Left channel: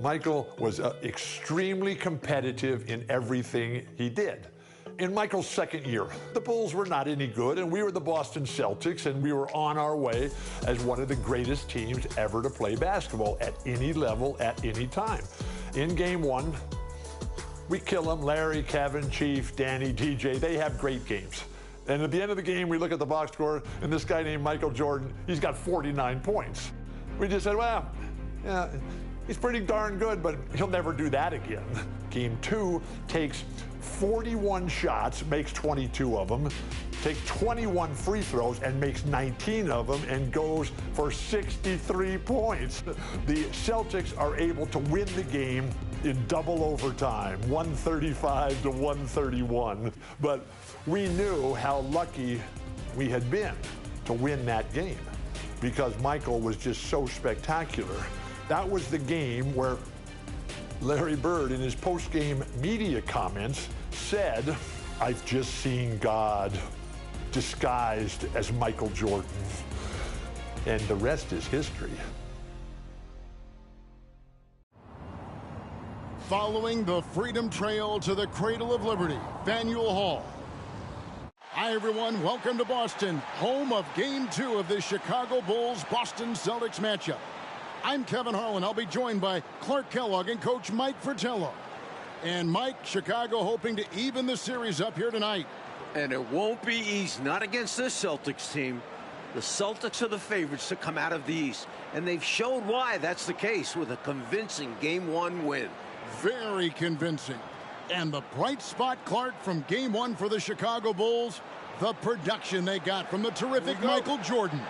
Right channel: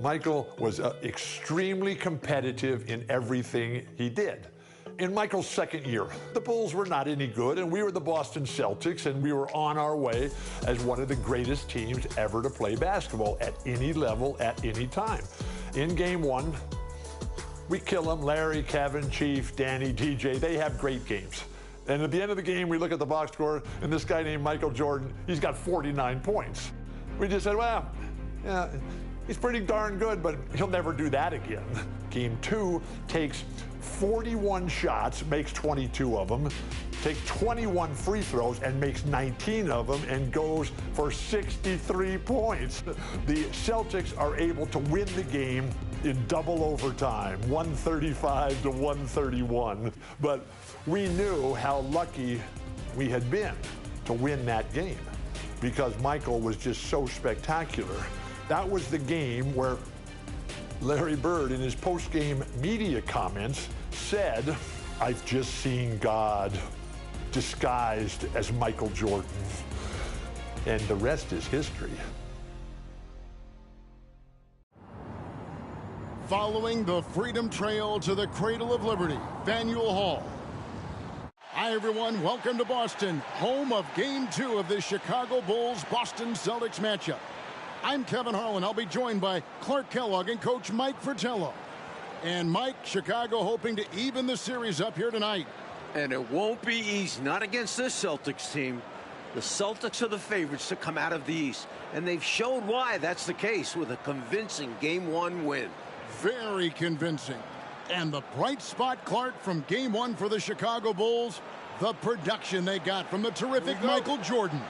Michael was extremely competitive in everything he did. In Michael's second year, the Bulls were not any good, and we were the Boston Celtics, and we were on our way as one of the greatest teams ever to play basketball at any level, at any time. In game one, we kill them. Larry, Kevin, Chief, Danny, DJ, they have great games. And at the end of the game, we look at the box score, and this guy named Michael Jordan, he's got 49 points. We just said, well, yeah, he's pretty darn good, but he'll never do that again. Game two takes 41 shots, makes 22 of them, takes 21 free throws and makes 19 of them, and goes for 63 points. The Celtics are able to win the game in double overtime, 135 to 131. But we knew how lucky we had been to win that game because Michael was just so spectacular. That was the game where Larry Bird, in his post-game media comments, said, "I've just seen God disguised as Michael Jordan." And the rest is history. Following the Freedom Trail to the Cradle of Liberty, Faneuil Hall. Hi, everyone. Welcome to Boston, home of Game 2 of the Chicago Bulls-Boston Celtics matchup. I'm Kevin Harlan. I'll be joined by Clark Kellogg and Coach Mike Fratello. And Mike, Chicago hoping to even the series up here tonight. And it won't be easy, not against this Celtics team. The Celtics are the favorites to come out of the East, and they've showed why that's the case with a convincing Game 1 win. Very convincing. And the bright spot, Clark, from Game 1 for the Chicago Bulls, the production they got from the terrific Michael Jordan.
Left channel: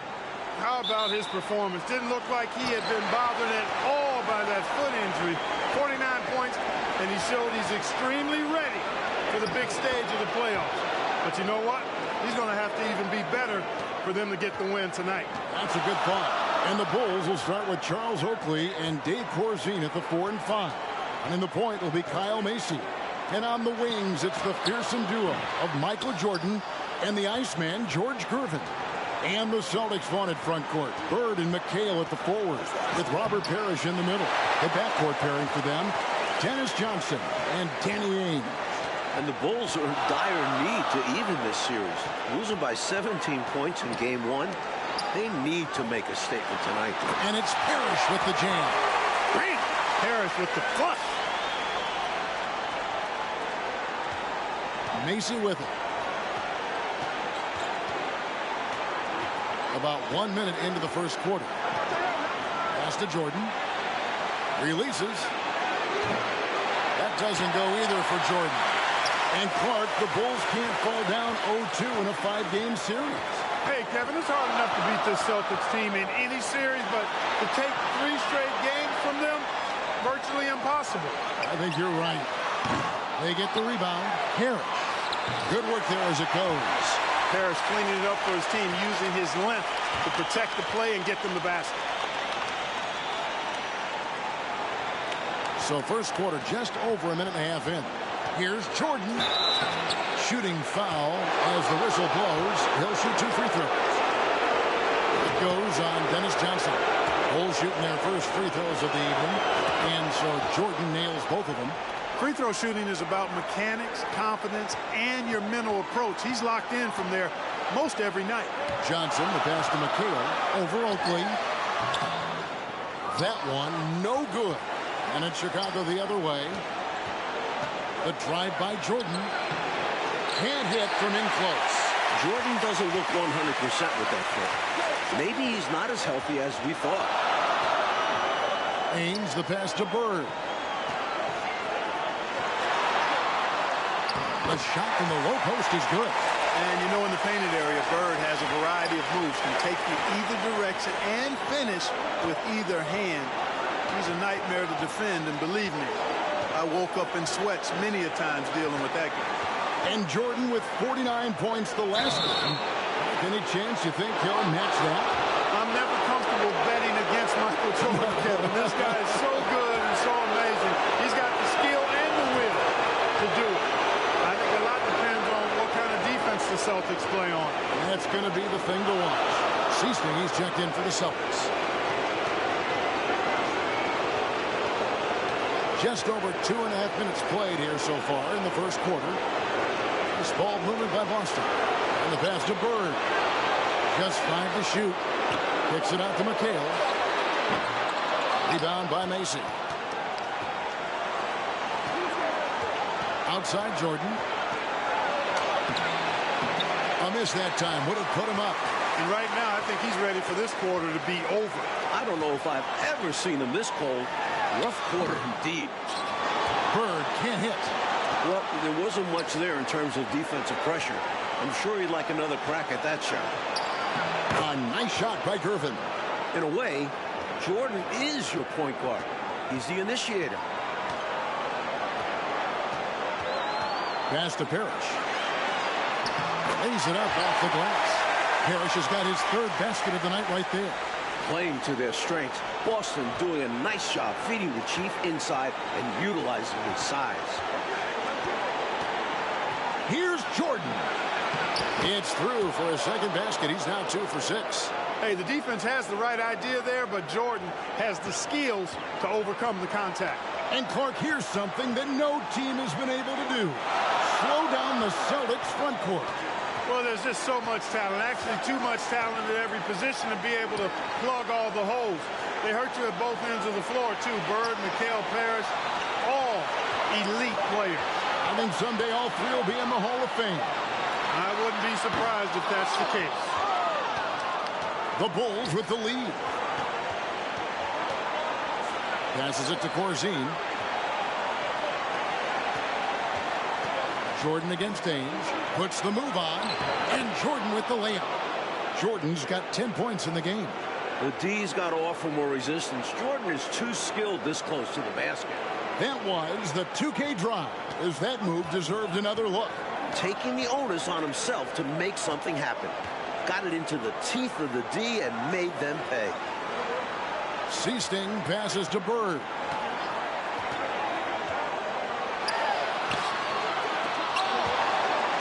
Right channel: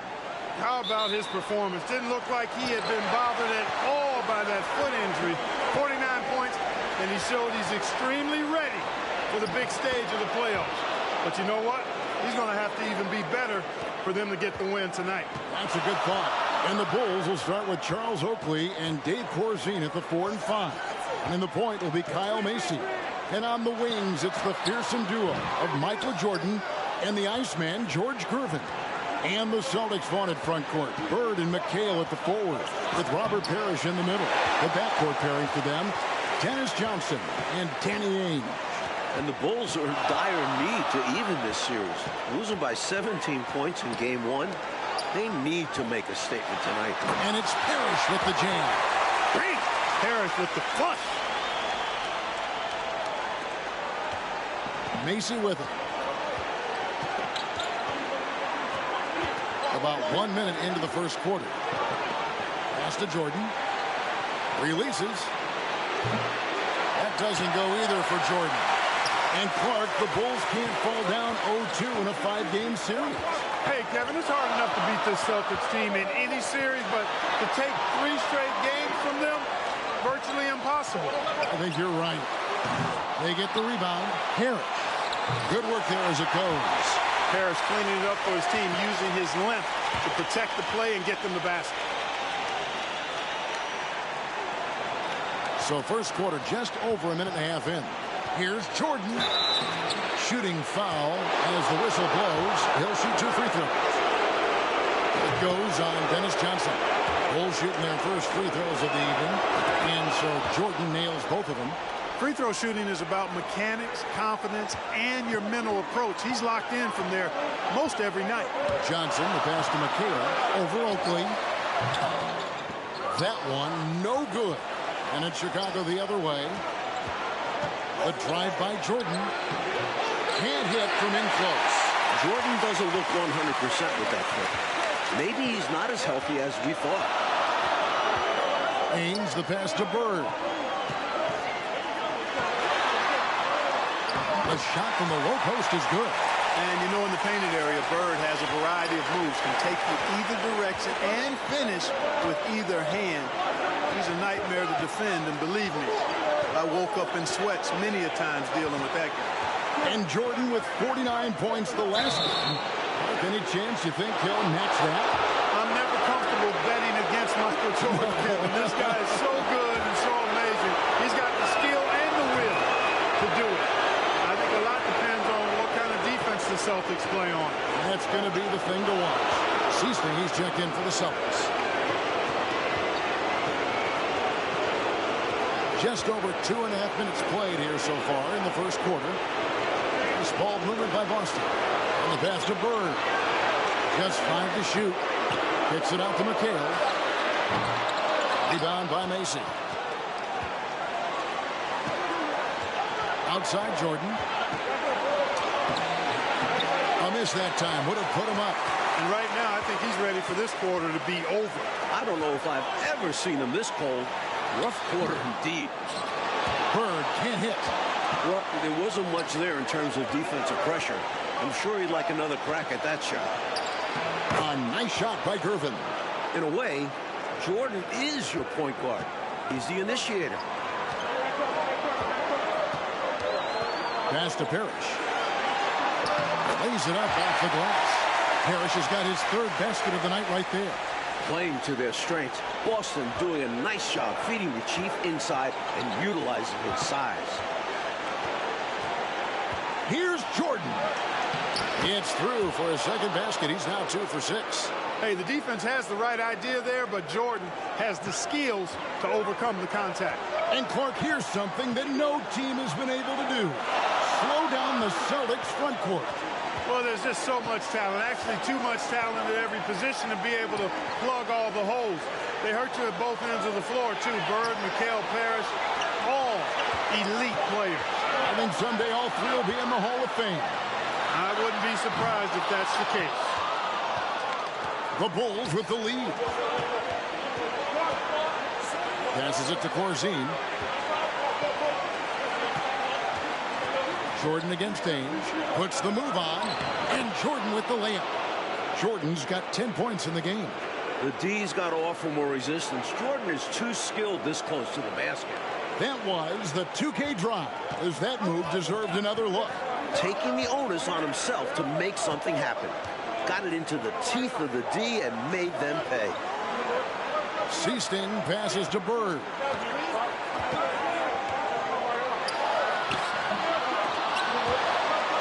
How about his performance? Didn't look like he had been bothered at all by that foot injury. 49 points, and he showed he's extremely ready for the big stage of the playoffs. But you know what? He's going to have to even be better for them to get the win tonight. That's a good thought. And the Bulls will start with Charles Oakley and Dave Corzine at the 4 and 5. Running the point will be Kyle Macy. And on the wings, it's the fearsome duo of Michael Jordan and the Iceman, George Gervin. And the Celtics' vaunted front court, Bird and McHale at the forward, with Robert Parrish in the middle. The backcourt pairing for them, Dennis Johnson and Danny Ainge. And the Bulls are in dire need to even this series. Losing by 17 points in Game 1, they need to make a statement tonight. And it's Parrish with the jam. Bam! Parrish with the flush. Macy with it. About 1 minute into the first quarter. Pass to Jordan. Releases. That doesn't go either for Jordan. And Clark, the Bulls can't fall down 0-2 in a 5-game series. Hey, Kevin, it's hard enough to beat this Celtics team in any series, but to take 3 straight games from them, virtually impossible. I think you're right. They get the rebound. Parrish. Good work there as it goes. Parrish cleaning it up for his team, using his length to protect the play and get them the basket. So first quarter just over a minute and a half in. Here's Jordan. Shooting foul as the whistle blows. He'll shoot 2 free throws. It goes on Dennis Johnson. Bulls shooting their first free throws of the evening. And so Jordan nails both of them. Free throw shooting is about mechanics, confidence, and your mental approach. He's locked in from there most every night. Johnson, the pass to McHale over Oakley. That one, no good. And it's Chicago the other way. The drive by Jordan. Can't hit from in close. Jordan doesn't look 100% with that foot. Maybe he's not as healthy as we thought. Ainge, the pass to Bird. The shot from the low post is good. And you know, in the painted area, Bird has a variety of moves, can take you either direction and finish with either hand. He's a nightmare to defend, and believe me, I woke up in sweats many a times dealing with that guy. And Jordan with 49 points the last game. Any chance you think he'll match that? I'm never comfortable betting against Michael Jordan, Kevin. This guy is so good and so amazing. He's got the skill and the will to do it. I think a lot depends on what kind of defense the Celtics play on. That's going to be the thing to watch. Seasting, he's checked in for the Celtics. Just over 2.5 minutes played here so far in the first quarter. This ball movement by Boston. And the pass to Bird. Just 5 to shoot. Kicks it out to McHale. Rebound by Macy. Outside Jordan. A miss that time. Would have put him up. And right now, I think he's ready for this quarter to be over. I don't know if I've ever seen him this cold. Rough quarter indeed. Bird can't hit. Well, there wasn't much there in terms of defensive pressure. I'm sure he'd like another crack at that shot. A nice shot by Gervin. In a way, Jordan is your point guard. He's the initiator. Pass to Parrish. Lays it up off the glass. Parrish has got his 3rd basket of the night right there. Playing to their strengths. Boston doing a nice job feeding the Chief inside and utilizing his size. Here's Jordan. It's through for his 2nd basket. He's now 2 for 6. Hey, the defense has the right idea there, but Jordan has the skills to overcome the contact. And Clark, here's something that no team has been able to do. Slow down the Celtics front court. Well, there's just so much talent, actually too much talent at every position to be able to plug all the holes. They hurt you at both ends of the floor, too. Bird, McHale, Parrish, all elite players. I think someday all 3 will be in the Hall of Fame. I wouldn't be surprised if that's the case. The Bulls with the lead. Passes it to Corzine. Jordan against Ainge. Puts the move on. And Jordan with the layup. Jordan's got 10 points in the game. The D's got to offer more resistance. Jordan is too skilled this close to the basket. That was the 2K drive, as that move deserved another look. Taking the onus on himself to make something happen. Got it into the teeth of the D and made them pay. Seasting passes to Bird.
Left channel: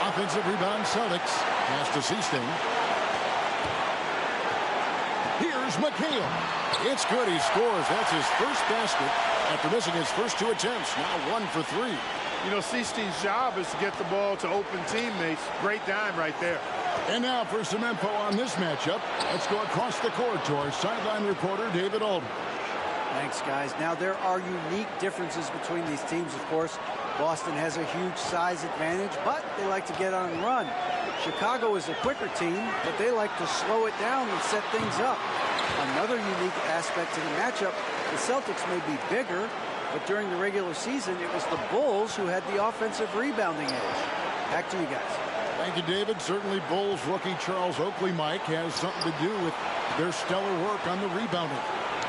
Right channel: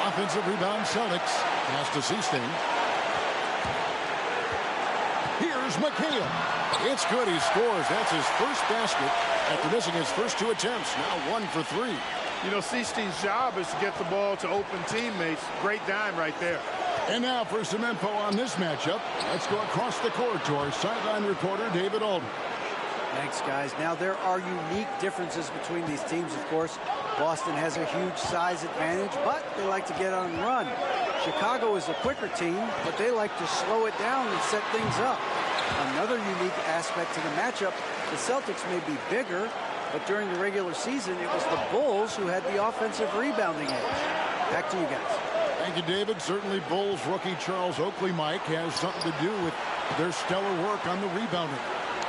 Offensive rebound Celtics. Pass to Seasting. Here's McHale. It's good. He scores. That's his 1st basket after missing his first 2 attempts. Now 1 for 3. You know, Seasting's job is to get the ball to open teammates. Great dime right there. And now for some info on this matchup, let's go across the court to our sideline reporter, David Aldridge. Thanks, guys. Now, there are unique differences between these teams, of course. Boston has a huge size advantage, but they like to get on and run. Chicago is a quicker team, but they like to slow it down and set things up. Another unique aspect to the matchup, the Celtics may be bigger, but during the regular season, it was the Bulls who had the offensive rebounding edge. Back to you guys. Thank you, David. Certainly Bulls rookie Charles Oakley, Mike, has something to do with their stellar work on the rebounding.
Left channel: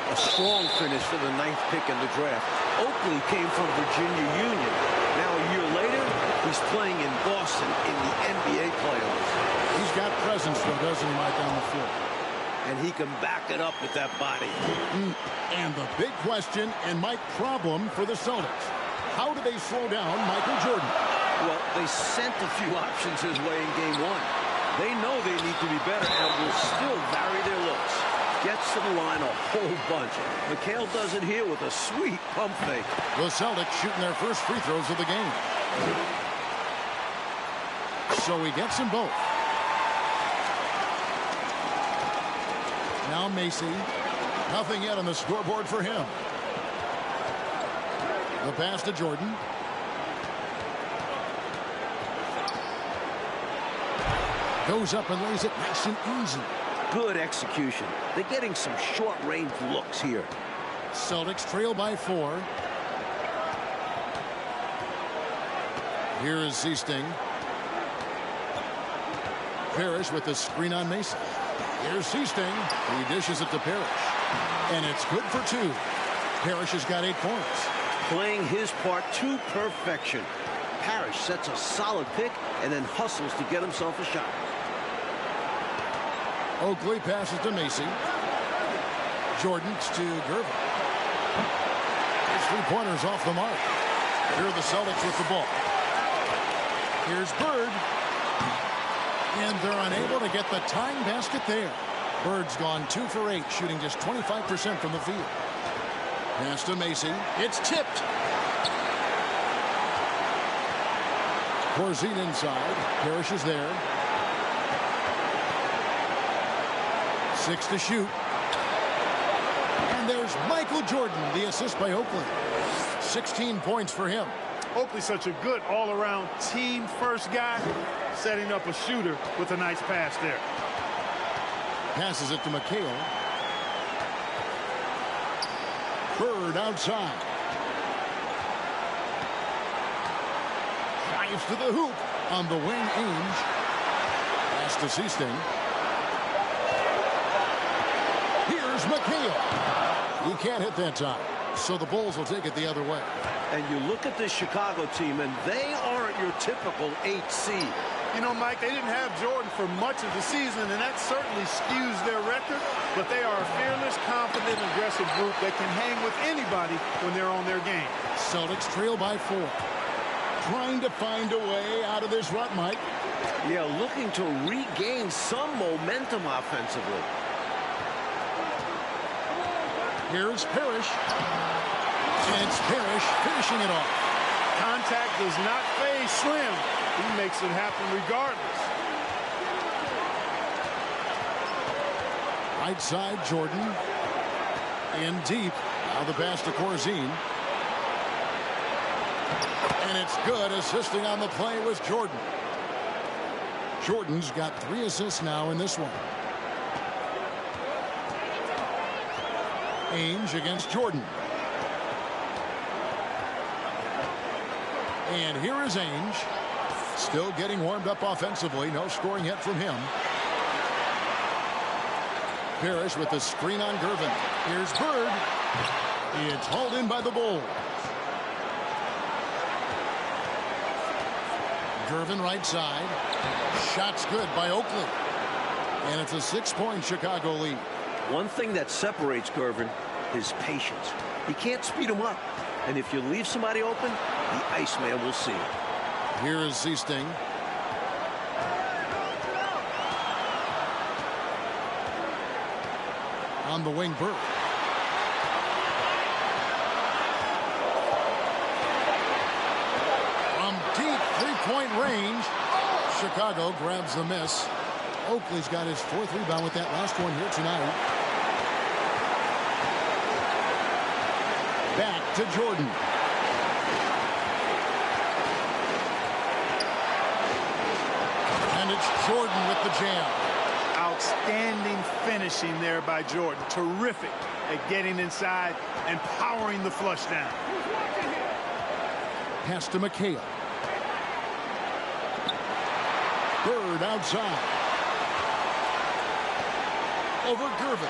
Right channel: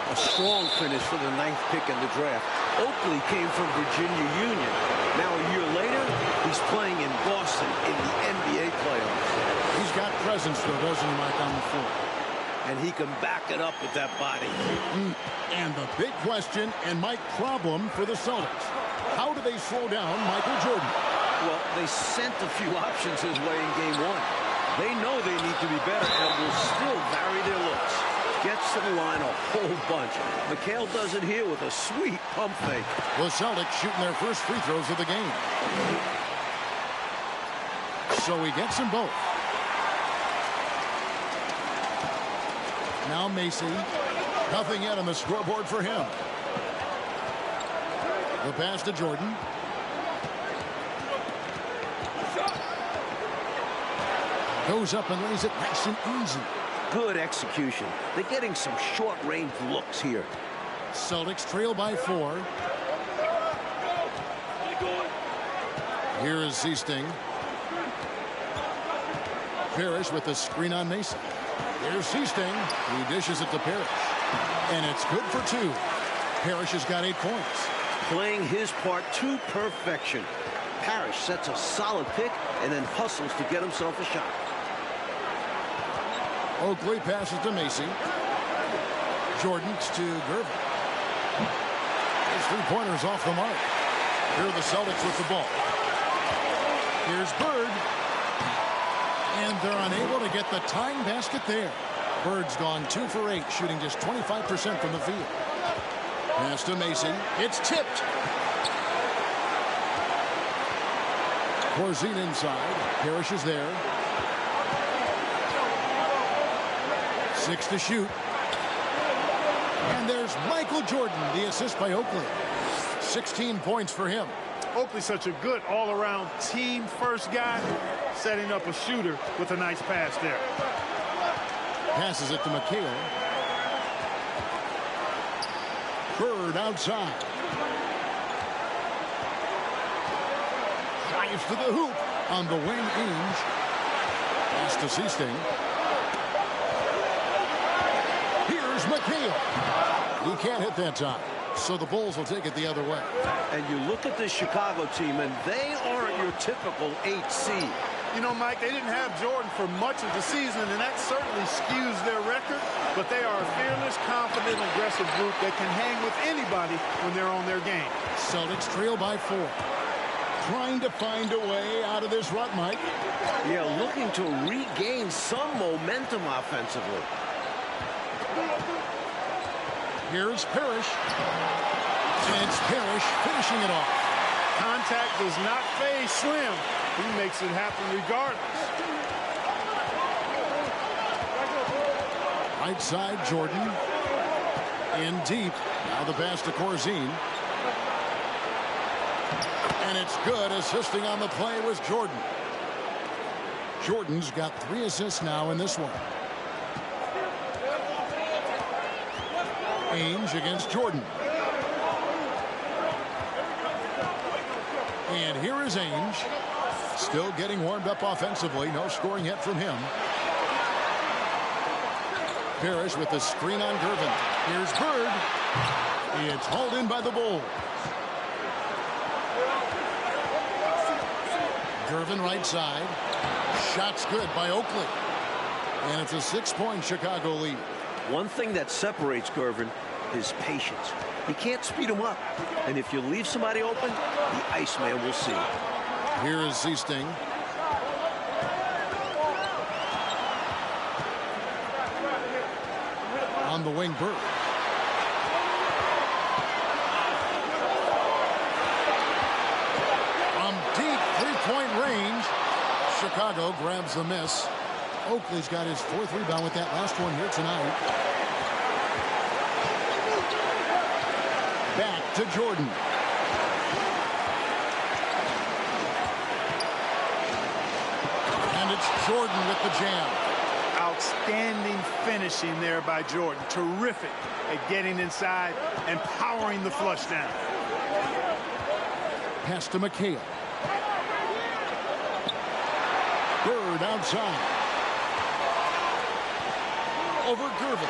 A strong finish for the 9th pick in the draft. Oakley came from Virginia Union. Now a year later, he's playing in Boston in the NBA playoffs. He's got presence, though, doesn't he, Mike, on the floor? And he can back it up with that body. And the big question and Mike problem for the Celtics. How do they slow down Michael Jordan? Well, they sent a few options his way in game 1. They know they need to be better and will still vary their looks. Gets to the line a whole bunch. McHale does it here with a sweet pump fake. The Celtics shooting their first free throws of the game. So he gets them both. Now Macy. Nothing yet on the scoreboard for him. The pass to Jordan. Goes up and lays it nice and easy. Good execution. They're getting some short-range looks here. Celtics trail by 4. Here is Seasting. Parrish with the screen on Mason. Here's Seasting. He dishes it to Parrish. And it's good for 2. Parrish has got 8 points. Playing his part to perfection. Parrish sets a solid pick and then hustles to get himself a shot. Oakley passes to Macy. Jordan's to Gervin. His 3-pointers off the mark. Here are the Celtics with the ball. Here's Bird. And they're unable to get the tying basket there. Bird's gone 2 for 8, shooting just 25% from the field. Pass to Macy. It's tipped. Corzine inside. Parrish is there. 6 to shoot. And there's Michael Jordan, the assist by Oakley. 16 points for him. Oakley's such a good all-around team-first guy, setting up a shooter with a nice pass there. Passes it to McHale. Bird outside. Drives to the hoop. On the wing, Ainge. Pass to Seasting. Here's McHale. He can't hit that time. So the Bulls will take it the other way. And you look at this Chicago team, and they aren't your typical 8 seed. You know, Mike, they didn't have Jordan for much of the season, and that certainly skews their record. But they are a fearless, confident, aggressive group that can hang with anybody when they're on their game. Celtics trail by 4. Trying to find a way out of this rut, Mike. Yeah, looking to regain some momentum offensively. Here's Parrish. And it's Parrish finishing it off. Contact does not phase Slim. He makes it happen regardless. Right side, Jordan. In deep. Now the pass to Corzine. And it's good. Assisting on the play was Jordan. Jordan's got 3 assists now in this one. Ainge against Jordan. And here is Ainge. Still getting warmed up offensively. No scoring yet from him. Parrish with the screen on Gervin. Here's Bird. It's hauled in by the Bulls. Gervin right side. Shot's good by Oakley. And it's a 6-point Chicago lead. One thing that separates Gervin, his patience. He can't speed him up. And if you leave somebody open, the Iceman will see it. Here is Seasting. On the wing, Bird. From deep 3-point range, Chicago grabs the miss. Oakley's got his 4th rebound with that last one here tonight. Back to Jordan. And it's Jordan with the jam. Outstanding finishing there by Jordan. Terrific at getting inside and powering the flush down. Pass to McHale. Bird outside. Over Gervin.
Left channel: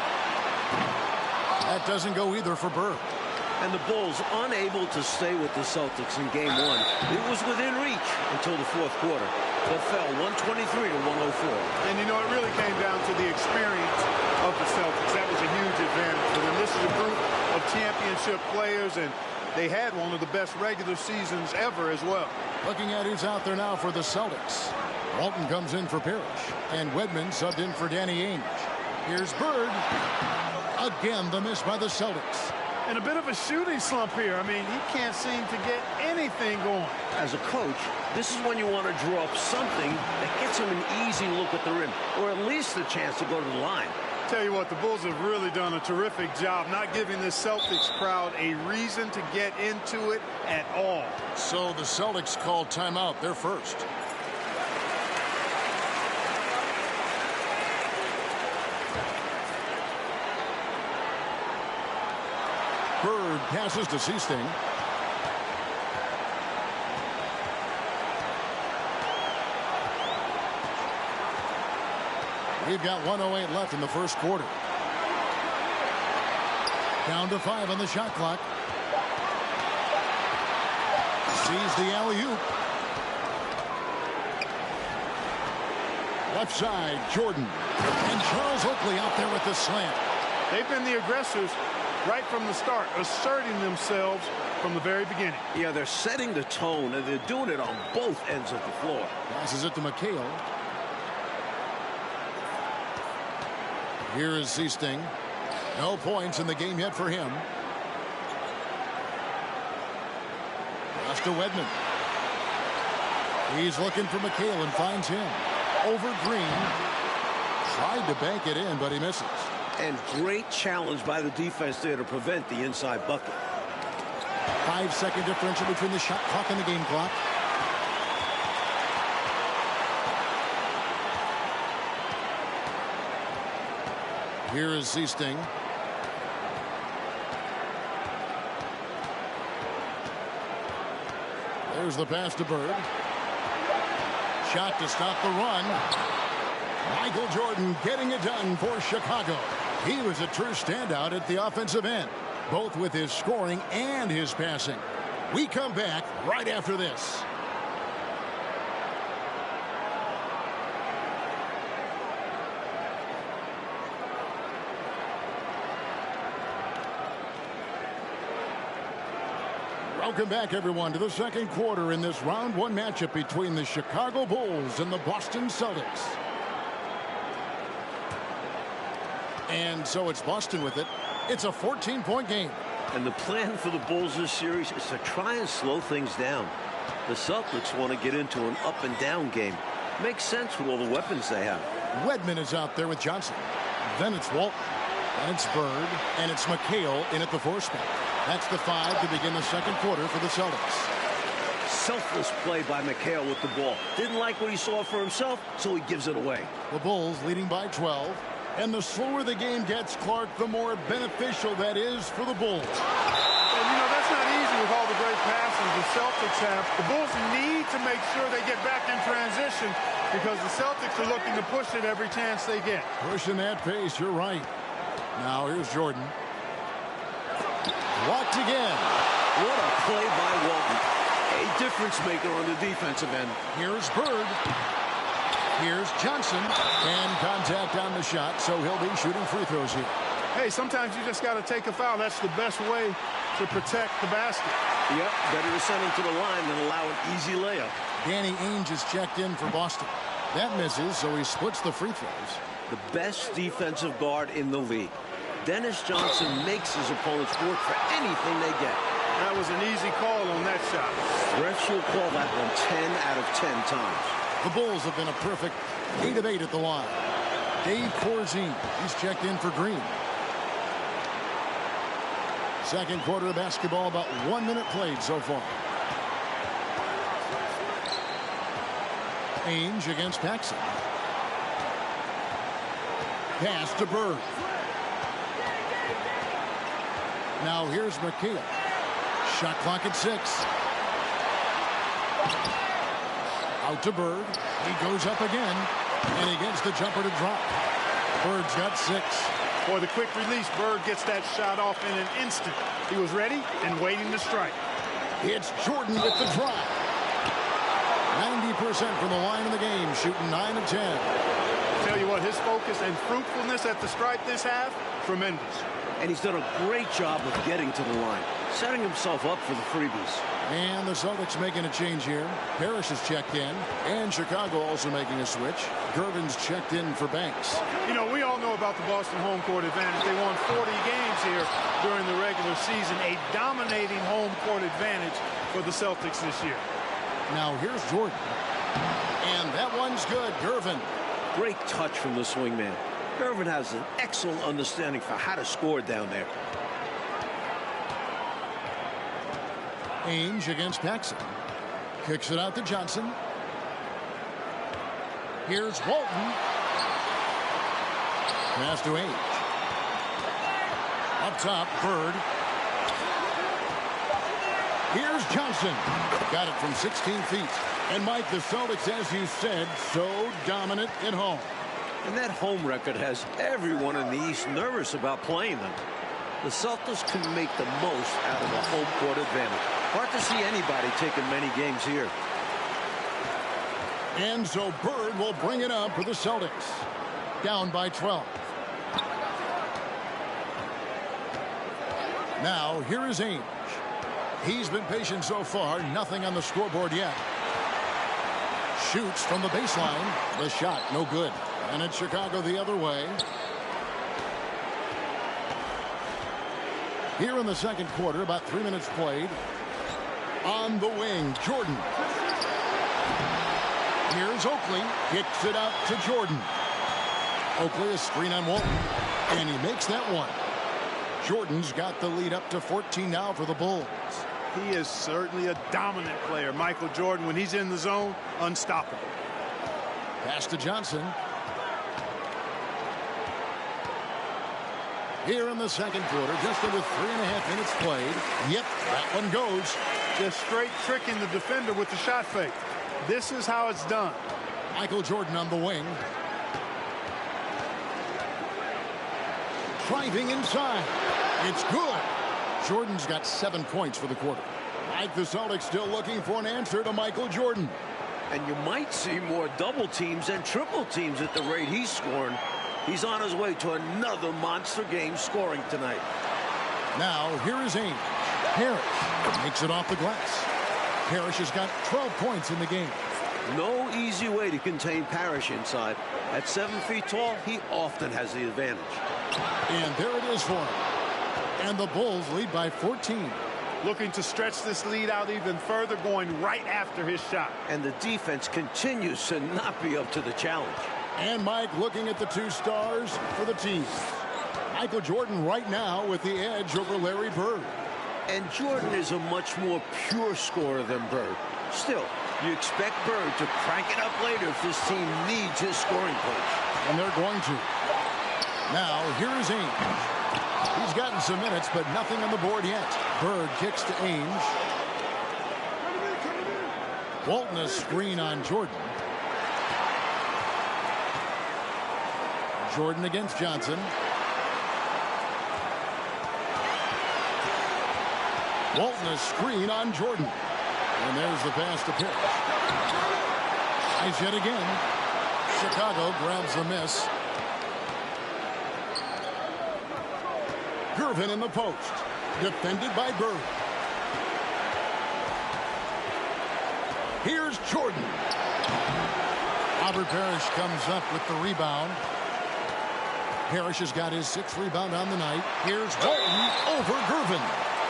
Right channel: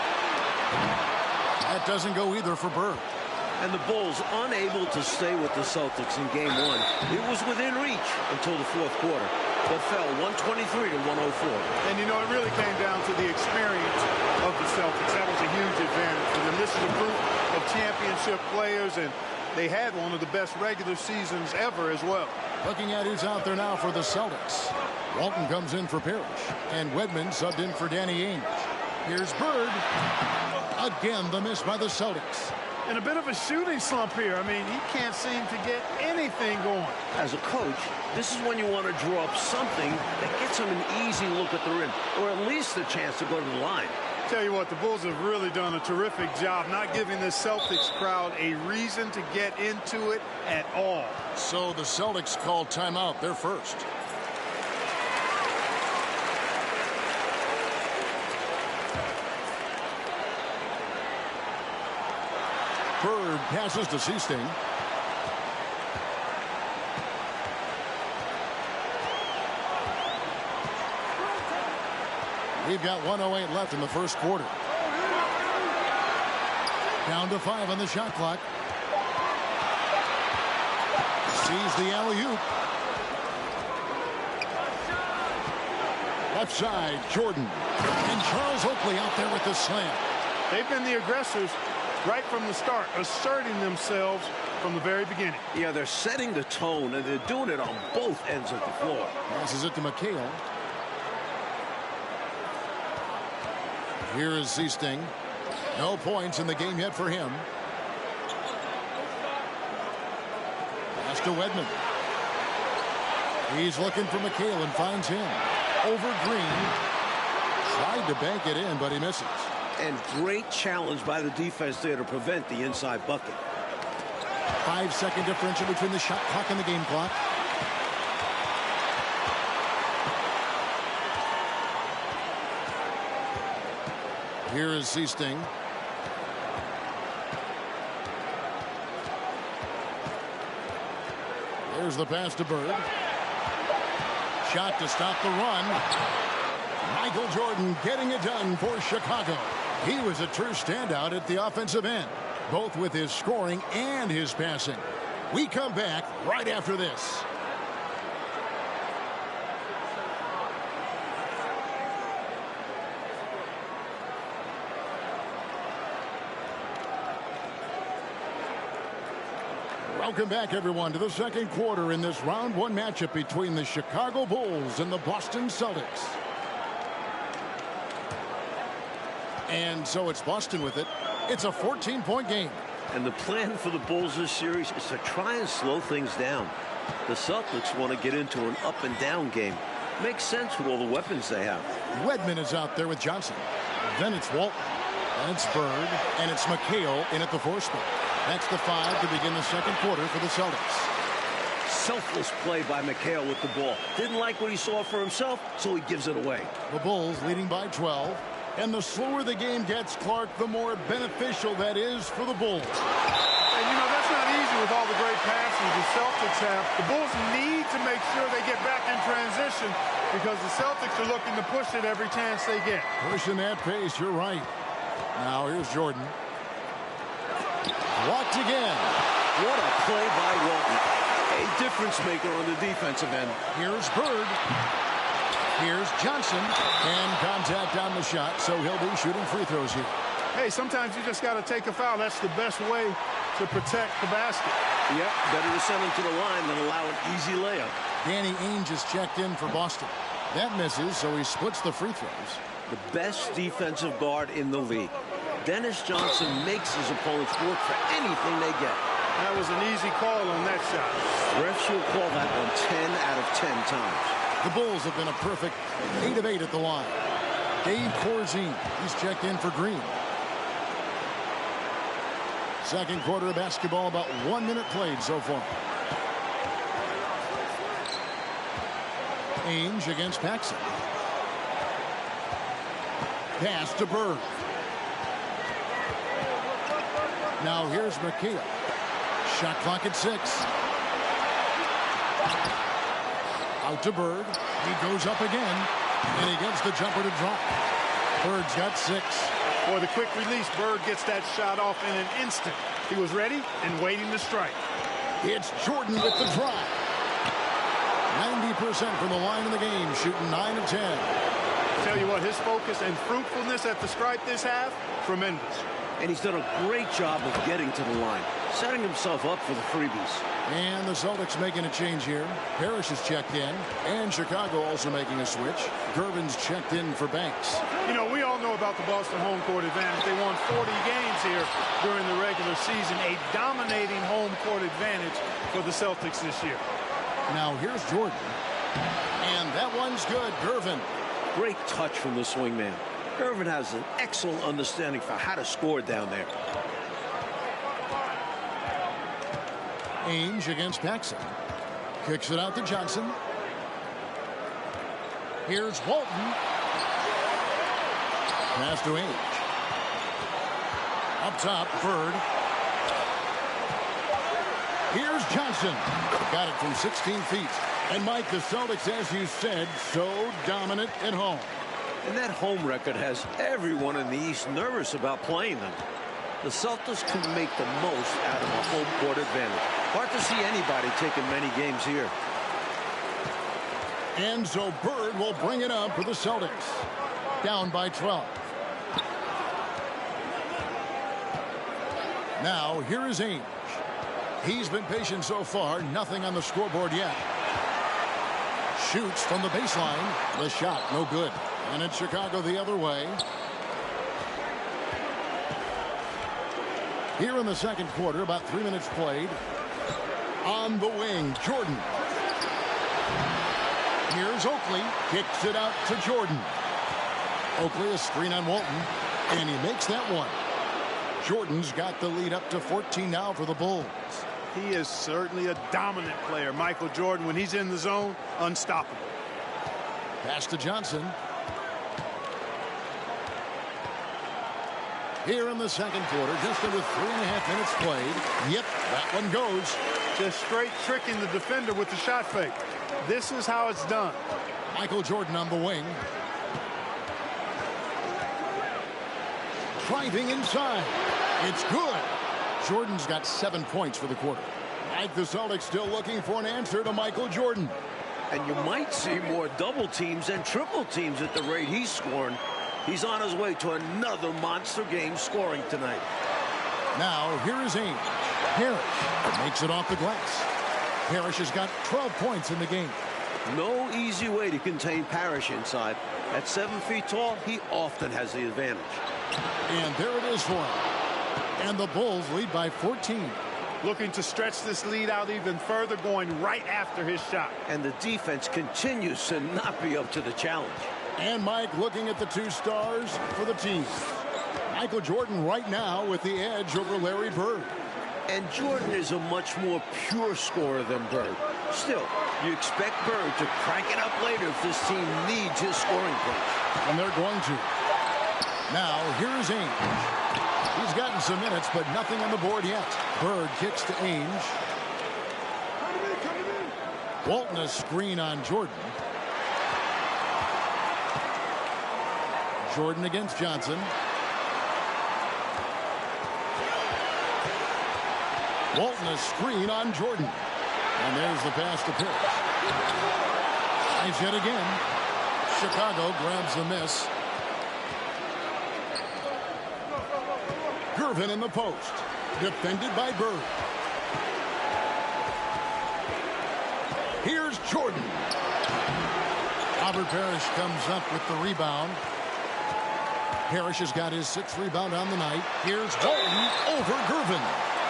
That doesn't go either for Bird. And the Bulls unable to stay with the Celtics in game 1. It was within reach until the 4th quarter, but fell 123 to 104. And you know, it really came down to the experience of the Celtics. That was a huge advantage for them. This is a group of championship players, and they had one of the best regular seasons ever as well. Looking at who's out there now for the Celtics. Walton comes in for Parrish, and Wedman subbed in for Danny Ainge. Here's Bird. Again, the miss by the Celtics. And a bit of a shooting slump here. I mean, he can't seem to get anything going. As a coach, this is when you want to draw up something that gets him an easy look at the rim, or at least a chance to go to the line. Tell you what, the Bulls have really done a terrific job not giving this Celtics crowd a reason to get into it at all. So the Celtics called timeout. They're first. Bird passes to Seasting. We've got 1:08 left in the first quarter. Down to 5 on the shot clock. Sees the alley-oop. Left side, Jordan. And Charles Oakley out there with the slam. They've been the aggressors right from the start, asserting themselves from the very beginning. Yeah, they're setting the tone, and they're doing it on both ends of the floor. Passes it to McHale. Here is Seasting. No points in the game yet for him. Pass to Wedman. He's looking for McHale and finds him. Over Green. Tried to bank it in, but he misses. And great challenge by the defense there to prevent the inside bucket. 5-second differential between the shot clock and the game clock. Here is Seasting. There's the pass to Bird. Shot to stop the run. Michael Jordan getting it done for Chicago. He was a true standout at the offensive end, both with his scoring and his passing. We come back right after this. Welcome back, everyone, to the second quarter in this round one matchup between the Chicago Bulls and the Boston Celtics. And so it's Boston with it. It's a 14-point game. And the plan for the Bulls this series is to try and slow things down. The Celtics want to get into an up-and-down game. Makes sense with all the weapons they have. Wedman is out there with Johnson. Then it's Walton. Then it's Bird. And it's McHale in at the 4 spot. That's the 5 to begin the second quarter for the Celtics. Selfless play by McHale with the ball. Didn't like what he saw for himself, so he gives it away. The Bulls leading by 12. And the slower the game gets, Clark, the more beneficial that is for the Bulls. And, you know, that's not easy with all the great passes the Celtics have. The Bulls need to make sure they get back in transition because the Celtics are looking to push it every chance they get. Pushing that pace, you're right. Now here's Jordan. Walked again. What a play by Walton. A difference maker on the defensive end. Here's Bird. Here's Johnson. And contact on the shot, so he'll be shooting free throws here. Hey, sometimes you just got to take a foul. That's the best way to protect the basket. Yep, better to send him to the line than allow an easy layup. Danny Ainge is checked in for Boston. That misses, so he splits the free throws. The best defensive guard in the league. Dennis Johnson makes his opponents work for anything they get. That was an easy call on that shot. Refs will call that one 10 out of 10 times. The Bulls have been a perfect 8 of 8 at the line. Dave Corzine, he's checked in for Green. Second quarter of basketball, about 1 minute played so far. Ainge against Paxson. Pass to Bird. Now here's McHale. Shot clock at 6. Out to Bird. He goes up again. And he gets the jumper to drop. Bird's got 6. Boy, the quick release, Bird gets that shot off in an instant. He was ready and waiting to strike. It's Jordan with the drive. 90% from the line of the game, shooting 9 of 10. Tell you what, his focus and fruitfulness at the stripe this half, tremendous. And he's done a great job of getting to the line, setting himself up for the freebies. And the Celtics making a change here. Parrish is checked in, and Chicago also making a switch. Gervin's checked in for Banks. You know, we all know about the Boston home court advantage. They won 40 games here during the regular season, a dominating home court advantage for the Celtics this year. Now here's Jordan, and that one's good. Gervin. Great touch from the swingman. Gervin has an excellent understanding for how to score down there. Ainge against Paxson. Kicks it out to Johnson. Here's Walton. Pass to Ainge. Up top, Bird. Here's Johnson. Got it from 16 feet. And Mike, the Celtics, as you said, so dominant at home. And that home record has everyone in the East nervous about playing them. The Celtics can make the most out of a home court advantage. Hard to see anybody taking many games here. And so Bird will bring it up for the Celtics. Down by 12. Now, here is Ainge. He's been patient so far. Nothing on the scoreboard yet. Shoots from the baseline. The shot, no good. And it's Chicago the other way. Here in the second quarter, about 3 minutes played. On the wing, Jordan. Here's Oakley. Kicks it out to Jordan. Oakley, a screen on Walton. And he makes that one. Jordan's got the lead up to 14 now for the Bulls. He is certainly a dominant player. Michael Jordan, when he's in the zone, unstoppable. Pass to Johnson. Here in the second quarter, just under 3.5 minutes played. Yep, that one goes. Just straight tricking the defender with the shot fake. This is how it's done. Michael Jordan on the wing. Driving inside. It's good. Jordan's got 7 points for the quarter. Mike, the Celtics still looking for an answer to Michael Jordan. And you might see more double teams and triple teams at the rate he's scoring. He's on his way to another monster game scoring tonight. Now, here is Ainge. Parrish makes it off the glass. Parrish has got 12 points in the game. No easy way to contain Parrish inside. At 7 feet tall, he often has the advantage. And there it is for him. And the Bulls lead by 14. Looking to stretch this lead out even further, going right after his shot. And the defense continues to not be up to the challenge. And Mike looking at the 2 stars for the team. Michael Jordan right now with the edge over Larry Bird. And Jordan is a much more pure scorer than Bird. Still, you expect Bird to crank it up later if this team needs his scoring punch. And they're going to. Now, here is Ainge. He's gotten some minutes, but nothing on the board yet. Bird kicks to Ainge. Walton a screen on Jordan. Jordan against Johnson. Walton a screen on Jordan. And there's the pass to Parrish. Tries yet again. Chicago grabs the miss. Gervin in the post. Defended by Bird. Here's Jordan. Robert Parrish comes up with the rebound. Parrish has got his 6th rebound on the night. Here's Walton over Gervin.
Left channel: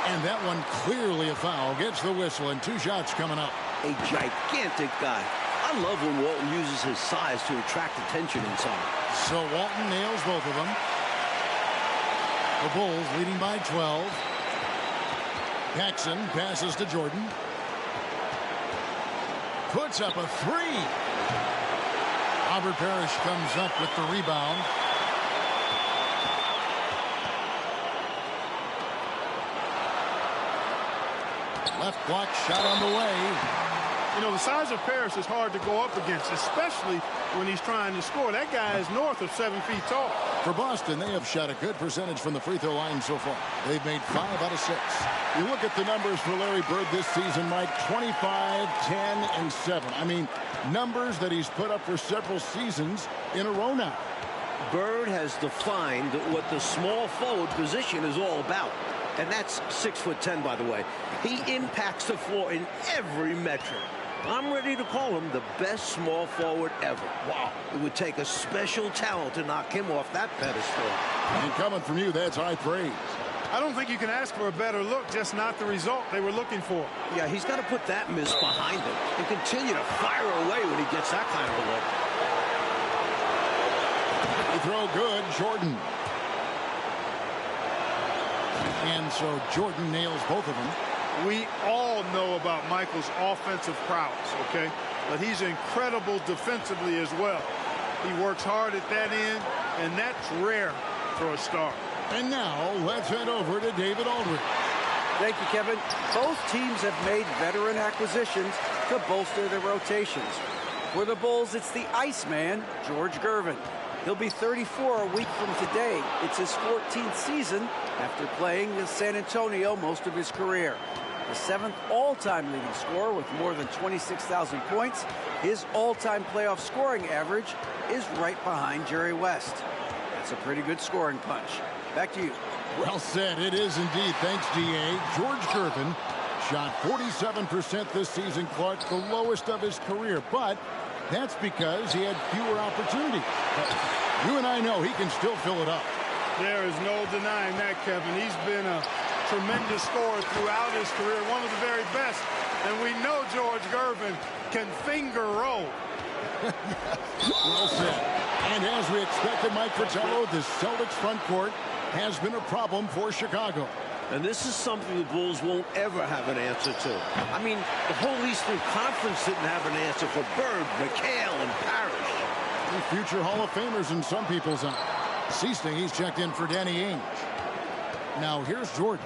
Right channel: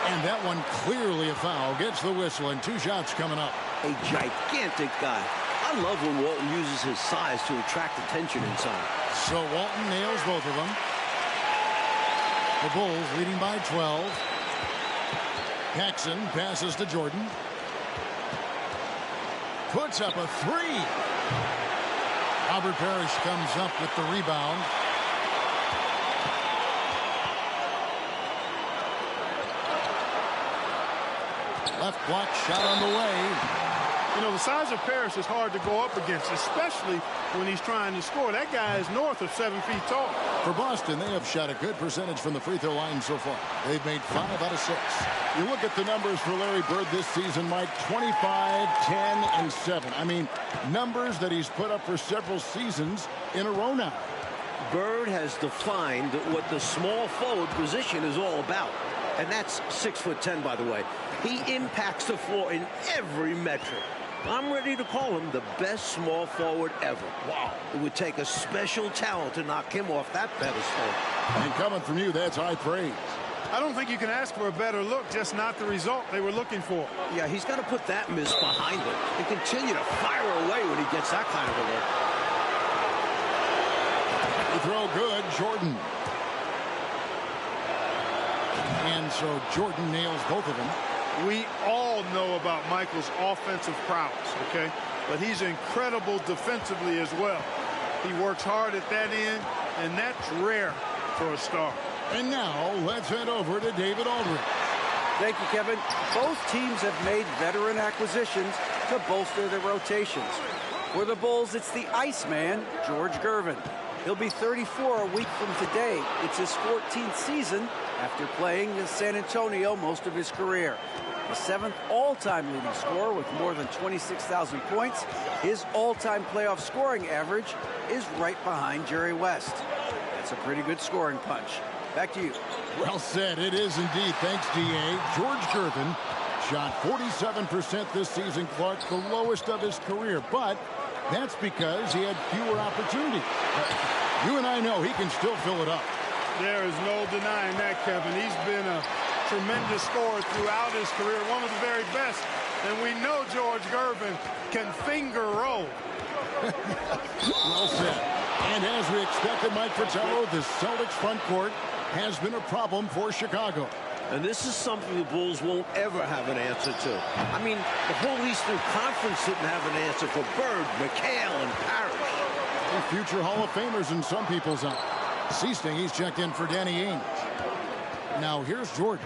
And that one clearly a foul. Gets the whistle and 2 shots coming up. A gigantic guy. I love when Walton uses his size to attract attention inside. So Walton nails both of them. The Bulls leading by 12. Paxson passes to Jordan. Puts up a 3. Robert Parrish comes up with the rebound. Left block shot on the way. You know, the size of Parrish is hard to go up against, especially when he's trying to score. That guy is north of 7 feet tall. For Boston, they have shot a good percentage from the free throw line so far. They've made 5 out of 6. You look at the numbers for Larry Bird this season, Mike, 25, 10, and 7. I mean, numbers that he's put up for several seasons in a row now. Bird has defined what the small forward position is all about. And that's 6'10", by the way. He impacts the floor in every metric. I'm ready to call him the best small forward ever. Wow. It would take a special talent to knock him off that pedestal. And coming from you, that's high praise. I don't think you can ask for a better look, just not the result they were looking for. Yeah, he's got to put that miss behind him and continue to fire away when he gets that kind of a look. They throw good, Jordan. And so Jordan nails both of them. We all know about Michael's offensive prowess, okay? But he's incredible defensively as well. He works hard at that end, and that's rare for a star. And now let's head over to David Aldridge. Thank you, Kevin. Both teams have made veteran acquisitions to bolster their rotations. For the Bulls, it's the Iceman, George Gervin. He'll be 34 a week from today. It's his 14th season after playing in San Antonio most of his career. The 7th all-time leading scorer with more than 26,000 points. His all-time playoff scoring average is right behind Jerry West. That's a pretty good scoring punch. Back to you. Well said. It is indeed. Thanks, D.A. George Gervin shot 47% this season, Clark, the lowest of his career. But that's because he had fewer opportunities. But you and I know he can still fill it up. There is no denying that, Kevin. He's been a tremendous scorer throughout his career, one of the very best. And we know George Gervin can finger roll. Well said. And as we expected, Mike Fratello, this Celtics front court has been a problem for Chicago. And this is something the Bulls won't ever have an answer to. I mean, the whole Eastern Conference didn't have an answer for Bird, McHale, and Parrish. Future Hall of Famers in some people's eyes. Seasting, he's checked in for Danny Ainge. Now here's Jordan.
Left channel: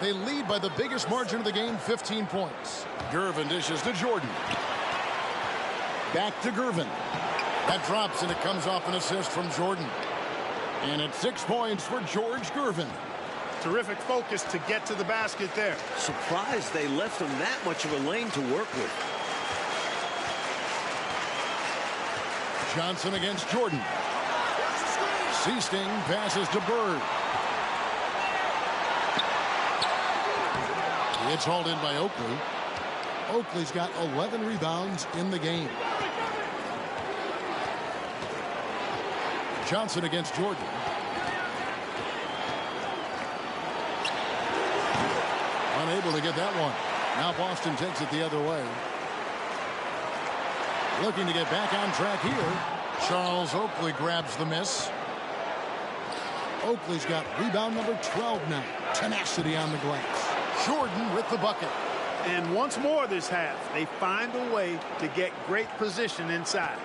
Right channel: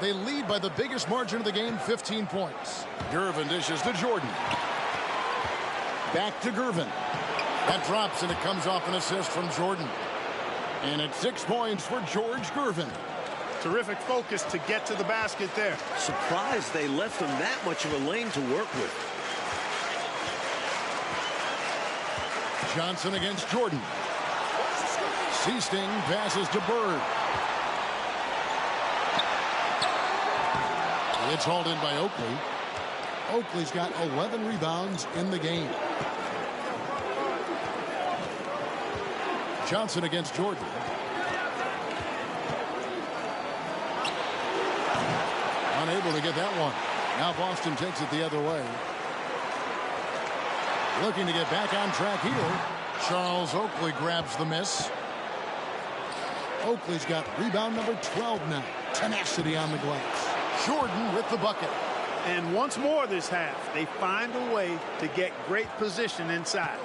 They lead by the biggest margin of the game, 15 points. Gervin dishes to Jordan. Back to Gervin. That drops, and it comes off an assist from Jordan. And it's 6 points for George Gervin. Terrific focus to get to the basket there. Surprised they left him that much of a lane to work with. Johnson against Jordan. Seasting passes to Bird. It's hauled in by Oakley. Oakley's got 11 rebounds in the game. Johnson against Jordan. Unable to get that one. Now Boston takes it the other way. Looking to get back on track here. Charles Oakley grabs the miss. Oakley's got rebound number 12 now. Tenacity on the glass. Jordan with the bucket. And once more this half, they find a way to get great position inside.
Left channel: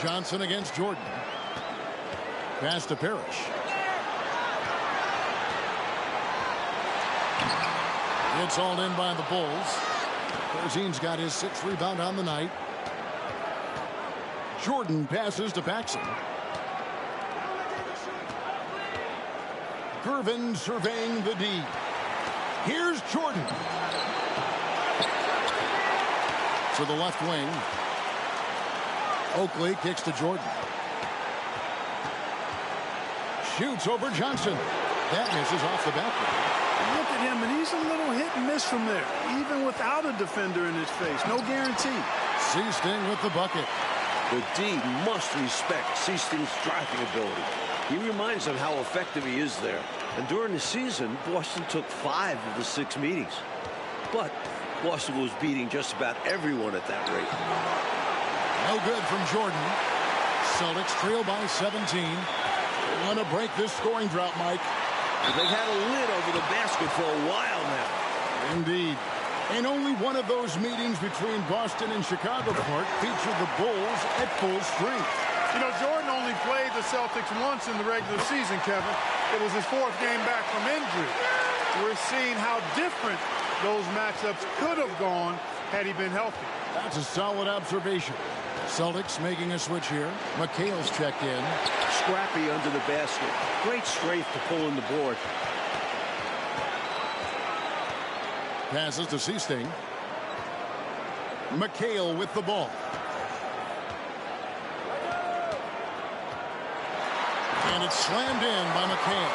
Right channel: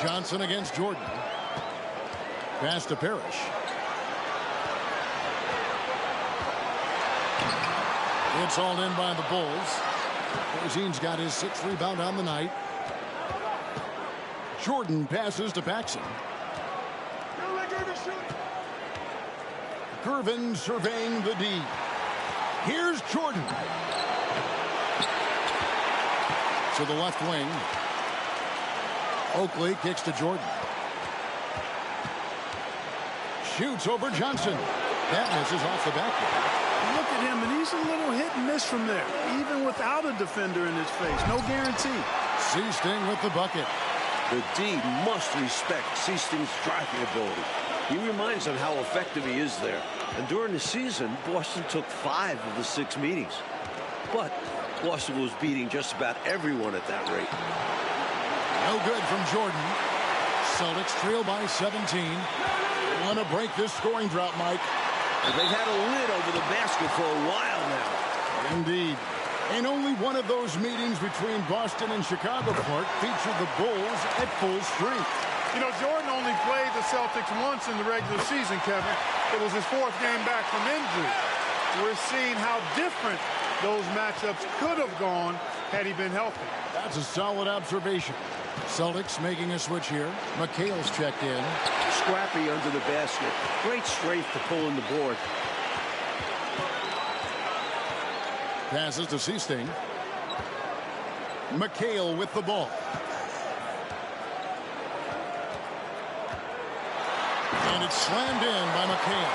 Johnson against Jordan. Pass to Parrish. It's hauled in by the Bulls. Corzine's got his 6th rebound on the night. Jordan passes to Paxson. Gervin surveying the D. Here's Jordan. To the left wing. Oakley kicks to Jordan. Shoots over Johnson. That misses off the backboard. Look at him, and he's a little hit and miss from there, even without a defender in his face. No guarantee. Seasting with the bucket. The D must respect Seasting's driving ability. He reminds them how effective he is there. And during the season, Boston took 5 of the 6 meetings. But Boston was beating just about everyone at that rate. No good from Jordan. Celtics trail by 17. Want to break this scoring drought, Mike. They've had a lid over the basket for a while now. Indeed. And only one of those meetings between Boston and Chicago Park featured the Bulls at full strength. You know, Jordan only played the Celtics once in the regular season, Kevin. It was his 4th game back from injury. We're seeing how different those matchups could have gone had he been healthy. That's a solid observation. Celtics making a switch here. McHale's checked in. Scrappy under the basket. Great strength to pull in the board. Passes to Seasting. McHale with the ball. And it's slammed in by McHale.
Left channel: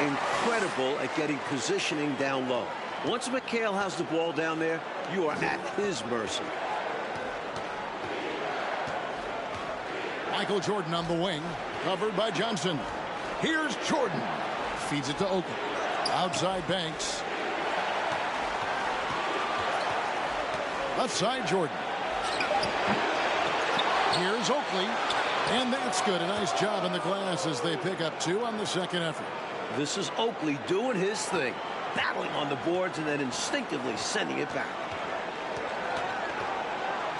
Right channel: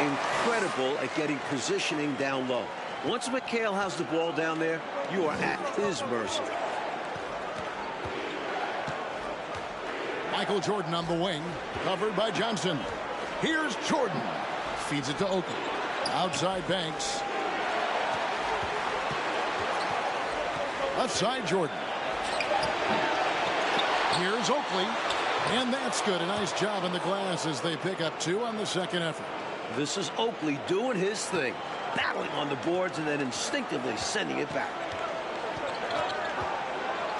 Incredible at getting positioning down low. Once McHale has the ball down there, you are at his mercy. Michael Jordan on the wing, covered by Johnson. Here's Jordan. Feeds it to Oakley. Outside Banks. Left side Jordan. Here's Oakley. And that's good. A nice job in the glass as they pick up 2 on the second effort. This is Oakley doing his thing. Battling on the boards and then instinctively sending it back.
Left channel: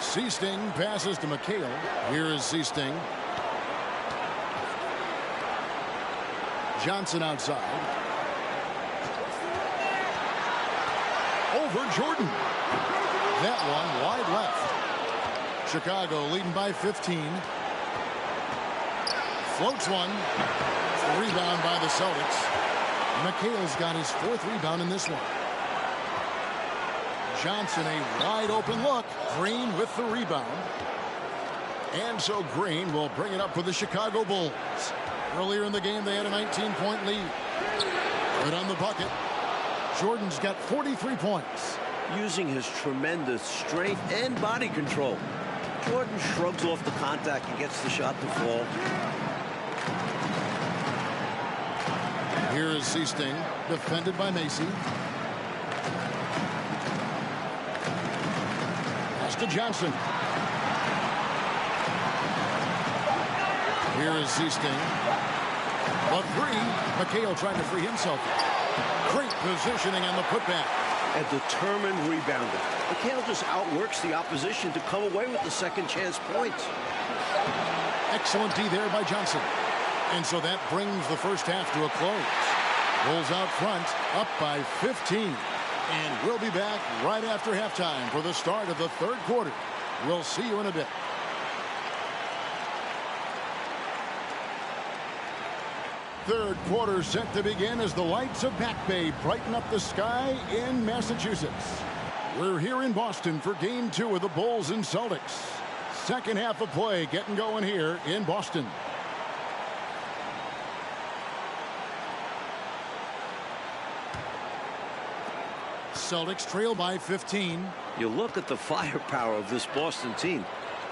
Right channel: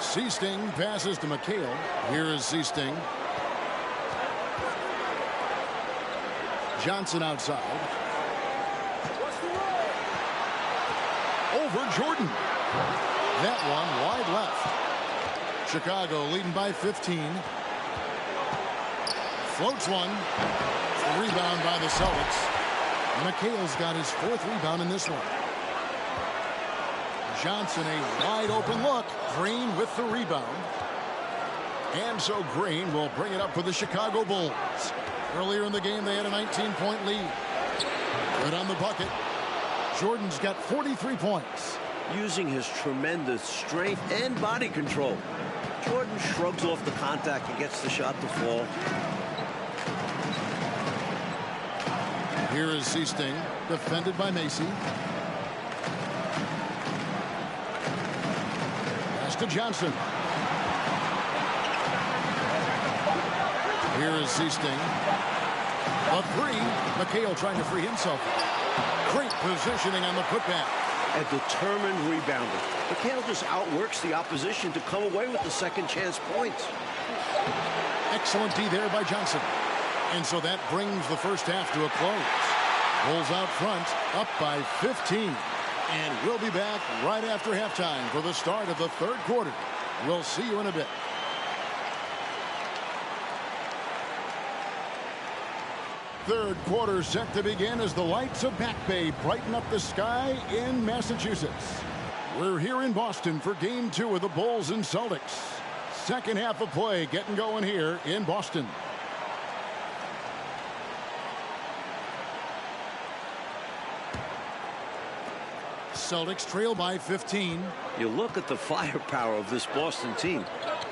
Seasting passes to McHale. Here is Seasting. Johnson outside. Over Jordan. That one wide left. Chicago leading by 15. Floats one. Rebound by the Celtics. McHale's got his 4th rebound in this one. Johnson, a wide open look. Green with the rebound. And so Green will bring it up for the Chicago Bulls. Earlier in the game, they had a 19-point lead. Good on the bucket. Jordan's got 43 points. Using his tremendous strength and body control, Jordan shrugs off the contact and gets the shot to fall. Here is Seasting, defended by Macy. pass to Johnson. Here is Seasting. The three. McHale trying to free himself. Great positioning on the putback. A determined rebounder. McHale just outworks the opposition to come away with the second chance points. Excellent D there by Johnson. And so that brings the first half to a close. Bulls out front, up by 15. And we'll be back right after halftime for the start of the third quarter. We'll see you in a bit. Third quarter set to begin as the lights of Back Bay brighten up the sky in Massachusetts. We're here in Boston for game 2 of the Bulls and Celtics. Second half of play getting going here in Boston. Celtics trail by 15. You look at the firepower of this Boston team.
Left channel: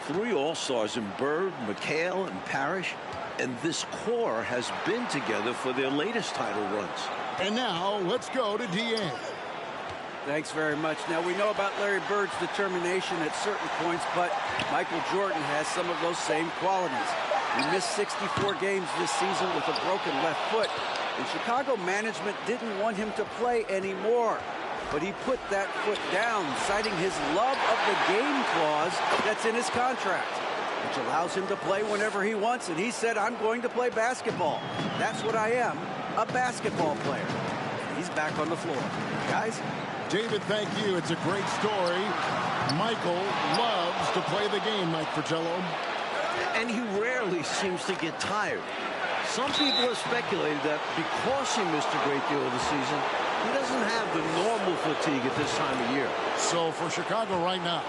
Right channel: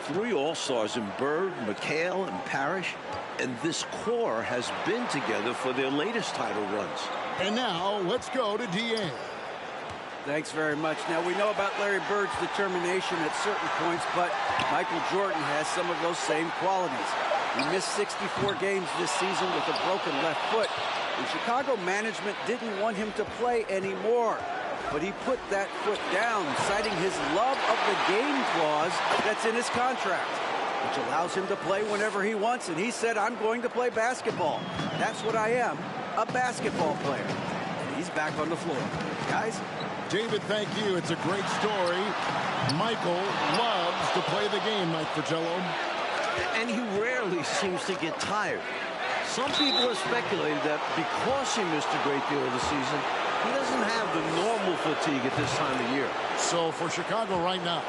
3 All-Stars in Bird, McHale, and Parrish. And this core has been together for their latest title runs. And now let's go to DA. Thanks very much. Now, we know about Larry Bird's determination at certain points, but Michael Jordan has some of those same qualities. He missed 64 games this season with a broken left foot, and Chicago management didn't want him to play anymore. But he put that foot down, citing his love of the game clause that's in his contract, which allows him to play whenever he wants. And he said, I'm going to play basketball. That's what I am, a basketball player. And he's back on the floor. Guys? David, thank you. It's a great story. Michael loves to play the game, Mike Fratello. And he rarely seems to get tired. Some people have speculated that because he missed a great deal of the season, he doesn't have the normal fatigue at this time of year. So for Chicago right now,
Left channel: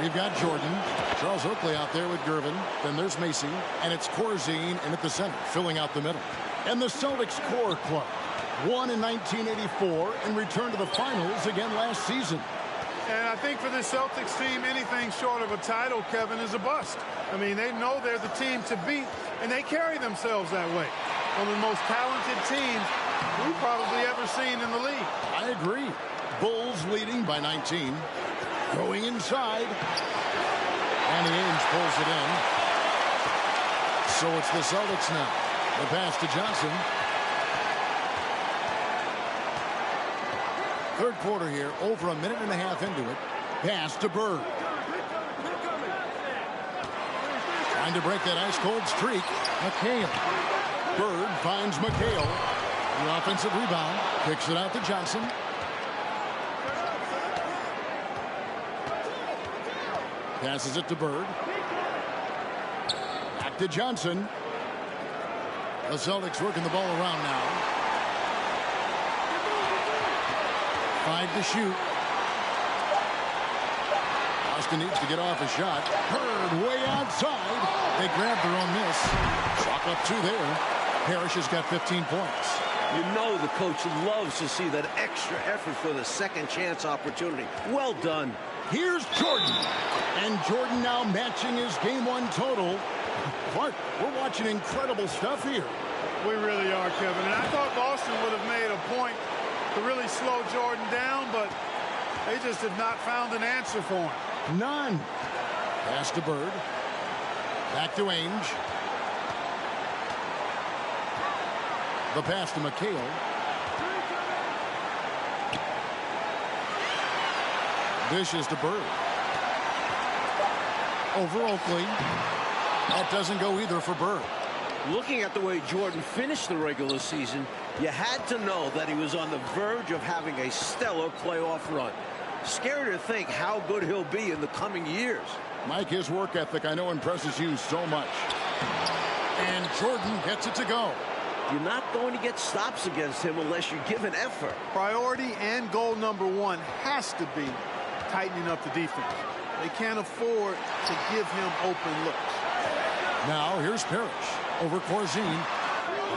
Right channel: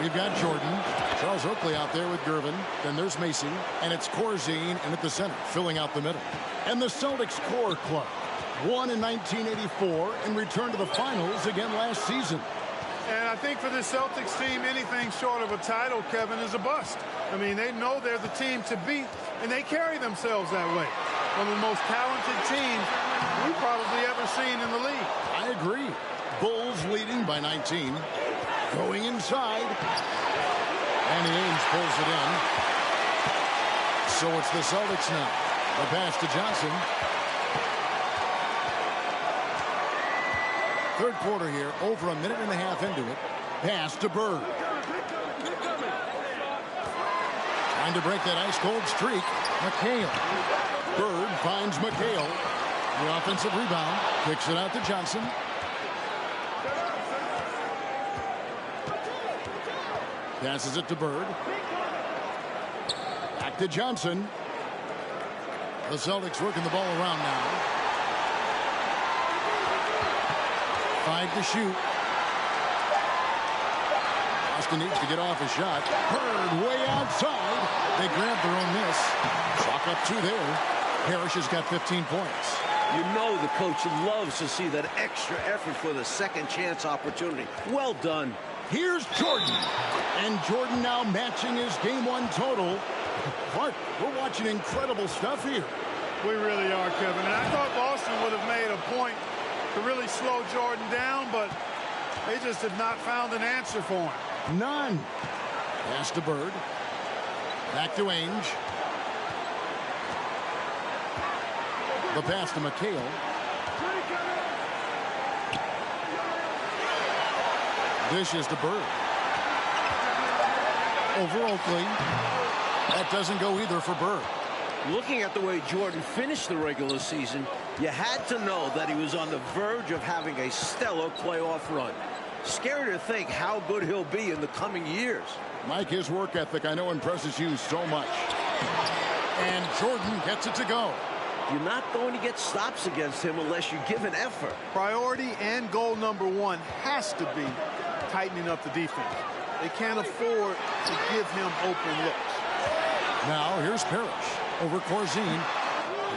we've got Jordan, Charles Oakley out there with Gervin. Then there's Macy, and it's Corzine in at the center, filling out the middle. And the Celtics core club won in 1984 and returned to the finals again last season. And I think for the Celtics team, anything short of a title, Kevin, is a bust. I mean, they know they're the team to beat, and they carry themselves that way. One of the most talented teams we've probably ever seen in the league. I agree. Bulls leading by 19. Going inside. Danny Ainge pulls it in. So it's the Celtics now. The pass to Johnson. Third quarter here, over a minute and a half into it. Pass to Bird. Trying to break that ice-cold streak. McHale. Bird finds McHale. The offensive rebound. Kicks it out to Johnson. Passes it to Bird. Back to Johnson. The Celtics working the ball around now. 5 to shoot. Boston needs to get off a shot. Bird way outside. They grab their own miss. Chalk up 2 there. Parrish has got 15 points. You know the coach loves to see that extra effort for the second chance opportunity. Well done. Here's Jordan. And Jordan now matching his game 1 total. Clark, we're watching incredible stuff here. We really are, Kevin. And I thought Boston would have made a point to really slow Jordan down, but they just have not found an answer for him. None. Pass to Bird. Back to Ainge. The pass to McHale. Dishes to Bird. Over Oakley. That doesn't go either for Bird. Looking at the way Jordan finished the regular season, you had to know that he was on the verge of having a stellar playoff run. Scary to think how good he'll be in the coming years. Mike, his work ethic I know impresses you so much. And Jordan gets it to go. You're not going to get stops against him unless you give an effort. Priority and goal number 1 has to be tightening up the defense. They can't afford to give him open looks. Now here's Parrish over Corzine.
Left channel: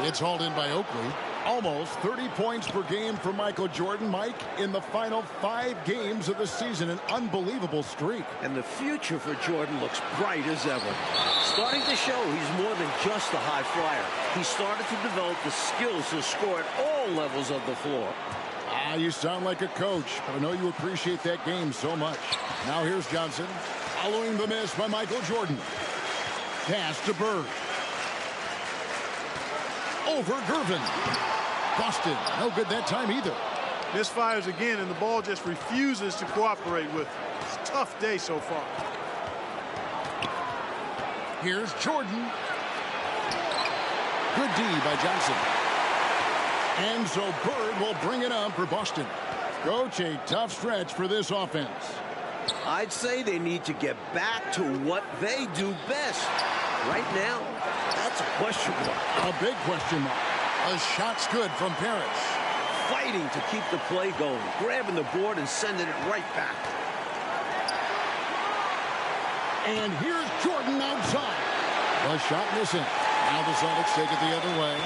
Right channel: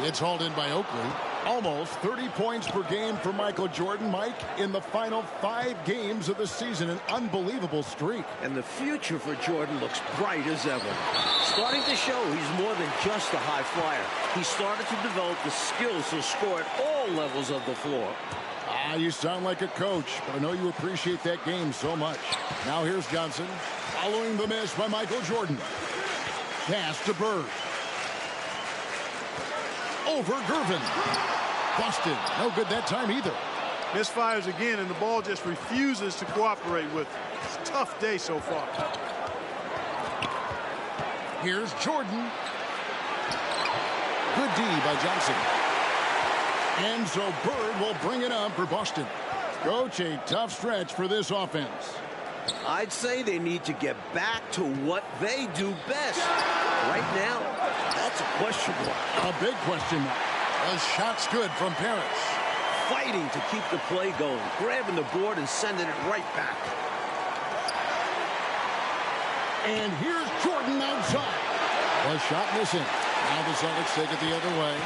It's hauled in by Oakley. Almost 30 points per game for Michael Jordan, Mike, in the final 5 games of the season. An unbelievable streak. And the future for Jordan looks bright as ever. Starting to show he's more than just a high flyer. He started to develop the skills to score at all levels of the floor. You sound like a coach, but I know you appreciate that game so much. Now here's Johnson, following the miss by Michael Jordan. Pass to Bird. Over Gervin. Boston, no good that time either. Misfires again, and the ball just refuses to cooperate with it. It's a tough day so far. Here's Jordan. Good D by Johnson. And so Bird will bring it up for Boston. Coach, a tough stretch for this offense. I'd say they need to get back to what they do best. Right now, that's a question mark. A big question mark. A shot's good from Parrish. Fighting to keep the play going, grabbing the board and sending it right back. And here's Jordan outside. The shot missing. Now the Celtics take it the other way.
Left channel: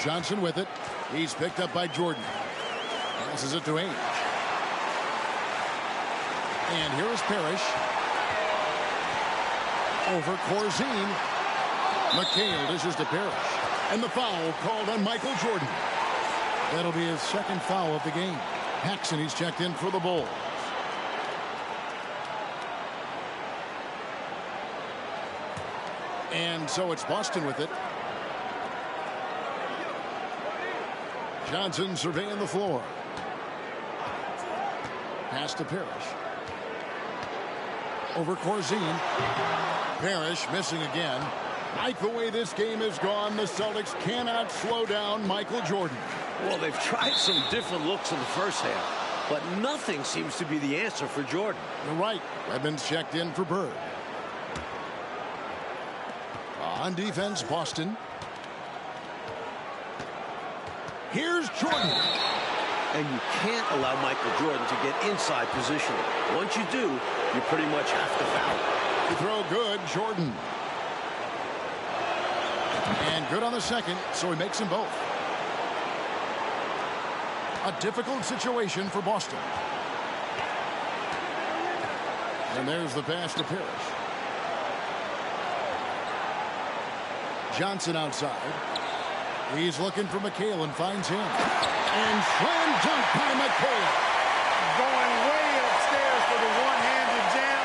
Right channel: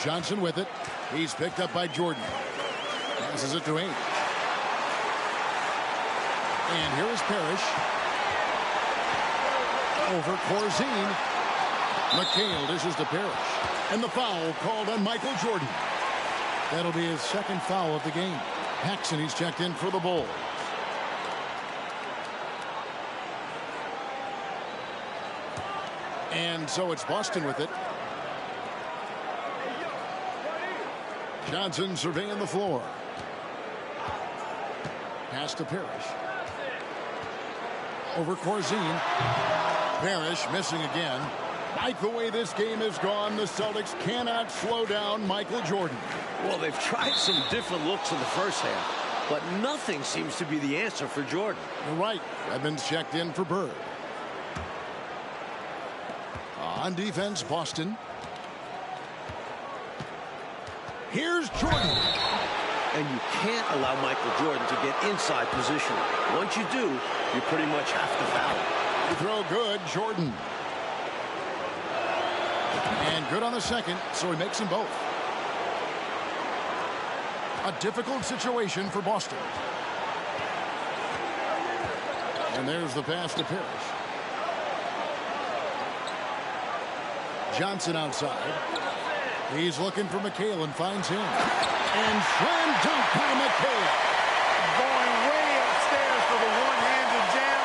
Johnson with it. He's picked up by Jordan. Passes it to Ainge. And here is Parrish. Over Corzine. McHale dishes to Parrish. And the foul called on Michael Jordan. That'll be his second foul of the game. Paxson, he's checked in for the Bulls. And so it's Boston with it. Johnson surveying the floor. Pass to Parrish. Over Corzine. Parrish missing again. Like the way this game has gone, the Celtics cannot slow down Michael Jordan. Well, they've tried some different looks in the first half, but nothing seems to be the answer for Jordan. You're right. Evans checked in for Bird. On defense, Boston. Here's Jordan. And you can't allow Michael Jordan to get inside positioning. Once you do, you pretty much have to foul him. They throw good, Jordan. And good on the second, so he makes them both. A difficult situation for Boston. And there's the pass to Parrish. Johnson outside. He's looking for McHale and finds him. And slam dunk by McHale. Going way upstairs for the one-handed jam.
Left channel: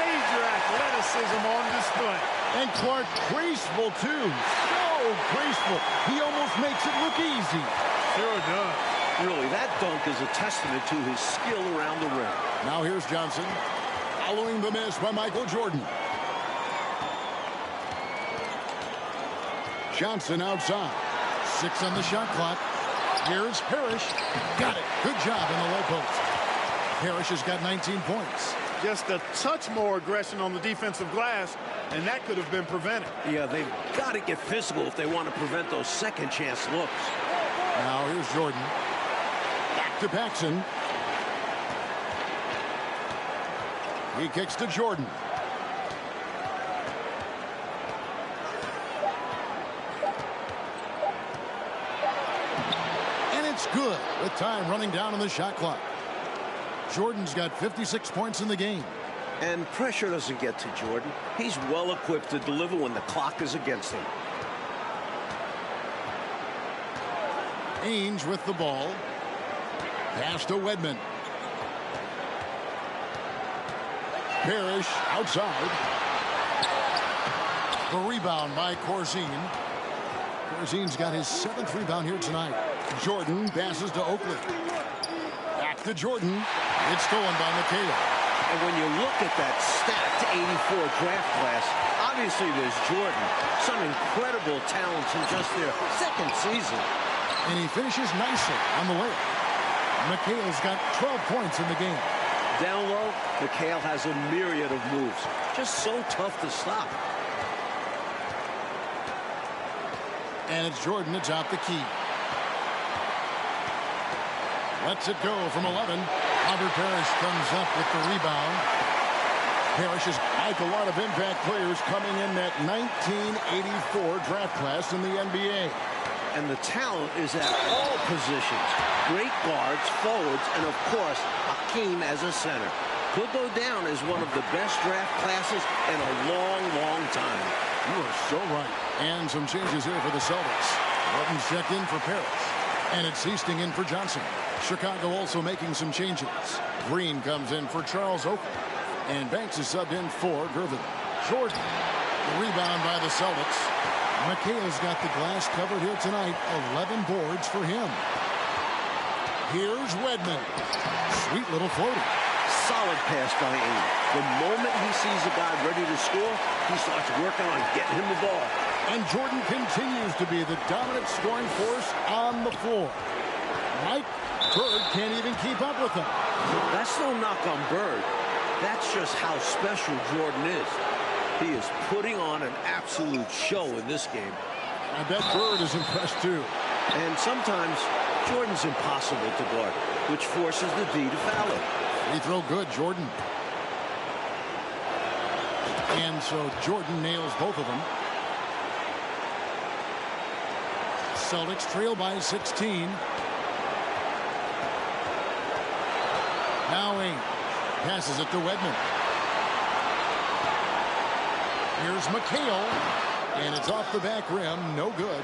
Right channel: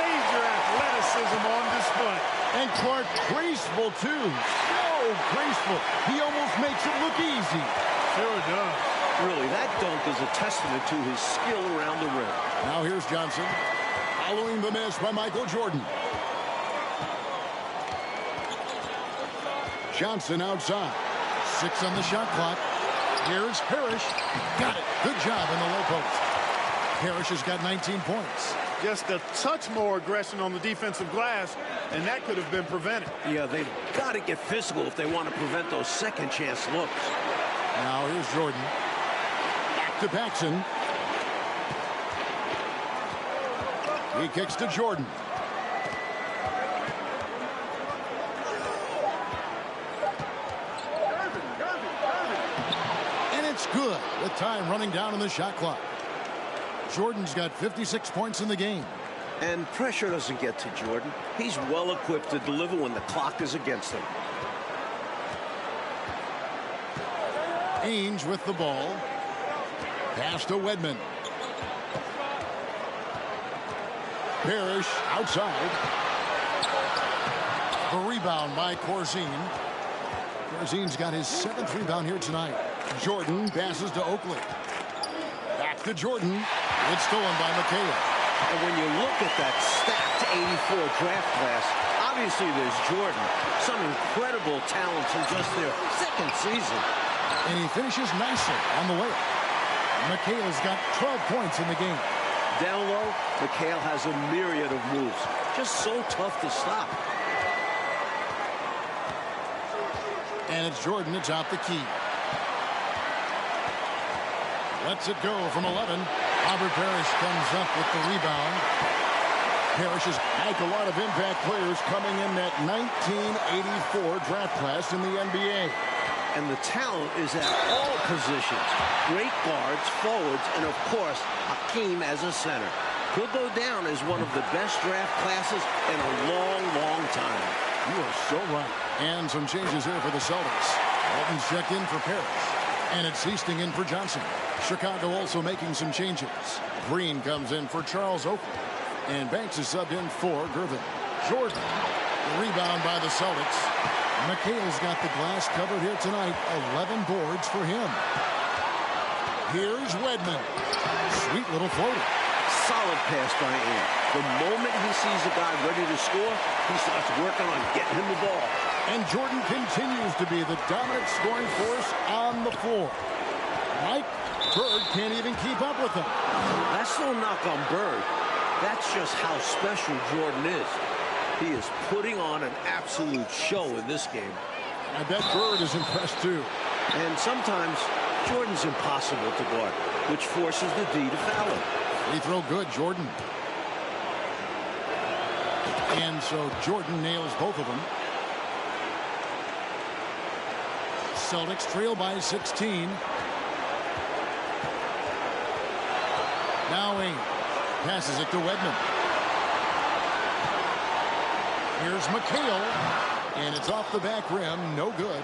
Major athleticism on display. And Clark graceful too. So graceful. He almost makes it look easy. Sure does. Really, that dunk is a testament to his skill around the rim. Now here's Johnson. Following the miss by Michael Jordan. Johnson outside. 6 on the shot clock. Here's Parrish. Got it. Good job in the low post. Parrish has got 19 points. Just a touch more aggression on the defensive glass, and that could have been prevented. Yeah, they've got to get physical if they want to prevent those second chance looks. Now here's Jordan. Back to Paxson. He kicks to Jordan. And it's good with time running down on the shot clock. Jordan's got 56 points in the game. And pressure doesn't get to Jordan. He's well equipped to deliver when the clock is against him. Ainge with the ball. Pass to Wedman. Parrish outside. The rebound by Corzine. Corzine's got his 7th rebound here tonight. Jordan passes to Oakley. Back to Jordan. It's stolen by McHale. And when you look at that stacked 84 draft class, obviously there's Jordan. Some incredible talents in just their second season. And he finishes nicely on the layup. McHale's got 12 points in the game. Down low, McHale has a myriad of moves. Just so tough to stop. And it's Jordan that's out the key. Lets it go from 11. Robert Parrish comes up with the rebound. Parrish is like a lot of impact players coming in that 1984 draft class in the NBA. And the talent is at all positions. Great guards, forwards, and of course, Hakeem as a center. Could go down as one of the best draft classes in a long, long time. You are so right. And some changes here for the Celtics. Walton's checked in for Parrish. And it's Easting in for Johnson. Chicago also making some changes. Green comes in for Charles Oakley. And Banks is subbed in for Gervin. Jordan. The rebound by the Celtics. McHale's got the glass covered here tonight. 11 boards for him. Here's Wedman. Sweet little floater. Solid pass by Ames. The moment he sees a guy ready to score, he starts working on getting him the ball. And Jordan continues to be the dominant scoring force on the floor. Mike Bird can't even keep up with him. That's no knock on Bird. That's just how special Jordan is. He is putting on an absolute show in this game. And I bet Bird is impressed too. And sometimes Jordan's impossible to guard, which forces the D to foul him. Free throw good, Jordan. And so Jordan nails both of them. Celtics trail by 16. Now Ames passes it to Wedman. Here's McHale. And it's off the back rim. No good.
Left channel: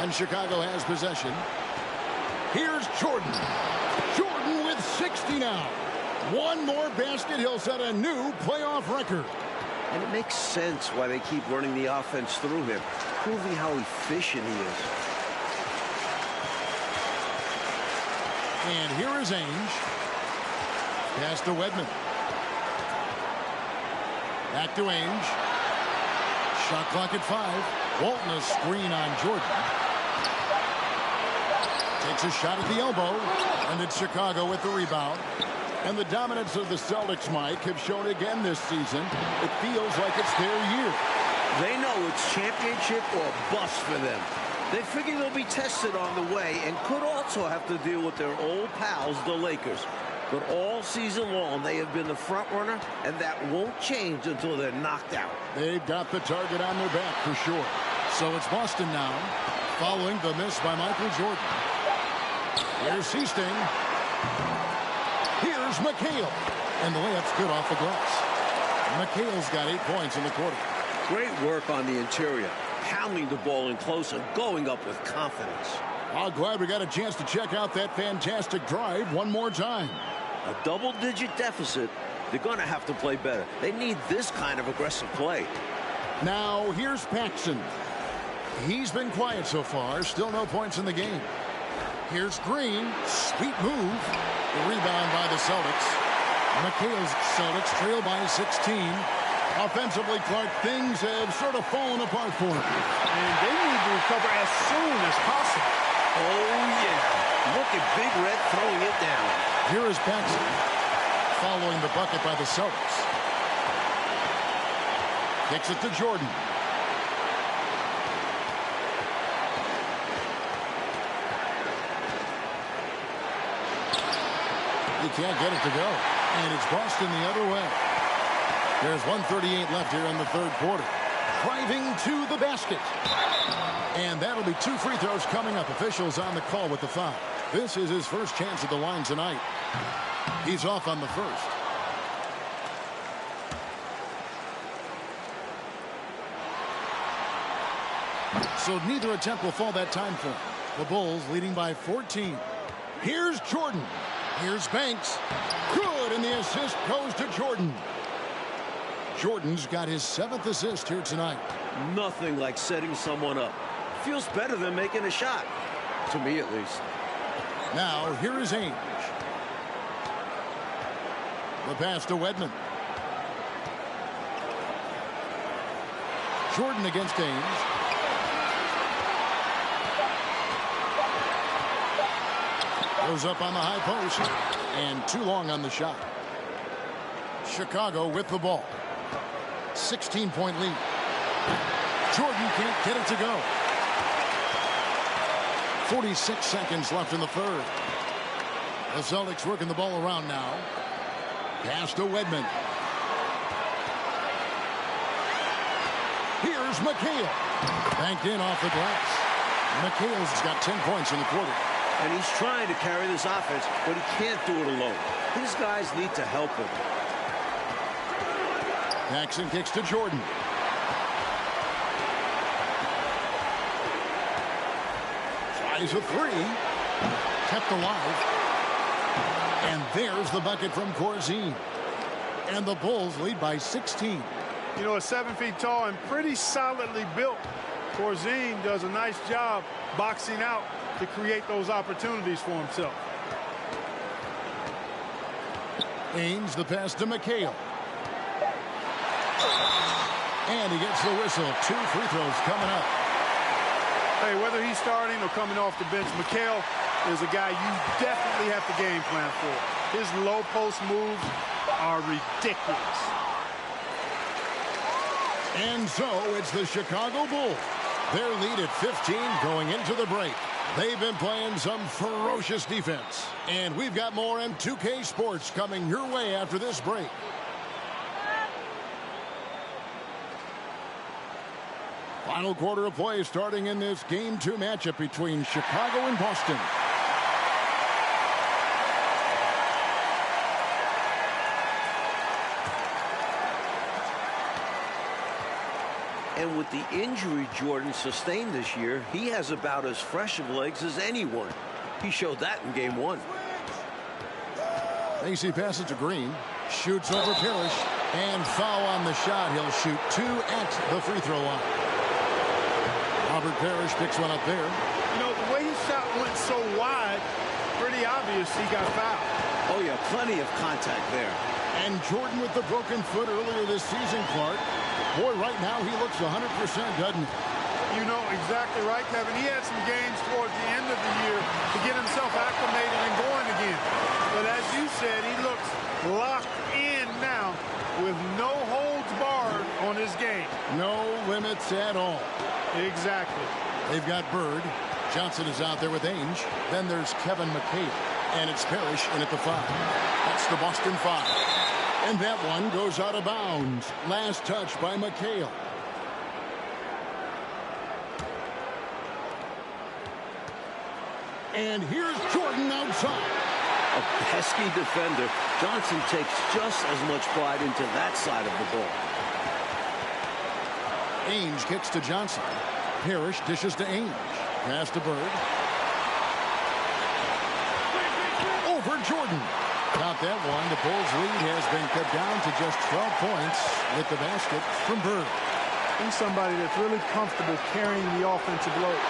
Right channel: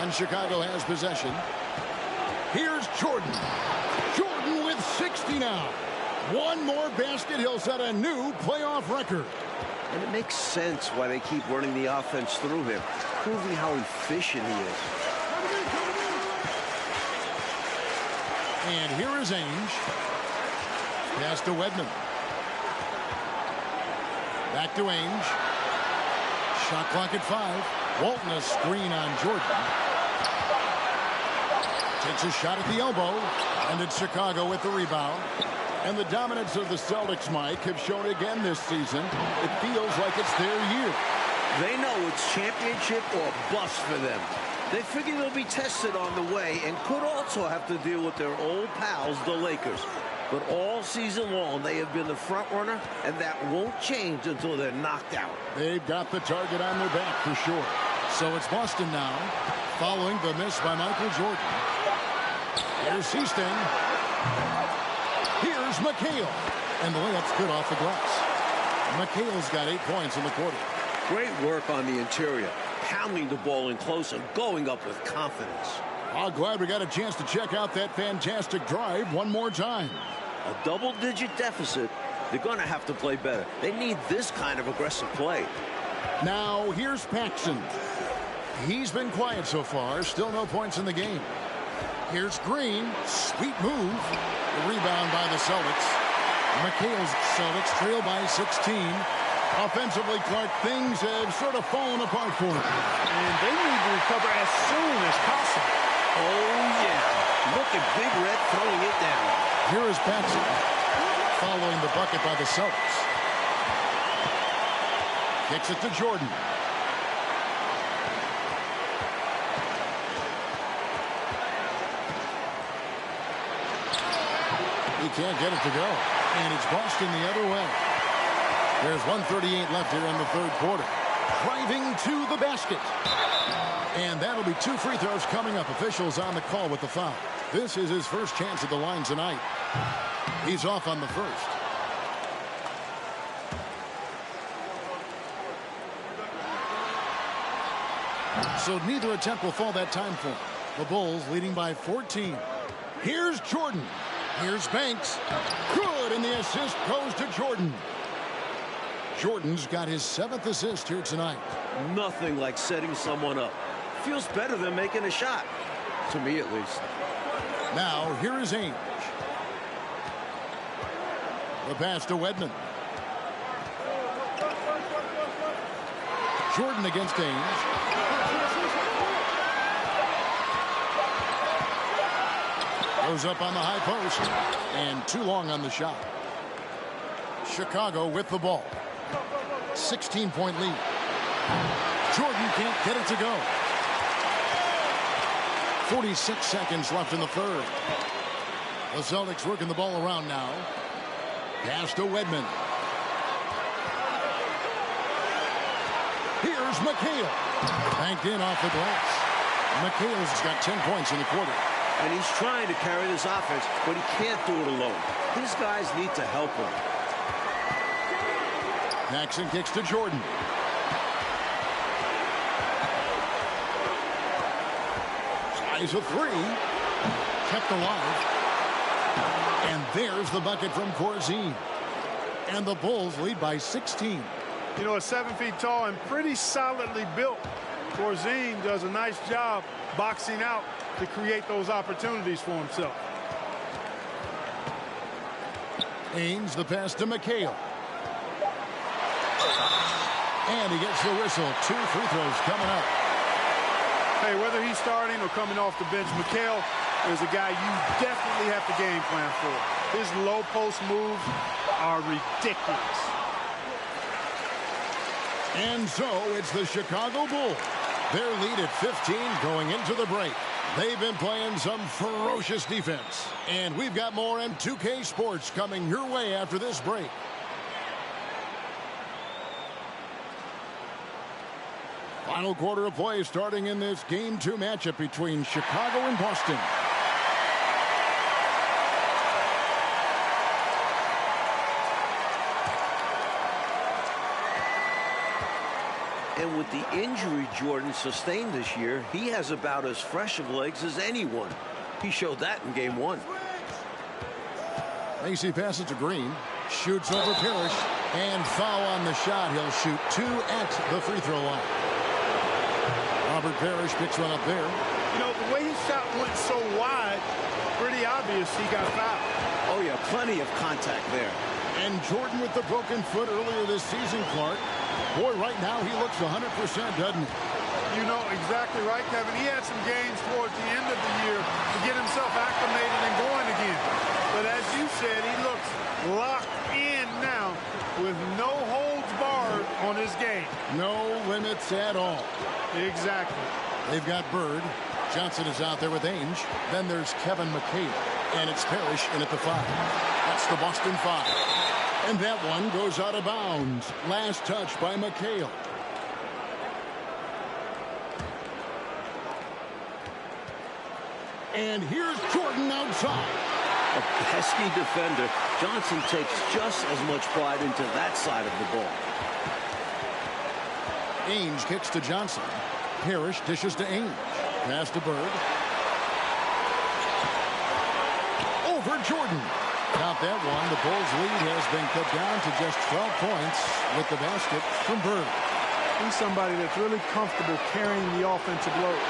And Chicago has possession. Here's Jordan. Jordan with 60 now. One more basket. He'll set a new playoff record. And it makes sense why they keep running the offense through him, proving how efficient he is. And here is Ainge. Pass to Wedman. Back to Ainge. Shot clock at 5. Walton a screen on Jordan. Takes a shot at the elbow. And it's Chicago with the rebound. And the dominance of the Celtics, Mike, have shown again this season. It feels like it's their year. They know it's championship or bust for them. They figure they'll be tested on the way and could also have to deal with their old pals, the Lakers. But all season long, they have been the front runner, and that won't change until they're knocked out. They've got the target on their back for sure. So it's Boston now, following the miss by Michael Jordan. Here's Easting. Here's McHale. And the layup's good off the glass. McHale's got 8 points in the quarter. Great work on the interior, pounding the ball in close and going up with confidence. I'm glad we got a chance to check out that fantastic drive one more time. A double-digit deficit. They're going to have to play better. They need this kind of aggressive play. Now, here's Paxson. He's been quiet so far. Still no points in the game. Here's Green. Sweet move. The rebound by the Celtics. McHale's Celtics trail by 16. Offensively, Clark, things have sort of fallen apart for them. And they need to recover as soon as possible. Oh, yeah. Look at Big Red throwing it down. Here is Paxson following the bucket by the Celtics. Kicks it to Jordan. He can't get it to go. And it's Boston the other way. There's 1:38 left here in the third quarter. Driving to the basket. And that'll be 2 free throws coming up. Officials on the call with the foul. This is his first chance at the line tonight. He's off on the first. So neither attempt will fall that time for him. The Bulls leading by 14. Here's Jordan. Here's Banks. Good, and the assist goes to Jordan. Jordan's got his 7th assist here tonight. Nothing like setting someone up. Feels better than making a shot. To me, at least. Now, here is Ainge. The pass to Wedman. Jordan against Ainge. Goes up on the high post. And too long on the shot. Chicago with the ball. 16-point lead. Jordan can't get it to go. 46 seconds left in the third. The Celtics working the ball around now. Pass to Wedman. Here's McHale. Banked in off the glass. McHale's got 10 points in the quarter. And he's trying to carry this offense, but he can't do it alone. His guys need to help him. Paxson kicks to Jordan. Tries a three. Kept alive. And there's the bucket from Corzine. And the Bulls lead by 16. You know, 7 feet tall and pretty solidly built. Corzine does a nice job boxing out to create those opportunities for himself. Ainge the pass to McHale. And he gets the whistle. 2 free throws coming up. Hey, whether he's starting or coming off the bench, McHale is a guy you definitely have to game plan for. His low post moves are ridiculous. And so it's the Chicago Bulls. Their lead at 15 going into the break. They've been playing some ferocious defense. And we've got more M2K Sports coming your way after this break. Final quarter of play starting in this Game 2 matchup between Chicago and Boston. And with the injury Jordan sustained this year, he has about as fresh of legs as anyone. He showed that in Game 1. Macy passes to Green. Shoots over Parrish. And foul on the shot. He'll shoot 2 at the free throw line. Robert Parrish picks one up there. You know, the way his shot went so wide, pretty obvious he got fouled. Oh, yeah, plenty of contact there. And Jordan with the broken foot earlier this season, Clark. Boy, right now he looks 100%, doesn't he? You know exactly right, Kevin. He had some gains towards the end of the year to get himself acclimated and going again. But as you said, he looks locked in now with no holds barred on his game. No limits at all. Exactly. They've got Bird. Johnson is out there with Ainge. Then there's Kevin McHale. And it's Parrish in at the 5. That's the Boston 5. And that one goes out of bounds. Last touch by McHale. And here's Jordan outside. A pesky defender. Johnson takes just as much pride into that side of the ball. Ainge kicks to Johnson. Parrish dishes to Ainge. Pass to Bird. Over Jordan. Got that one. The Bulls' lead has been cut down to just 12 points with the basket from Bird. He's somebody that's really comfortable carrying the offensive load.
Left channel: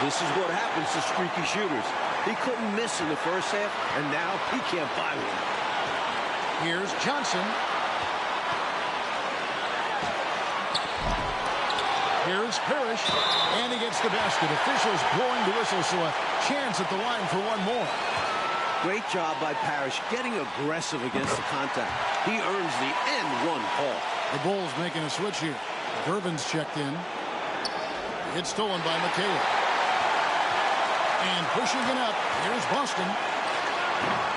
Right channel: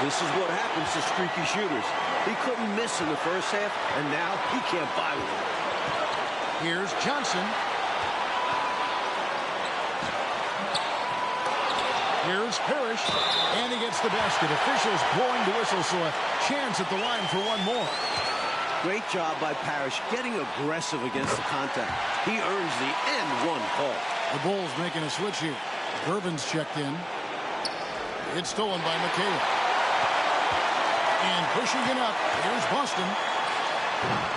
This is what happens to streaky shooters. He couldn't miss in the first half, and now he can't buy one. Here's Johnson. Here's Parrish. And he gets the basket. Officials blowing the whistle, so a chance at the line for one more. Great job by Parrish getting aggressive against the contact. He earns the N1 call. The Bulls making a switch here. Gervin's checked in. It's stolen by McHale. And pushing it up, here's Boston.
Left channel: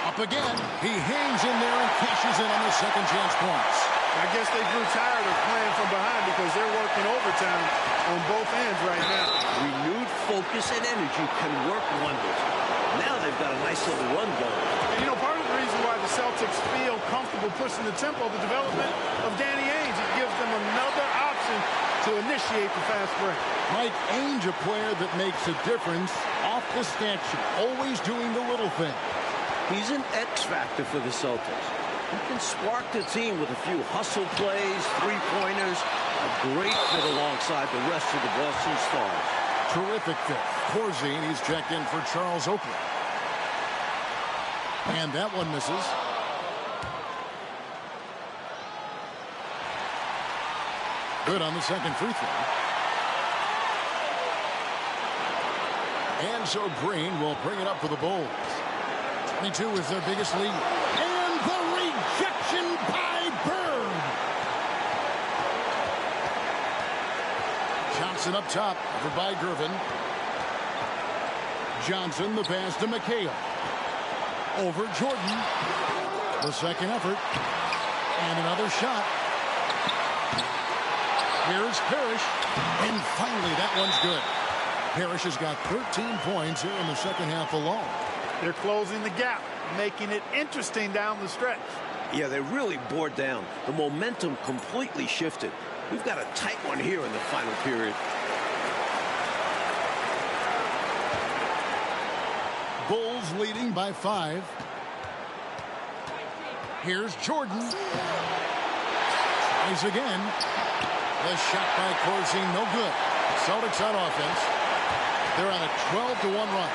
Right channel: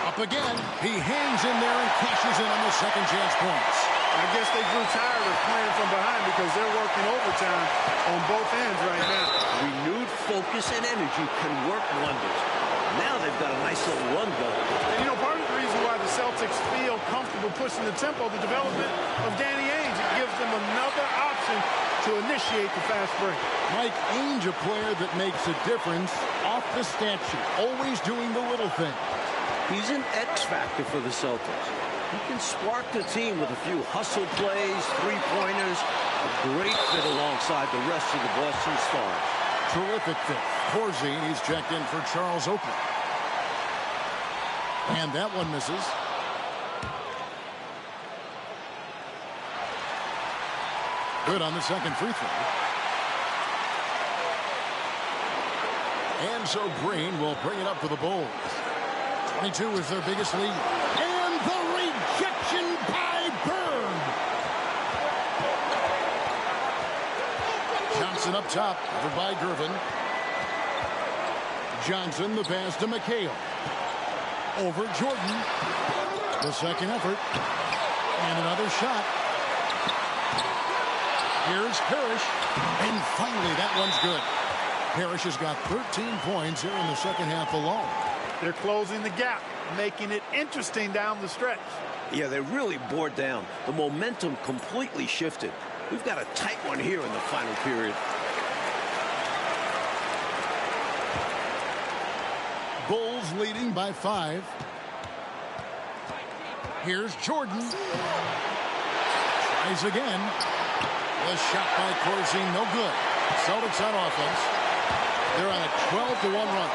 Up again. He hangs in there and cashes in on the second chance points. I guess they grew tired of playing from behind because they're working overtime on both ends right now. Renewed focus and energy can work wonders. Now they've got a nice little run going. And, you know, part of the reason why the Celtics feel comfortable pushing the tempo, the development of Danny Ainge, it gives them another option to initiate the fast break. Mike Ainge, a player that makes a difference off the stat sheet, always doing the little thing. He's an X factor for the Celtics. He can spark the team with a few hustle plays, three-pointers, a great fit alongside the rest of the Boston Stars. Terrific fit. Corzine, he's checked in for Charles Oakley. And that one misses. Good on the second free throw. And so Green will bring it up for the Bulls. 22 is their biggest lead. And the rejection by Bird. Johnson up top, covered by Gervin. Johnson, the pass to McHale. Over Jordan. The second effort. And another shot. Here's Parrish. And finally, that one's good. Parrish has got 13 points here in the second half alone. They're closing the gap, making it interesting down the stretch. Yeah, they really bore down. The momentum completely shifted. We've got a tight one here in the final period. Bulls leading by 5. Here's Jordan. Tries again. The shot by Corzine, no good. Celtics on offense. They're on a 12-1 run.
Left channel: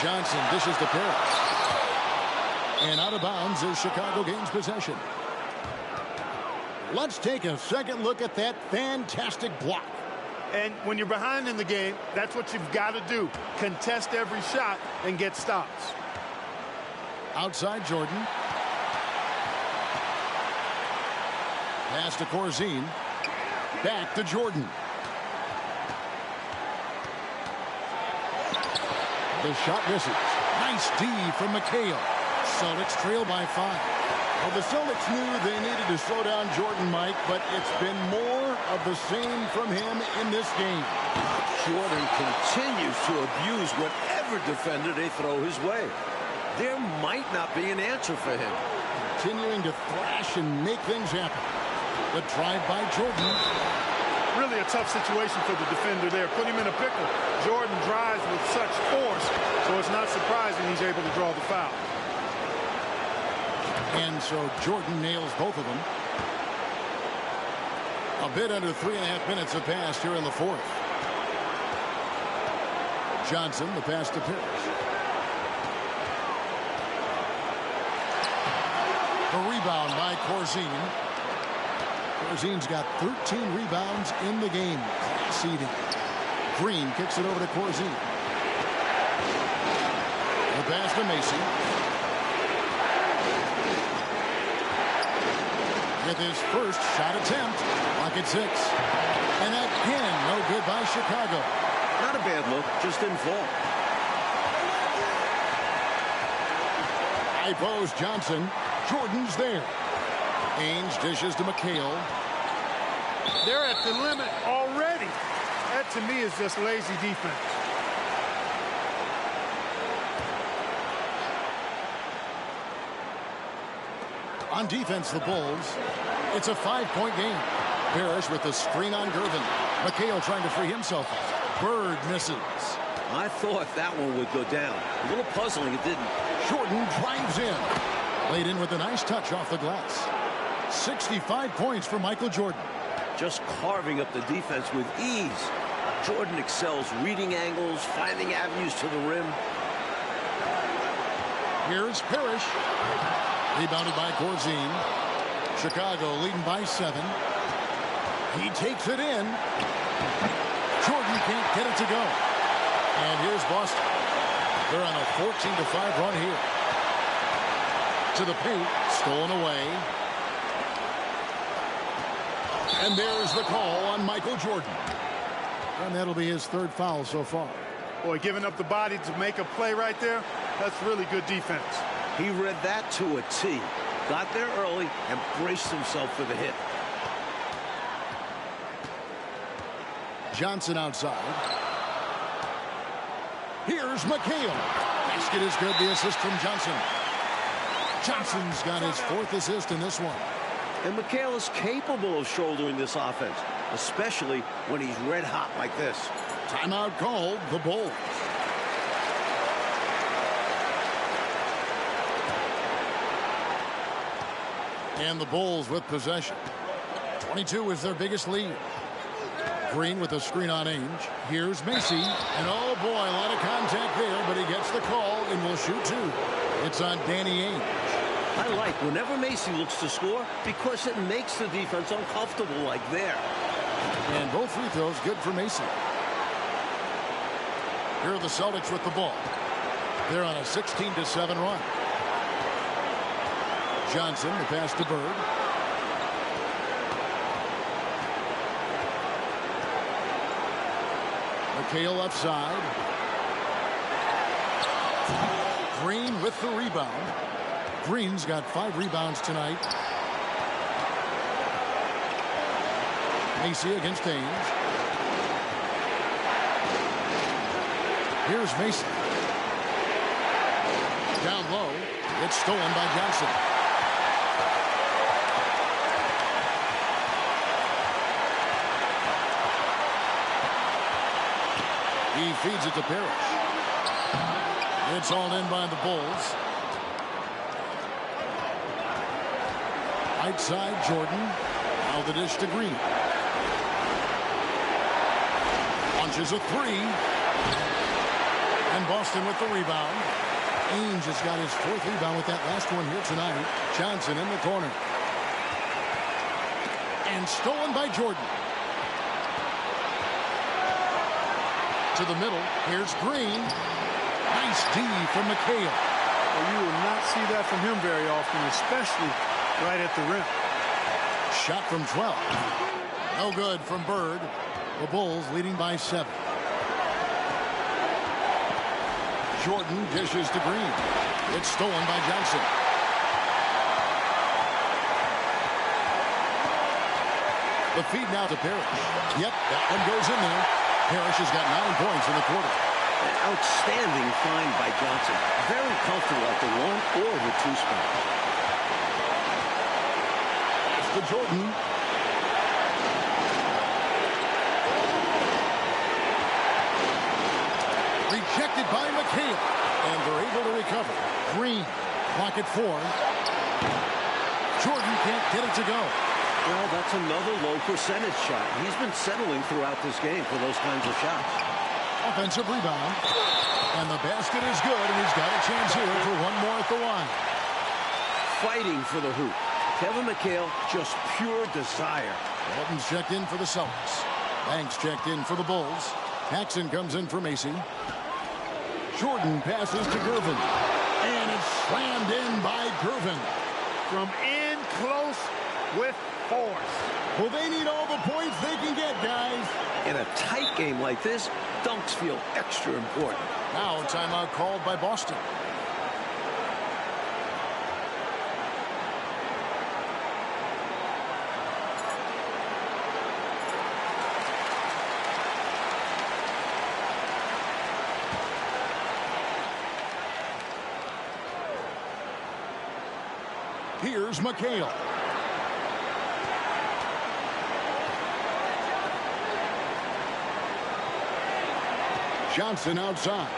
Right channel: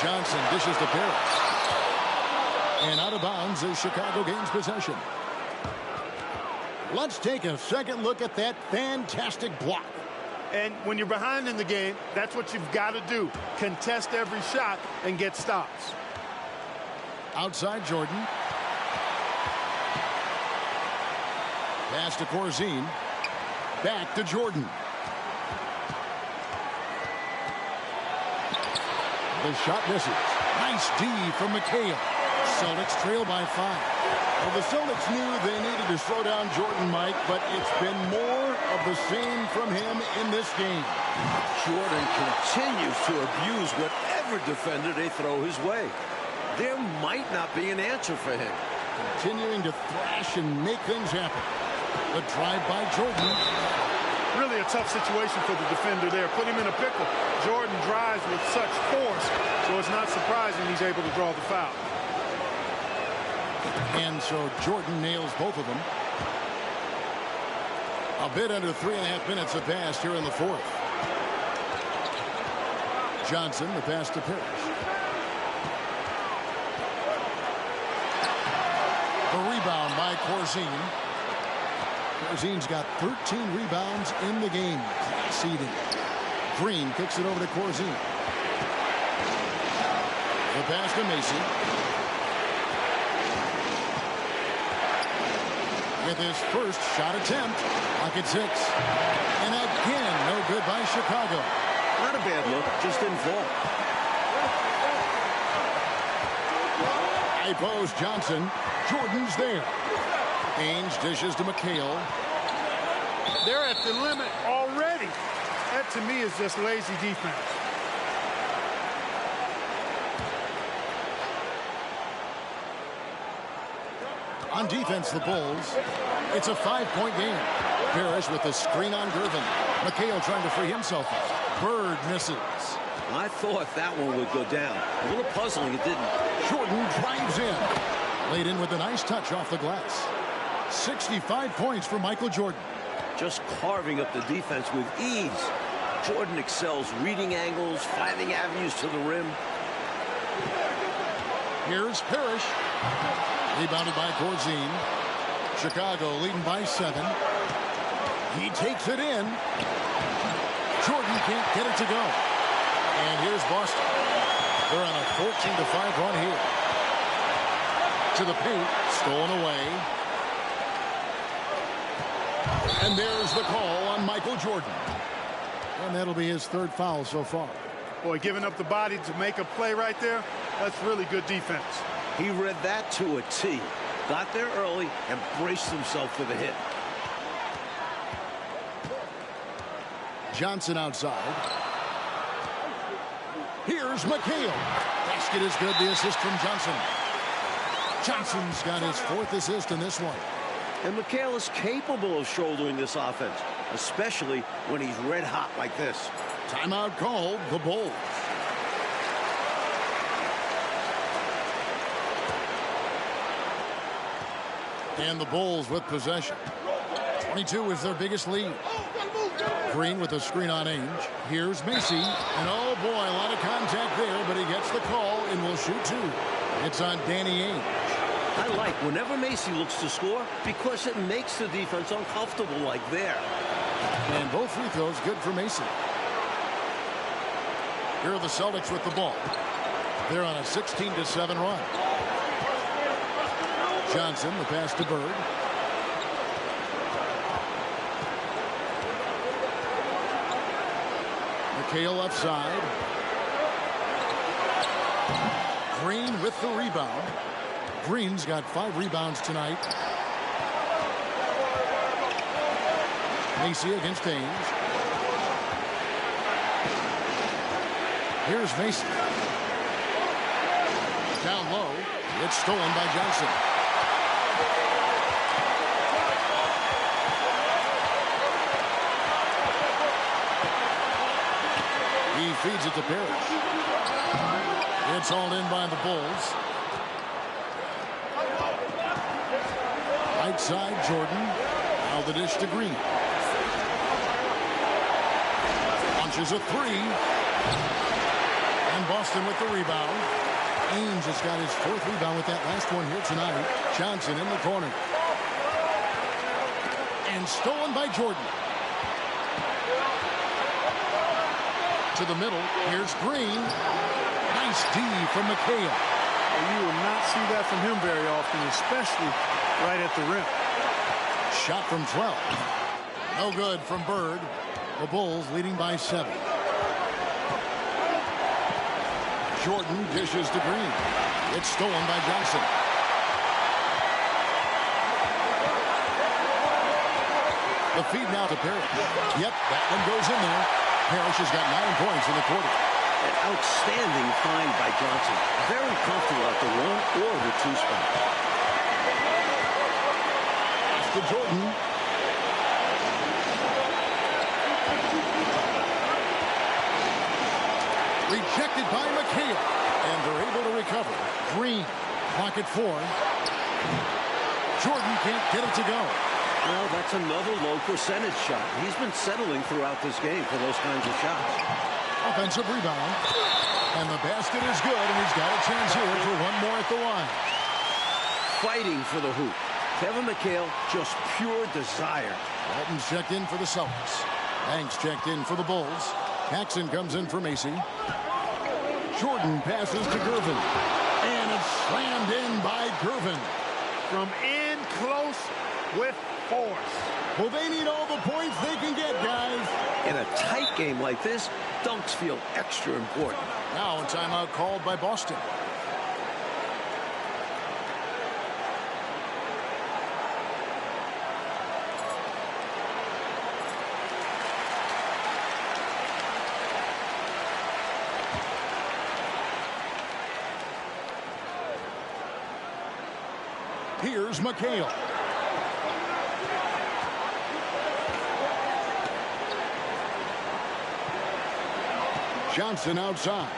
Johnson dishes to Parrish. And out of bounds as Chicago gains possession. Let's take a second look at that fantastic block. And when you're behind in the game, that's what you've got to do. Contest every shot and get stops. Outside Jordan. Pass to Corzine. Back to Jordan. The shot misses. Nice D from McHale. Celtics trail by 5. Well, the Celtics knew they needed to slow down Jordan, Mike, but it's been more of the same from him in this game. Jordan continues to abuse whatever defender they throw his way. There might not be an answer for him. Continuing to thrash and make things happen. The drive by Jordan. Really a tough situation for the defender there. Put him in a pickle. Jordan drives with such force, so it's not surprising he's able to draw the foul. And so Jordan nails both of them. A bit under 3.5 minutes have passed here in the 4th. Johnson, the pass to Parrish. The rebound by Corzine. Corzine's got 13 rebounds in the game. Class eating. Green kicks it over to Corzine. The pass to Macy. With his first shot attempt. Clock at 6. And again, no good by Chicago. Not a bad look, just didn't fall. High post Johnson. Jordan's there. Ainge dishes to McHale. They're at the limit already. That, to me, is just lazy defense. On defense, the Bulls. It's a 5-point game. Parrish with the screen on Gervin. McHale trying to free himself up. Bird misses. I thought that one would go down. A little puzzling, it didn't. Jordan drives in. Laid in with a nice touch off the glass. 65 points for Michael Jordan. Just carving up the defense with ease. Jordan excels reading angles, finding avenues to the rim. Here's Parrish. Rebounded by Corzine. Chicago leading by 7. He takes it in. Jordan can't get it to go. And here's Boston. They're on a 14-5 run here. To the paint. Stolen away. And there's the call on Michael Jordan. And that'll be his 3rd foul so far. Boy, giving up the body to make a play right there, that's really good defense. He read that to a T. Got there early and braced himself for the hit. Johnson outside. Here's McHale. Basket is good. The assist from Johnson. Johnson's got his 4th assist in this one. And McHale is capable of shouldering this offense, especially when he's red hot like this. Timeout called, the Bulls. And the Bulls with possession. 22 is their biggest lead. Green with a screen on Ainge. Here's Macy. And oh boy, a lot of contact there, but he gets the call and will shoot 2. It's on Danny Ainge. I like whenever Macy looks to score because it makes the defense uncomfortable like there. And both free throws good for Macy. Here are the Celtics with the ball. They're on a 16-7 run. Johnson, the pass to Bird. McHale left side. Green with the rebound. Green's got 5 rebounds tonight. Macy against Ainge. Here's Macy. Down low. It's stolen by Johnson. He feeds it to Parrish. It's hauled in by the Bulls. Right side, Jordan. Now the dish to Green. Launches a three. And Boston with the rebound. Ainge has got his 4th rebound with that last one here tonight. Johnson in the corner. And stolen by Jordan. To the middle. Here's Green. Nice D from McHale. Well, you will not see that from him very often, especially right at the rim. Shot from 12. No good from Bird. The Bulls leading by 7. Jordan dishes to Green. It's stolen by Johnson. The feed now to Parrish. Yep, that one goes in there. Parrish has got 9 points in the quarter. An outstanding find by Johnson. Very comfortable at the 1 or the 2 spot. Pass to Jordan. Rejected by McHale. And they're able to recover. Green. Clock at 4. Jordan can't get it to go. Well, that's another low percentage shot. He's been settling throughout this game for those kinds of shots. Offensive rebound. And the basket is good, and he's got a chance here for one more at the line. Fighting for the hoop. Kevin McHale, just pure desire. Walton's checked in for the Celtics. Banks checked in for the Bulls. Paxson comes in for Macy. Jordan passes to Gervin. And it's slammed in by Gervin. From in close with force. Well, they need all the points they can get, guys. In a tight game like this, dunks feel extra important. Now a timeout called by Boston. Here's McHale. Johnson outside.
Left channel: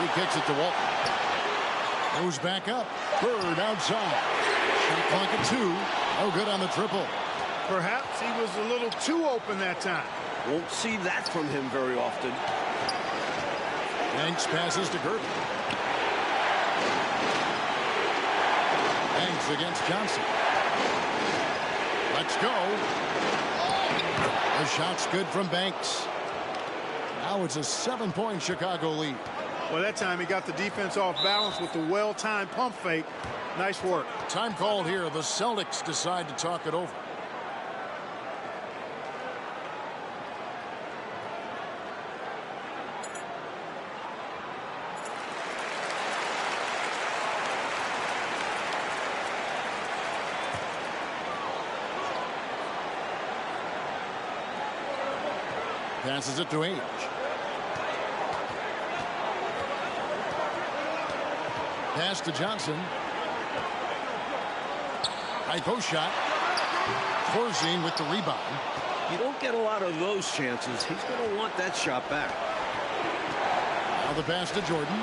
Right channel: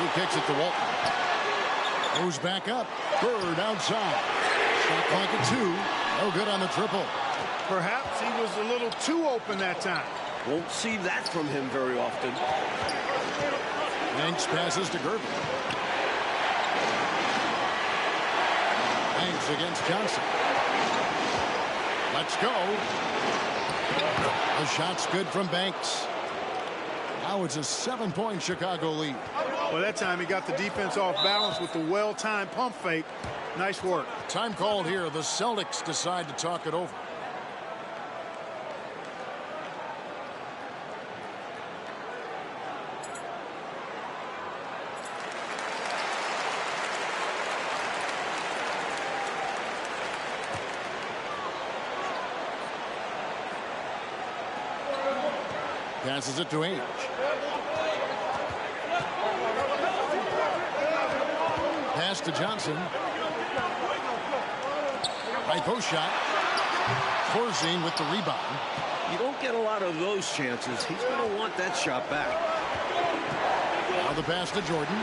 He kicks it to Walton. Goes back up. Bird outside. Shot clock at 2. No good on the triple. Perhaps he was a little too open that time. Won't see that from him very often. Banks passes to Gervin. Banks against Johnson. Let's go. The shot's good from Banks. Now it's a 7-point Chicago lead. Well, that time he got the defense off balance with the well-timed pump fake. Nice work. Time called here. The Celtics decide to talk it over. Passes it to Ainge. Pass to Johnson. High post shot. Corzine with the rebound. You don't get a lot of those chances. He's going to want that shot back. Now the pass to Jordan.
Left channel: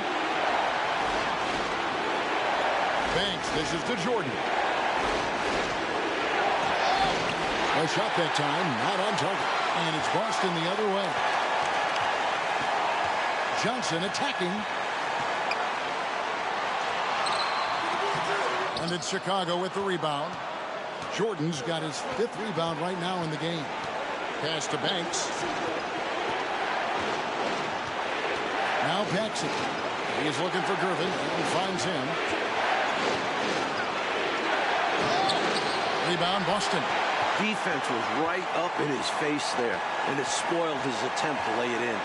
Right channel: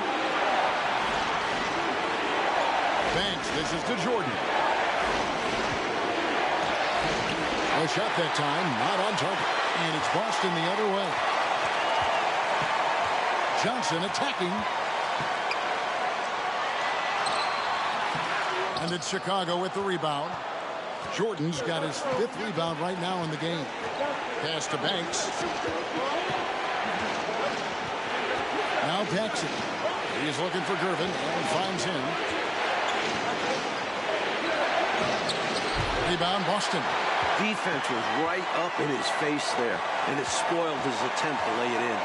Banks dishes to Jordan. A shot that time, not on target. And it's Boston the other way. Johnson attacking. And it's Chicago with the rebound. Jordan's got his 5th rebound right now in the game. Pass to Banks. Now Paxson. He is looking for Gervin and finds him. Rebound Boston. Defense was right up in his face there, and it spoiled his attempt to lay it in.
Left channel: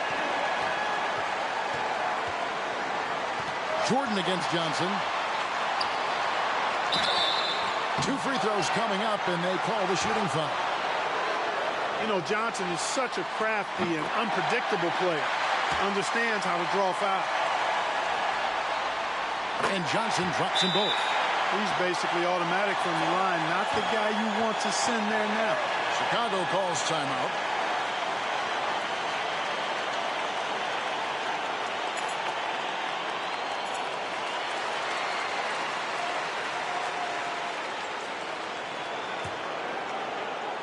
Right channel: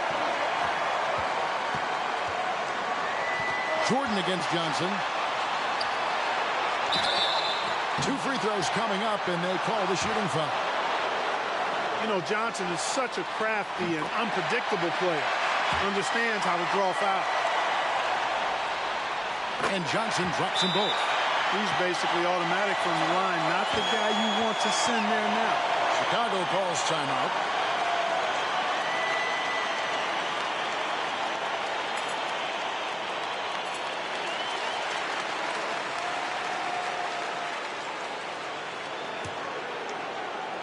Jordan against Johnson. 2 free throws coming up, and they call the shooting foul. You know, Johnson is such a crafty and unpredictable player. Understands how to draw foul. And Johnson drops them both. He's basically automatic from the line, not the guy you want to send there now. Chicago calls timeout.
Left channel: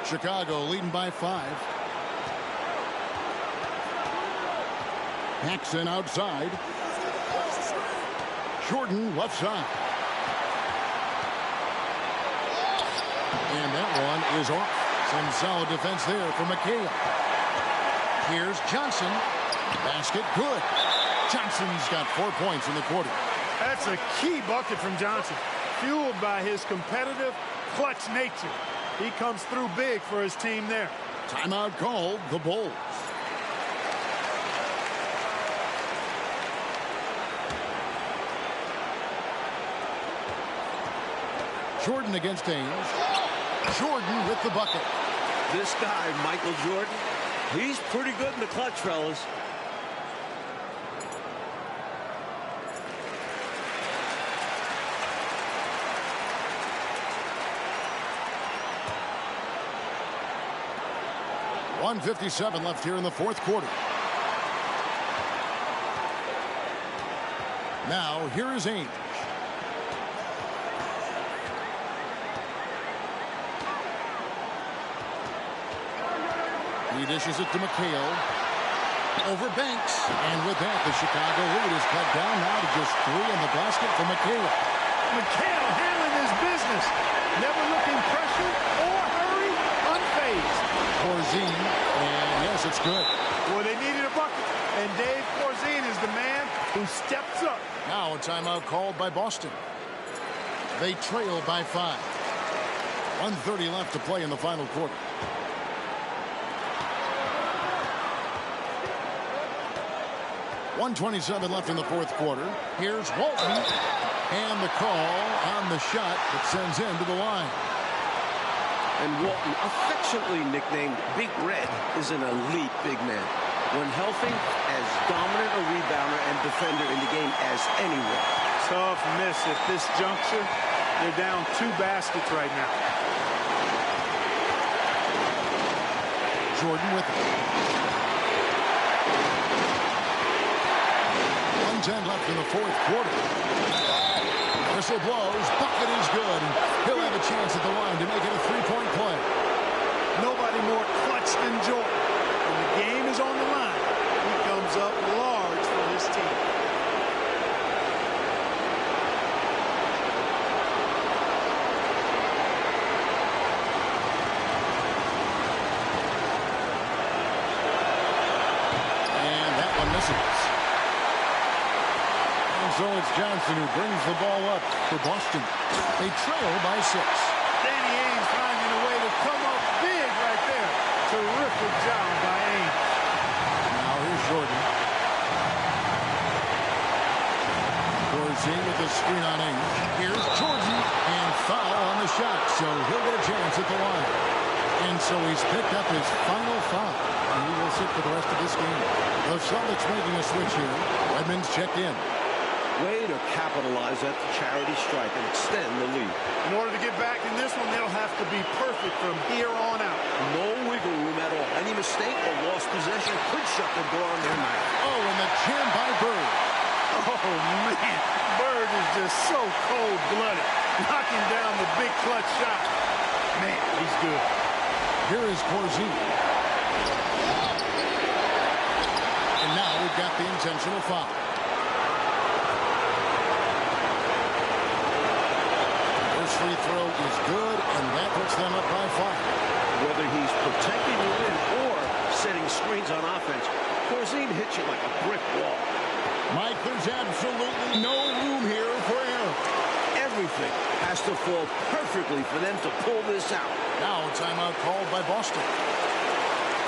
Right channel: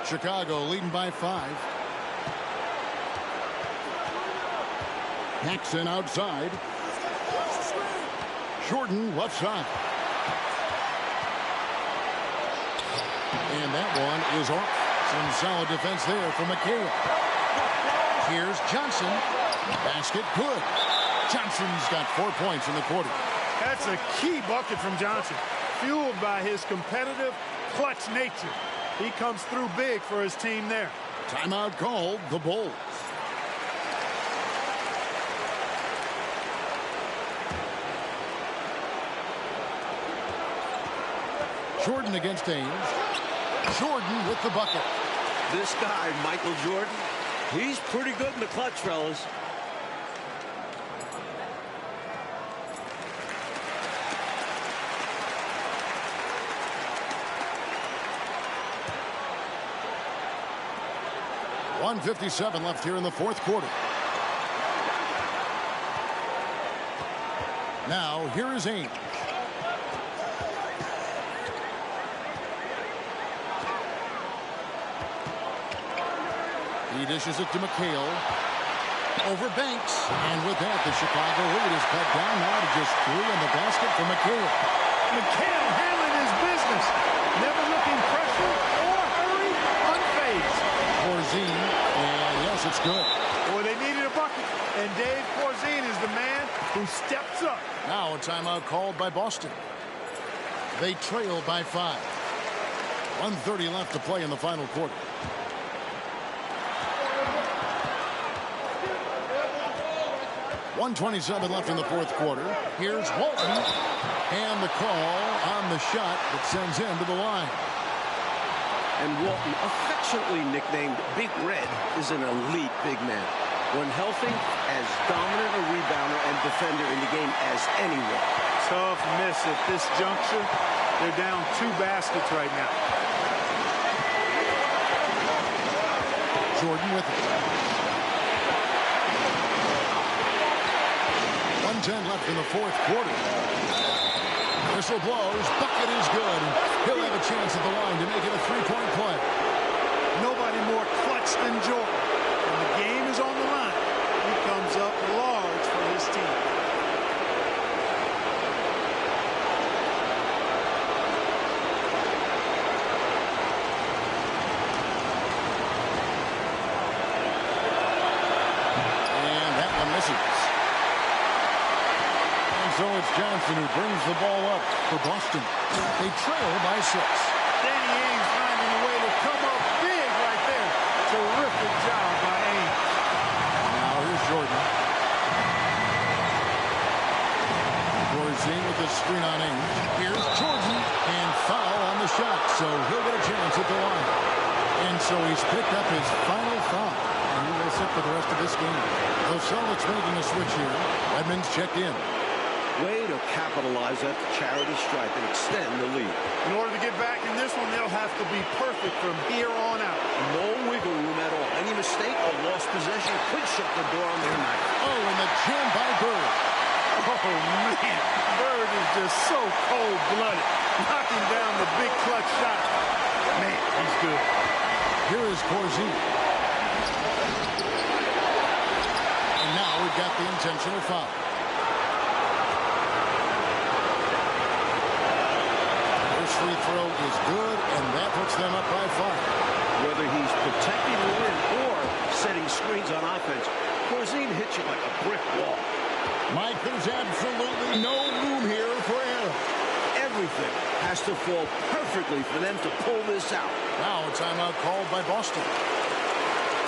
Chicago leading by 5. Paxson outside. Jordan left side. And that one is off. Some solid defense there from McHale. Here's Johnson. Basket good. Johnson's got 4 points in the quarter. That's a key bucket from Johnson, fueled by his competitive, clutch nature. He comes through big for his team there. Timeout called, the Bulls. Jordan against Ames. Jordan with the bucket. This guy, Michael Jordan, he's pretty good in the clutch, fellas. .157 left here in the fourth quarter. Now, here is Ainge. He dishes it to McHale. Over Banks. And with that, the Chicago lead is cut down now to just 3 on the basket for McHale. McHale handling his business. Never looking pressure or hurry, unfazed. Corzine, and yes, it's good. Boy, they needed a bucket, and Dave Corzine is the man who steps up. Now a timeout called by Boston. They trail by 5. 1:30 left to play in the final quarter. .127 left in the fourth quarter. Here's Walton, and the call on the shot that sends him to the line. And Walton, affectionately nicknamed Big Red, is an elite big man. When healthy, as dominant a rebounder and defender in the game as anyone. Tough miss at this juncture. They're down 2 baskets right now. Jordan with it. 1:10 left in the fourth quarter. Whistle blows. Bucket is good. And he'll have a chance at the line to make it a 3-point play. Nobody more clutch than Jordan. When the game is on the line, he comes up large for his team. And that one misses. And so it's Johnson who brings the ball up for Boston. They trail by 6. Danny Ainge finding a way to come up big right there. Terrific job by Ainge. Now here's Jordan. Corzine with the screen on Ainge. Here's Jordan, and foul on the shot, so he'll get a chance at the line. And so he's picked up his final foul, and he will sit for the rest of this game. The Celtics making a switch here. Redmond's checked in. Way to capitalize at the charity stripe and extend the lead. In order to get back in this one, they'll have to be perfect from here on out. No wiggle room at all. Any mistake or lost possession could shut the door on their night. Oh, and the jam by Bird. Oh, man. Bird is just so cold-blooded. Knocking down the big clutch shot. Man, he's good. Here is Corzine. And now we've got the intentional foul. First free throw is good, and that puts them up by 5. Whether he's protecting the rim or setting screens on offense, Corzine hits you like a brick wall. Mike, there's absolutely no room here for error. Everything has to fall perfectly for them to pull this out. Now a timeout called by Boston.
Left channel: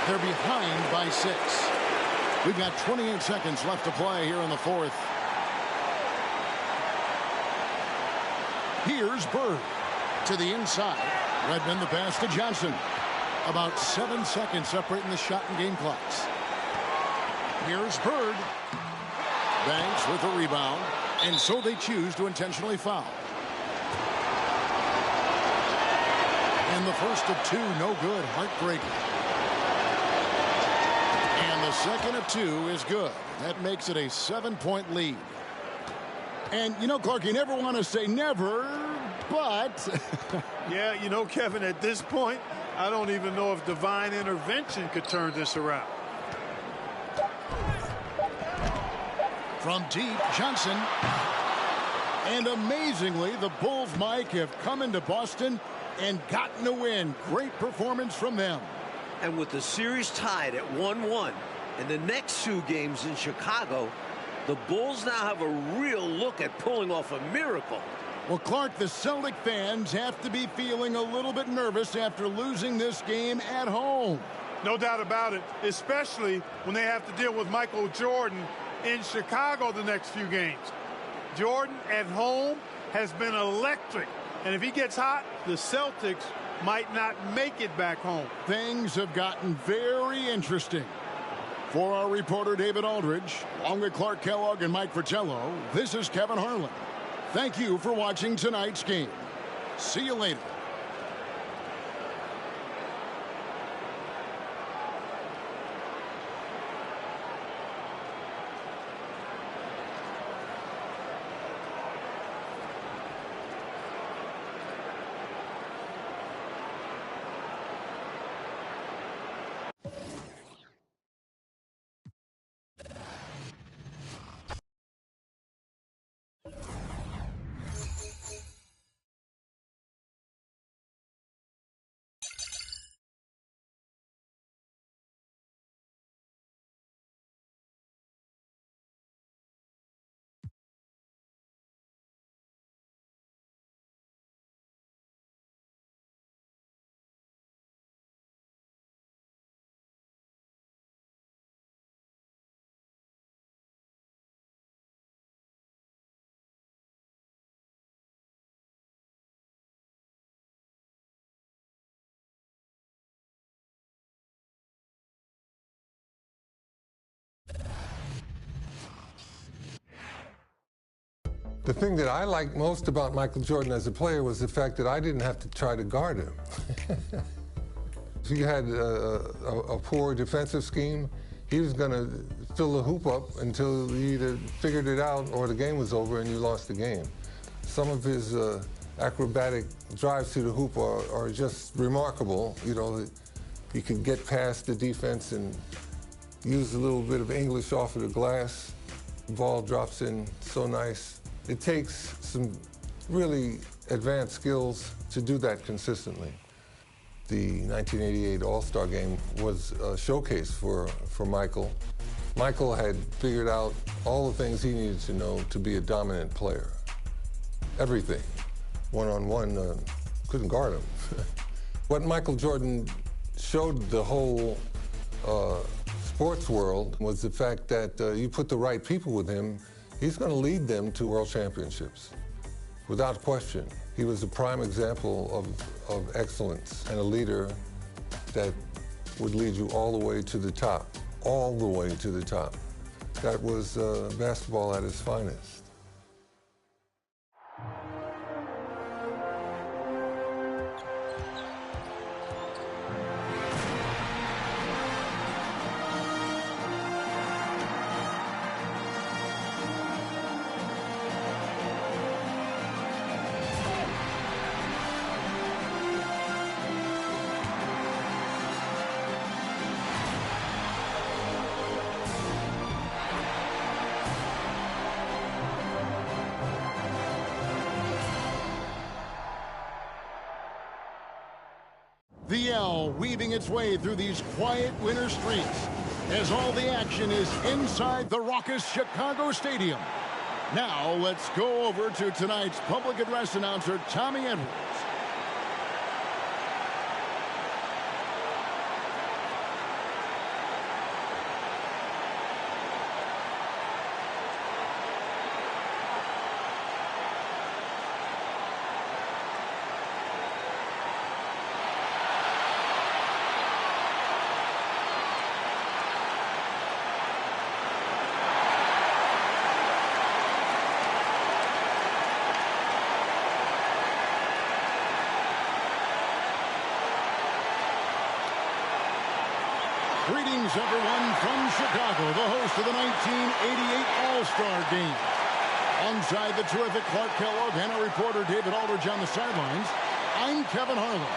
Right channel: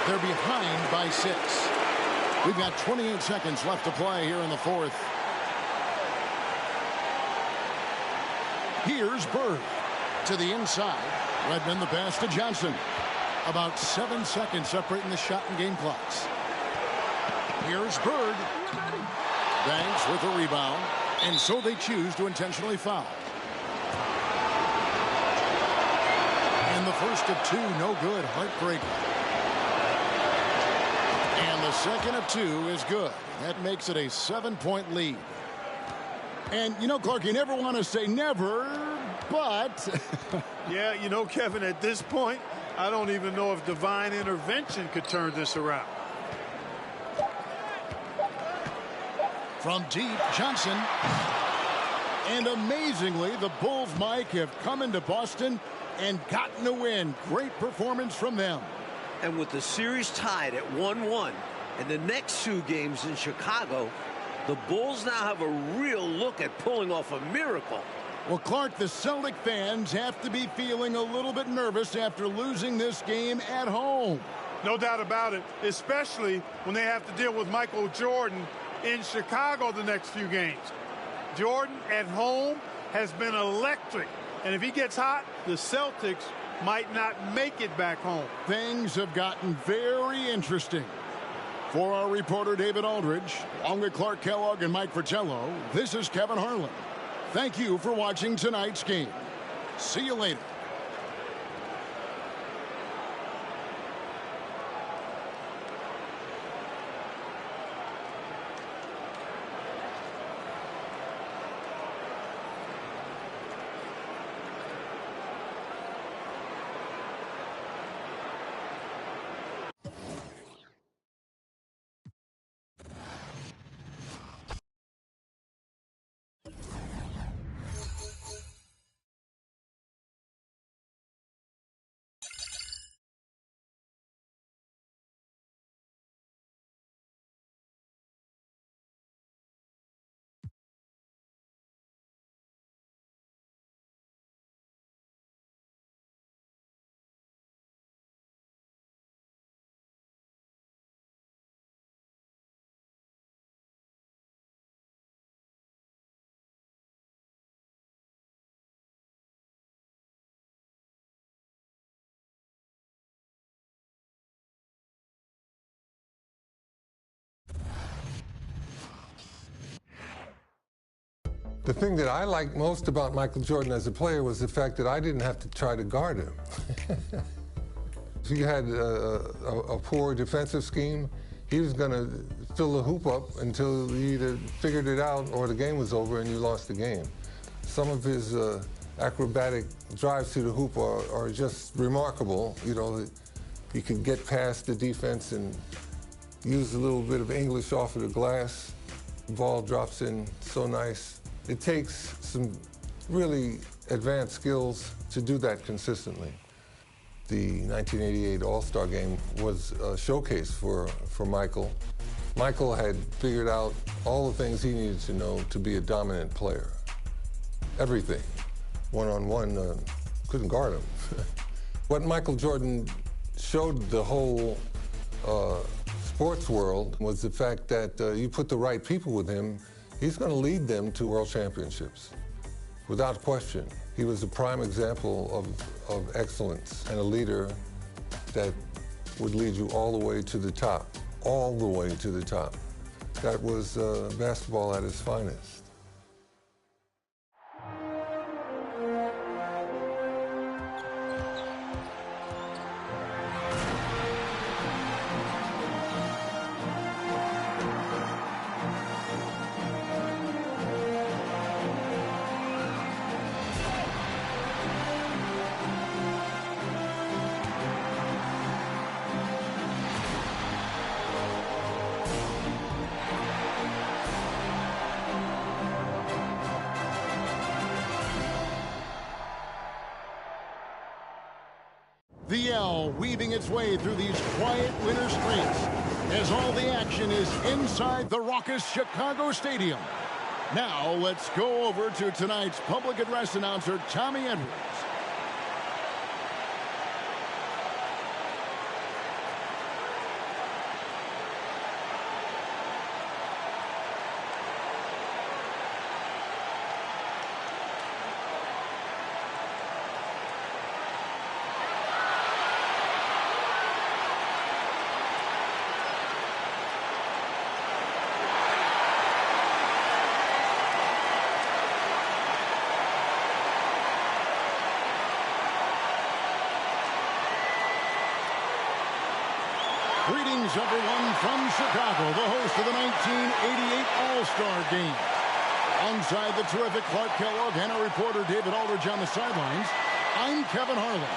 They're behind by 6. We've got 28 seconds left to play here in the fourth. Here's Bird to the inside. Redmond the pass to Johnson. About 7 seconds separating the shot and game clocks. Here's Bird. Banks with a rebound. And so they choose to intentionally foul. And the first of 2, no good. Heartbreaker. And the second of 2 is good. That makes it a 7-point lead. And, you know, Clark, you never want to say never, but... Yeah, you know, Kevin, at this point, I don't even know if divine intervention could turn this around. From deep, Johnson. And amazingly, the Bulls, Mike, have come into Boston and gotten a win. Great performance from them. And with the series tied at 1-1 and the next 2 games in Chicago, the Bulls now have a real look at pulling off a miracle. Well, Clark, the Celtic fans have to be feeling a little bit nervous after losing this game at home. No doubt about it, especially when they have to deal with Michael Jordan in Chicago the next few games. Jordan at home has been electric, and if he gets hot, the Celtics might not make it back home. Things have gotten very interesting. For our reporter David Aldridge, along with Clark Kellogg and Mike Fratello, this is Kevin Harlan. Thank you for watching tonight's game. See you later. The thing that I liked most about Michael Jordan as a player was the fact that I didn't have to try to guard him. If he had a poor defensive scheme, he was going to fill the hoop up until he either figured it out or the game was over and you lost the game. Some of his acrobatic drives to the hoop are just remarkable. You know, he could get past the defense and use a little bit of English off of the glass. The ball drops in so nice. It takes some really advanced skills to do that consistently. The 1988 All-Star Game was a showcase for Michael. Michael had figured out all the things he needed to know to be a dominant player. Everything. One-on-one, couldn't guard him. What Michael Jordan showed the whole sports world was the fact that you put the right people with him, he's going to lead them to world championships, without question. He was a prime example of excellence and a leader that would lead you all the way to the top, all the way to the top. That was basketball at its finest. The L weaving its way through these quiet winter streets as all the action is inside the raucous Chicago Stadium. Now let's go over to tonight's public address announcer, Tommy Edwards. Greetings, everyone, from Chicago, the host of the 1988 All-Star Game. Alongside the terrific Clark Kellogg and our reporter David Aldridge on the sidelines, I'm Kevin Harlan.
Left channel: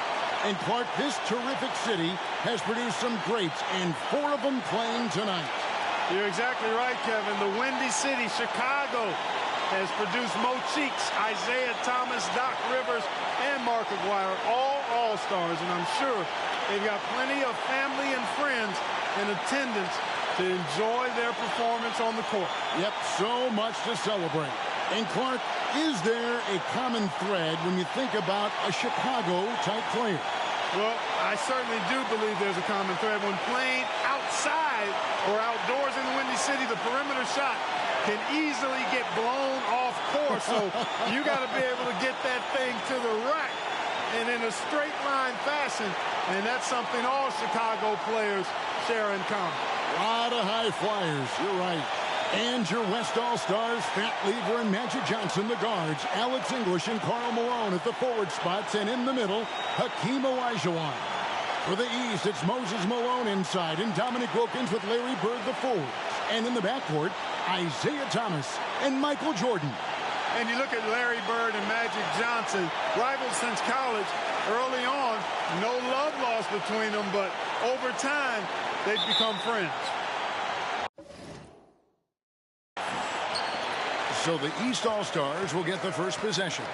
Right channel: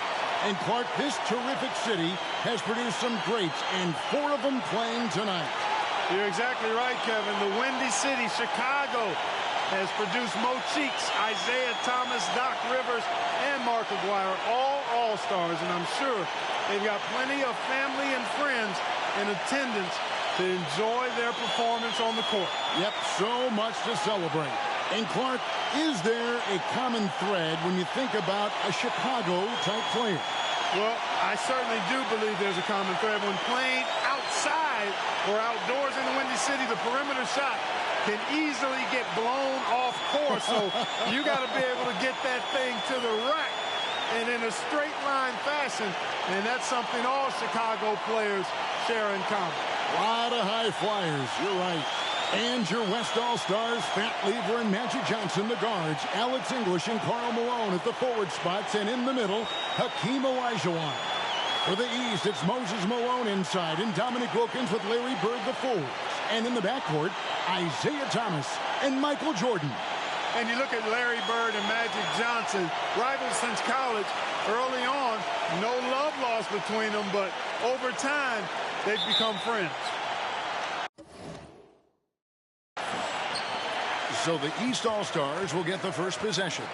And Clark, this terrific city has produced some greats, and 4 of them playing tonight. You're exactly right, Kevin. The Windy City, Chicago, has produced Mo Cheeks, Isaiah Thomas, Doc Rivers, and Mark Aguirre, all All-Stars, and I'm sure they've got plenty of family and friends in attendance to enjoy their performance on the court. Yep, so much to celebrate. And Clark, is there a common thread when you think about a Chicago-type player? Well, I certainly do believe there's a common thread. When playing outside or outdoors in the Windy City, the perimeter shot can easily get blown off course. So you got to be able to get that thing to the rack and in a straight line fashion. And that's something all Chicago players share in common. A lot of high flyers, you're right. And your West All-Stars, Fat Lever and Magic Johnson, the guards, Alex English and Karl Malone at the forward spots, and in the middle, Hakeem Olajuwon. For the East, it's Moses Malone inside, and Dominic Wilkins with Larry Bird, the forwards. And in the backcourt, Isaiah Thomas and Michael Jordan. And you look at Larry Bird and Magic Johnson, rivals since college. Early on, no love lost between them, but over time, they've become friends. So the East All-Stars will get the first possession.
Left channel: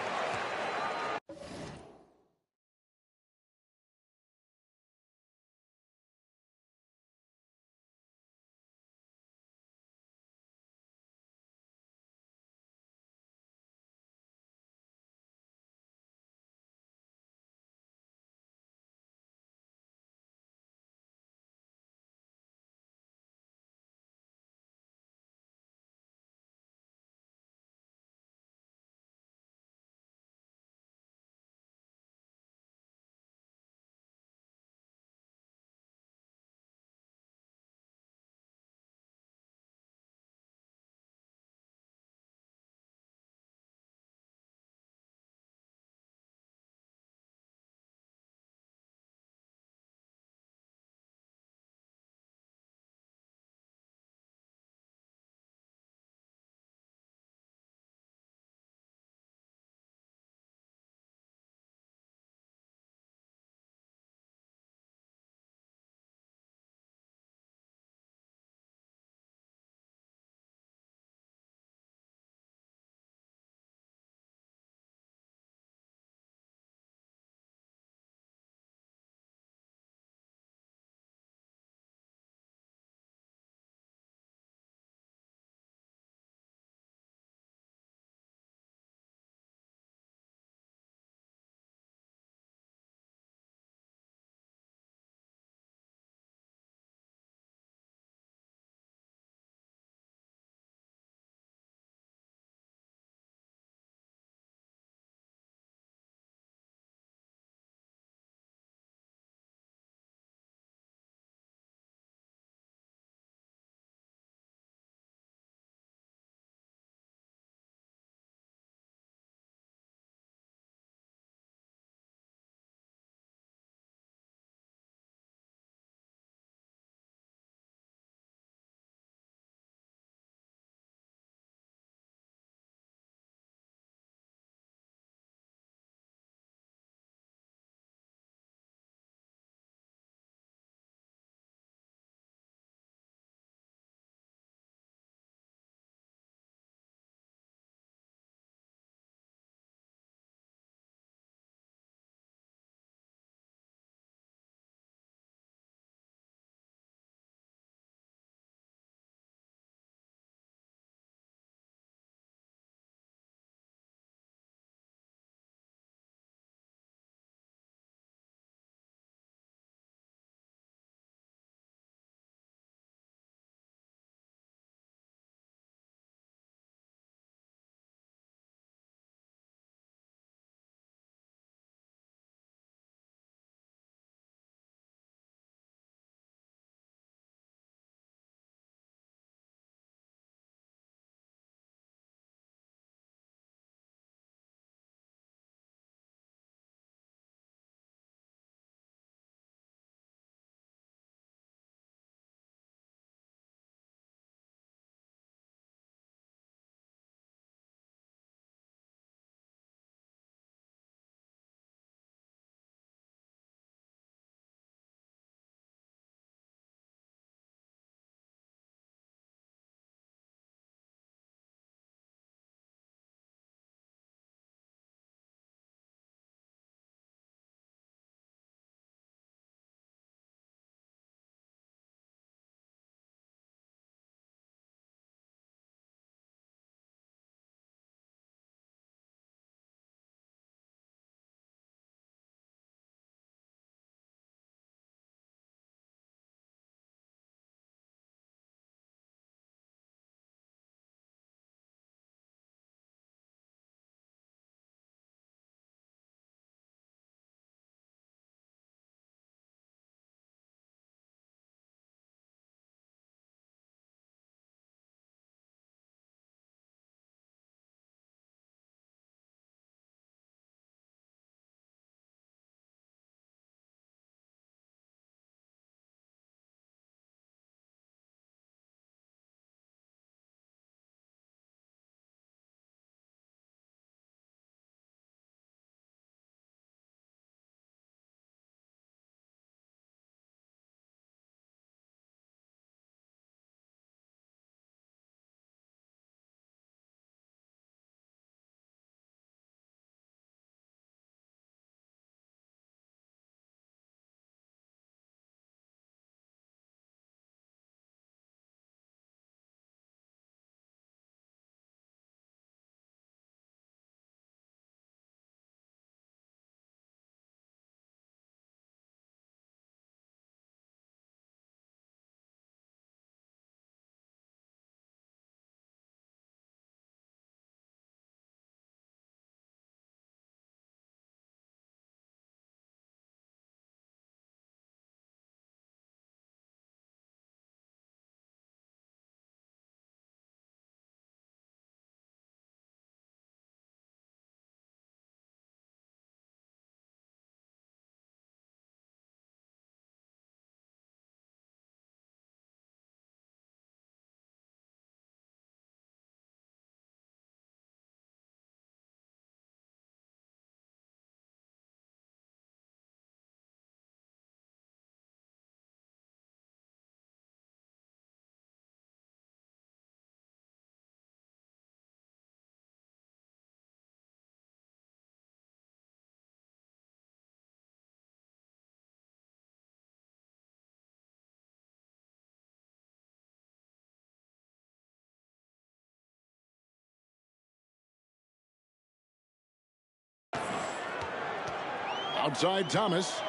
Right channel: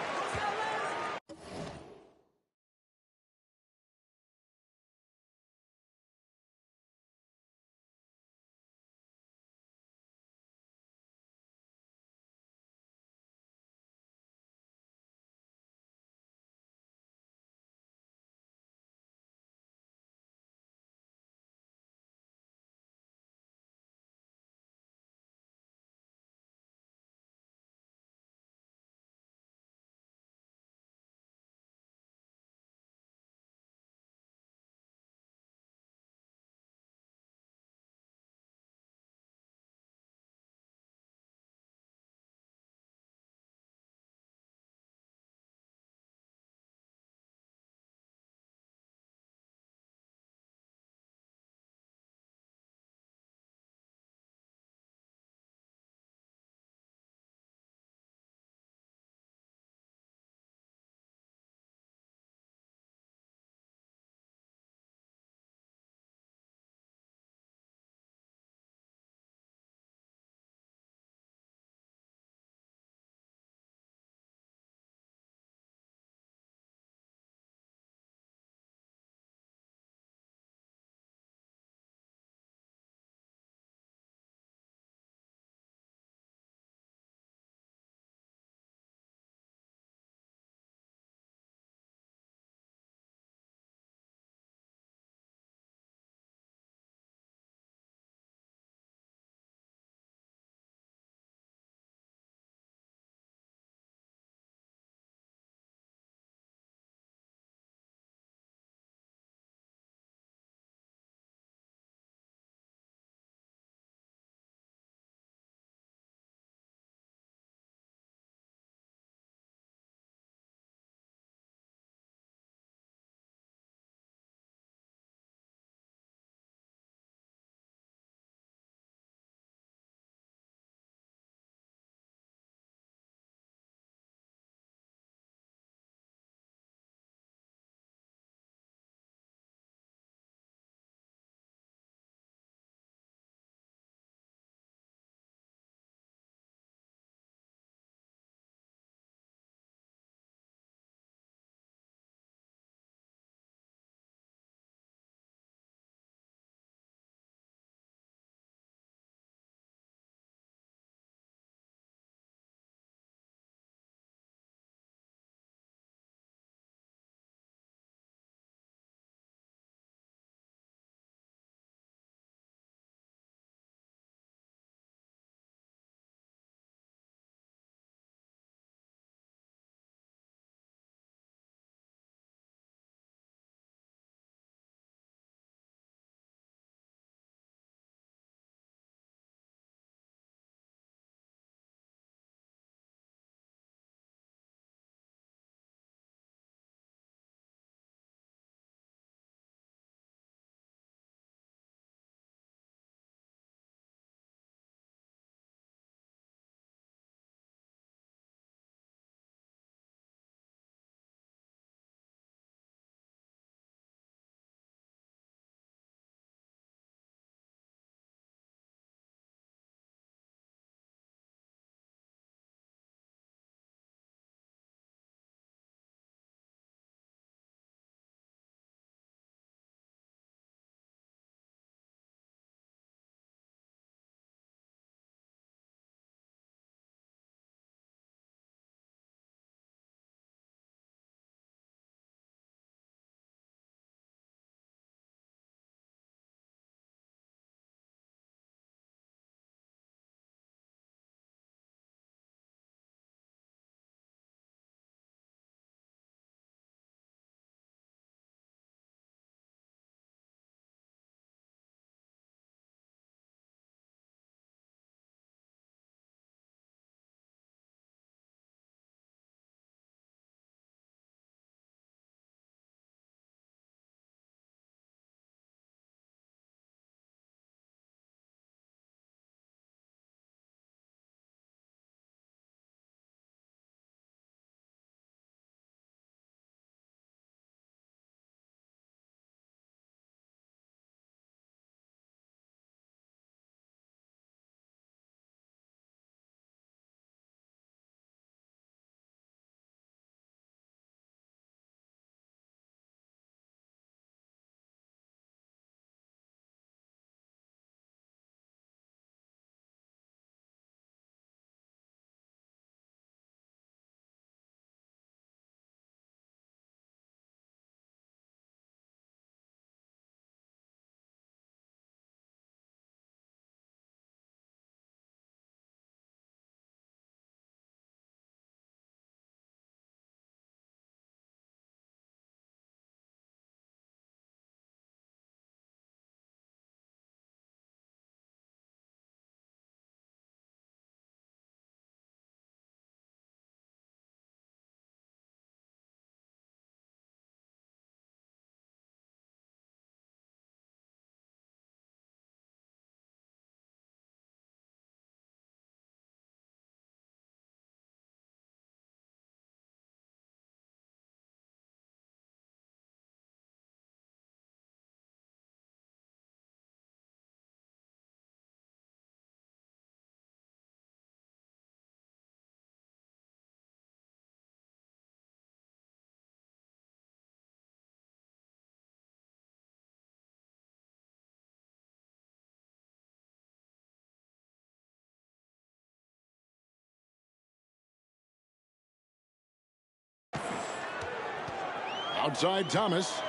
Outside Thomas.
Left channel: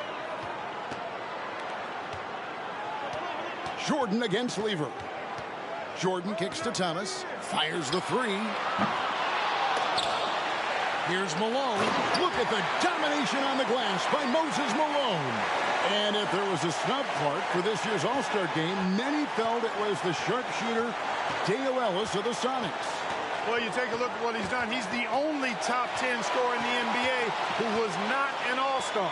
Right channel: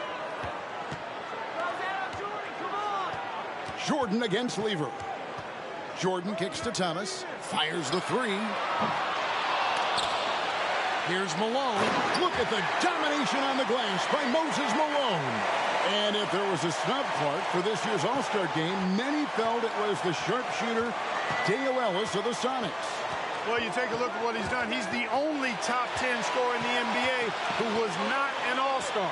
Jordan against Lever. Jordan kicks to Thomas. Fires the three. Here's Malone. Look at the domination on the glass by Moses Malone. And if there was a snub, Clark, for this year's All-Star game, many felt it was the sharpshooter Dale Ellis of the Sonics. Well, you take a look at what he's done. He's the only top 10 scorer in the NBA who was not an All-Star.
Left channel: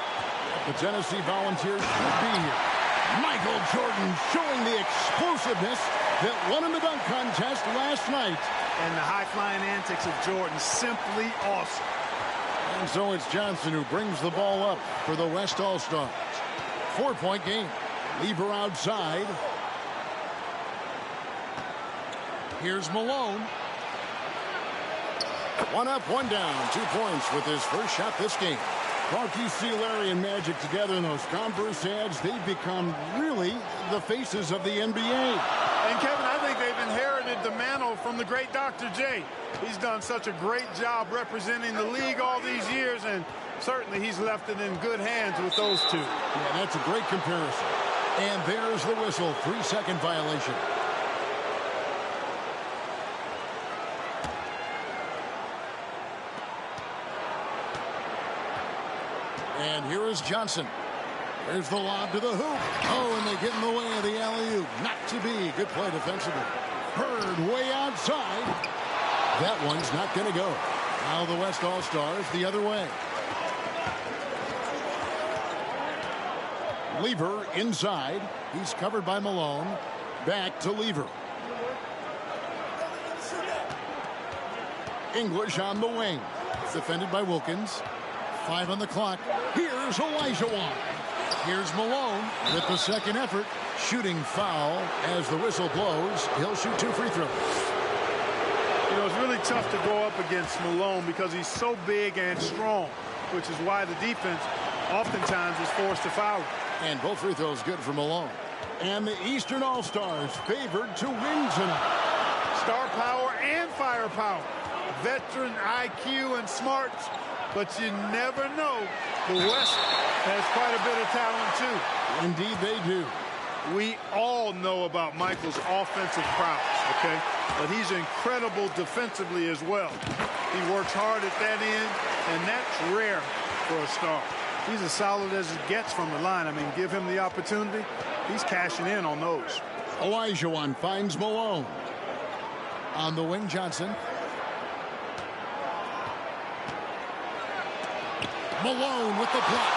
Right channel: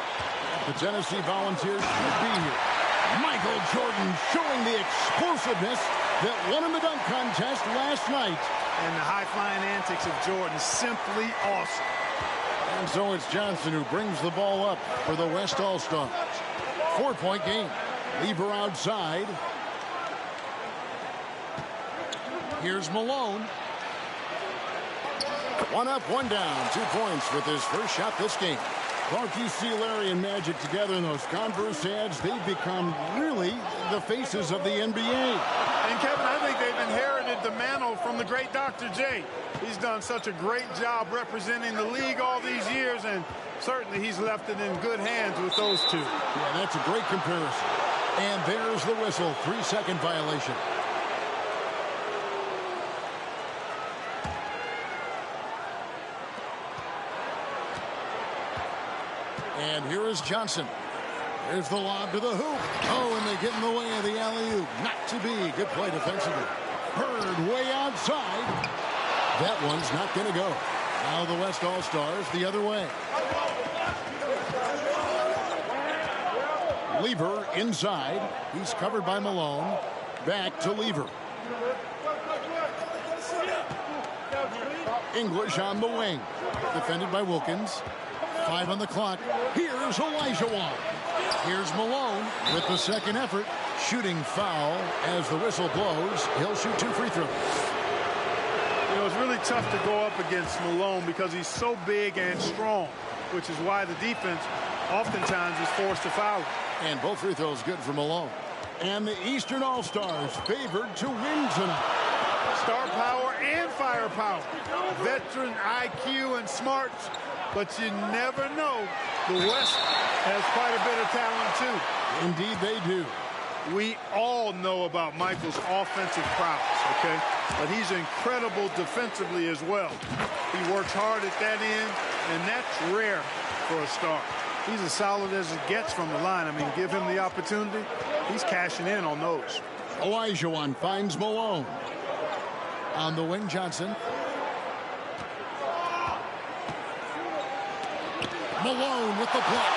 The Tennessee Volunteers should be here. Michael Jordan showing the explosiveness that won in the dunk contest last night. And the high-flying antics of Jordan, simply awesome. And so it's Johnson who brings the ball up for the West All-Stars. 4-point game. Lever outside. Here's Malone. One up, one down. 2 points with his first shot this game. Clark, you see Larry and Magic together in those Converse ads. They've become really the faces of the NBA. And, Kevin, I think they've inherited the mantle from the great Dr. J. He's done such a great job representing the league all these years, and certainly he's left it in good hands with those two. Yeah, that's a great comparison. And there's the whistle. 3-second violation. And here is Johnson. There's the lob to the hoop. Oh, and they get in the way of the alley-oop. Not to be. Good play defensively. Bird way outside. That one's not going to go. Now the West All-Stars the other way. Lever inside. He's covered by Malone. Back to Lever. English on the wing. Defended by Wilkins. 5 on the clock. Here's Olajuwon. Here's Malone with the second effort. Shooting foul as the whistle blows. He'll shoot 2 free throws. You know, it's really tough to go up against Malone because he's so big and strong, which is why the defense oftentimes is forced to foul. And both free throws good for Malone. And the Eastern All-Stars favored to win tonight. Star power and firepower. Veteran IQ and smarts. But you never know. The West has quite a bit of talent, too. Indeed, they do. We all know about Michael's offensive prowess, okay? But he's incredible defensively as well. He works hard at that end, and that's rare for a star. He's as solid as it gets from the line. I mean, give him the opportunity. He's cashing in on those. Olajuwon finds Malone. On the wing, Johnson. Malone with the block.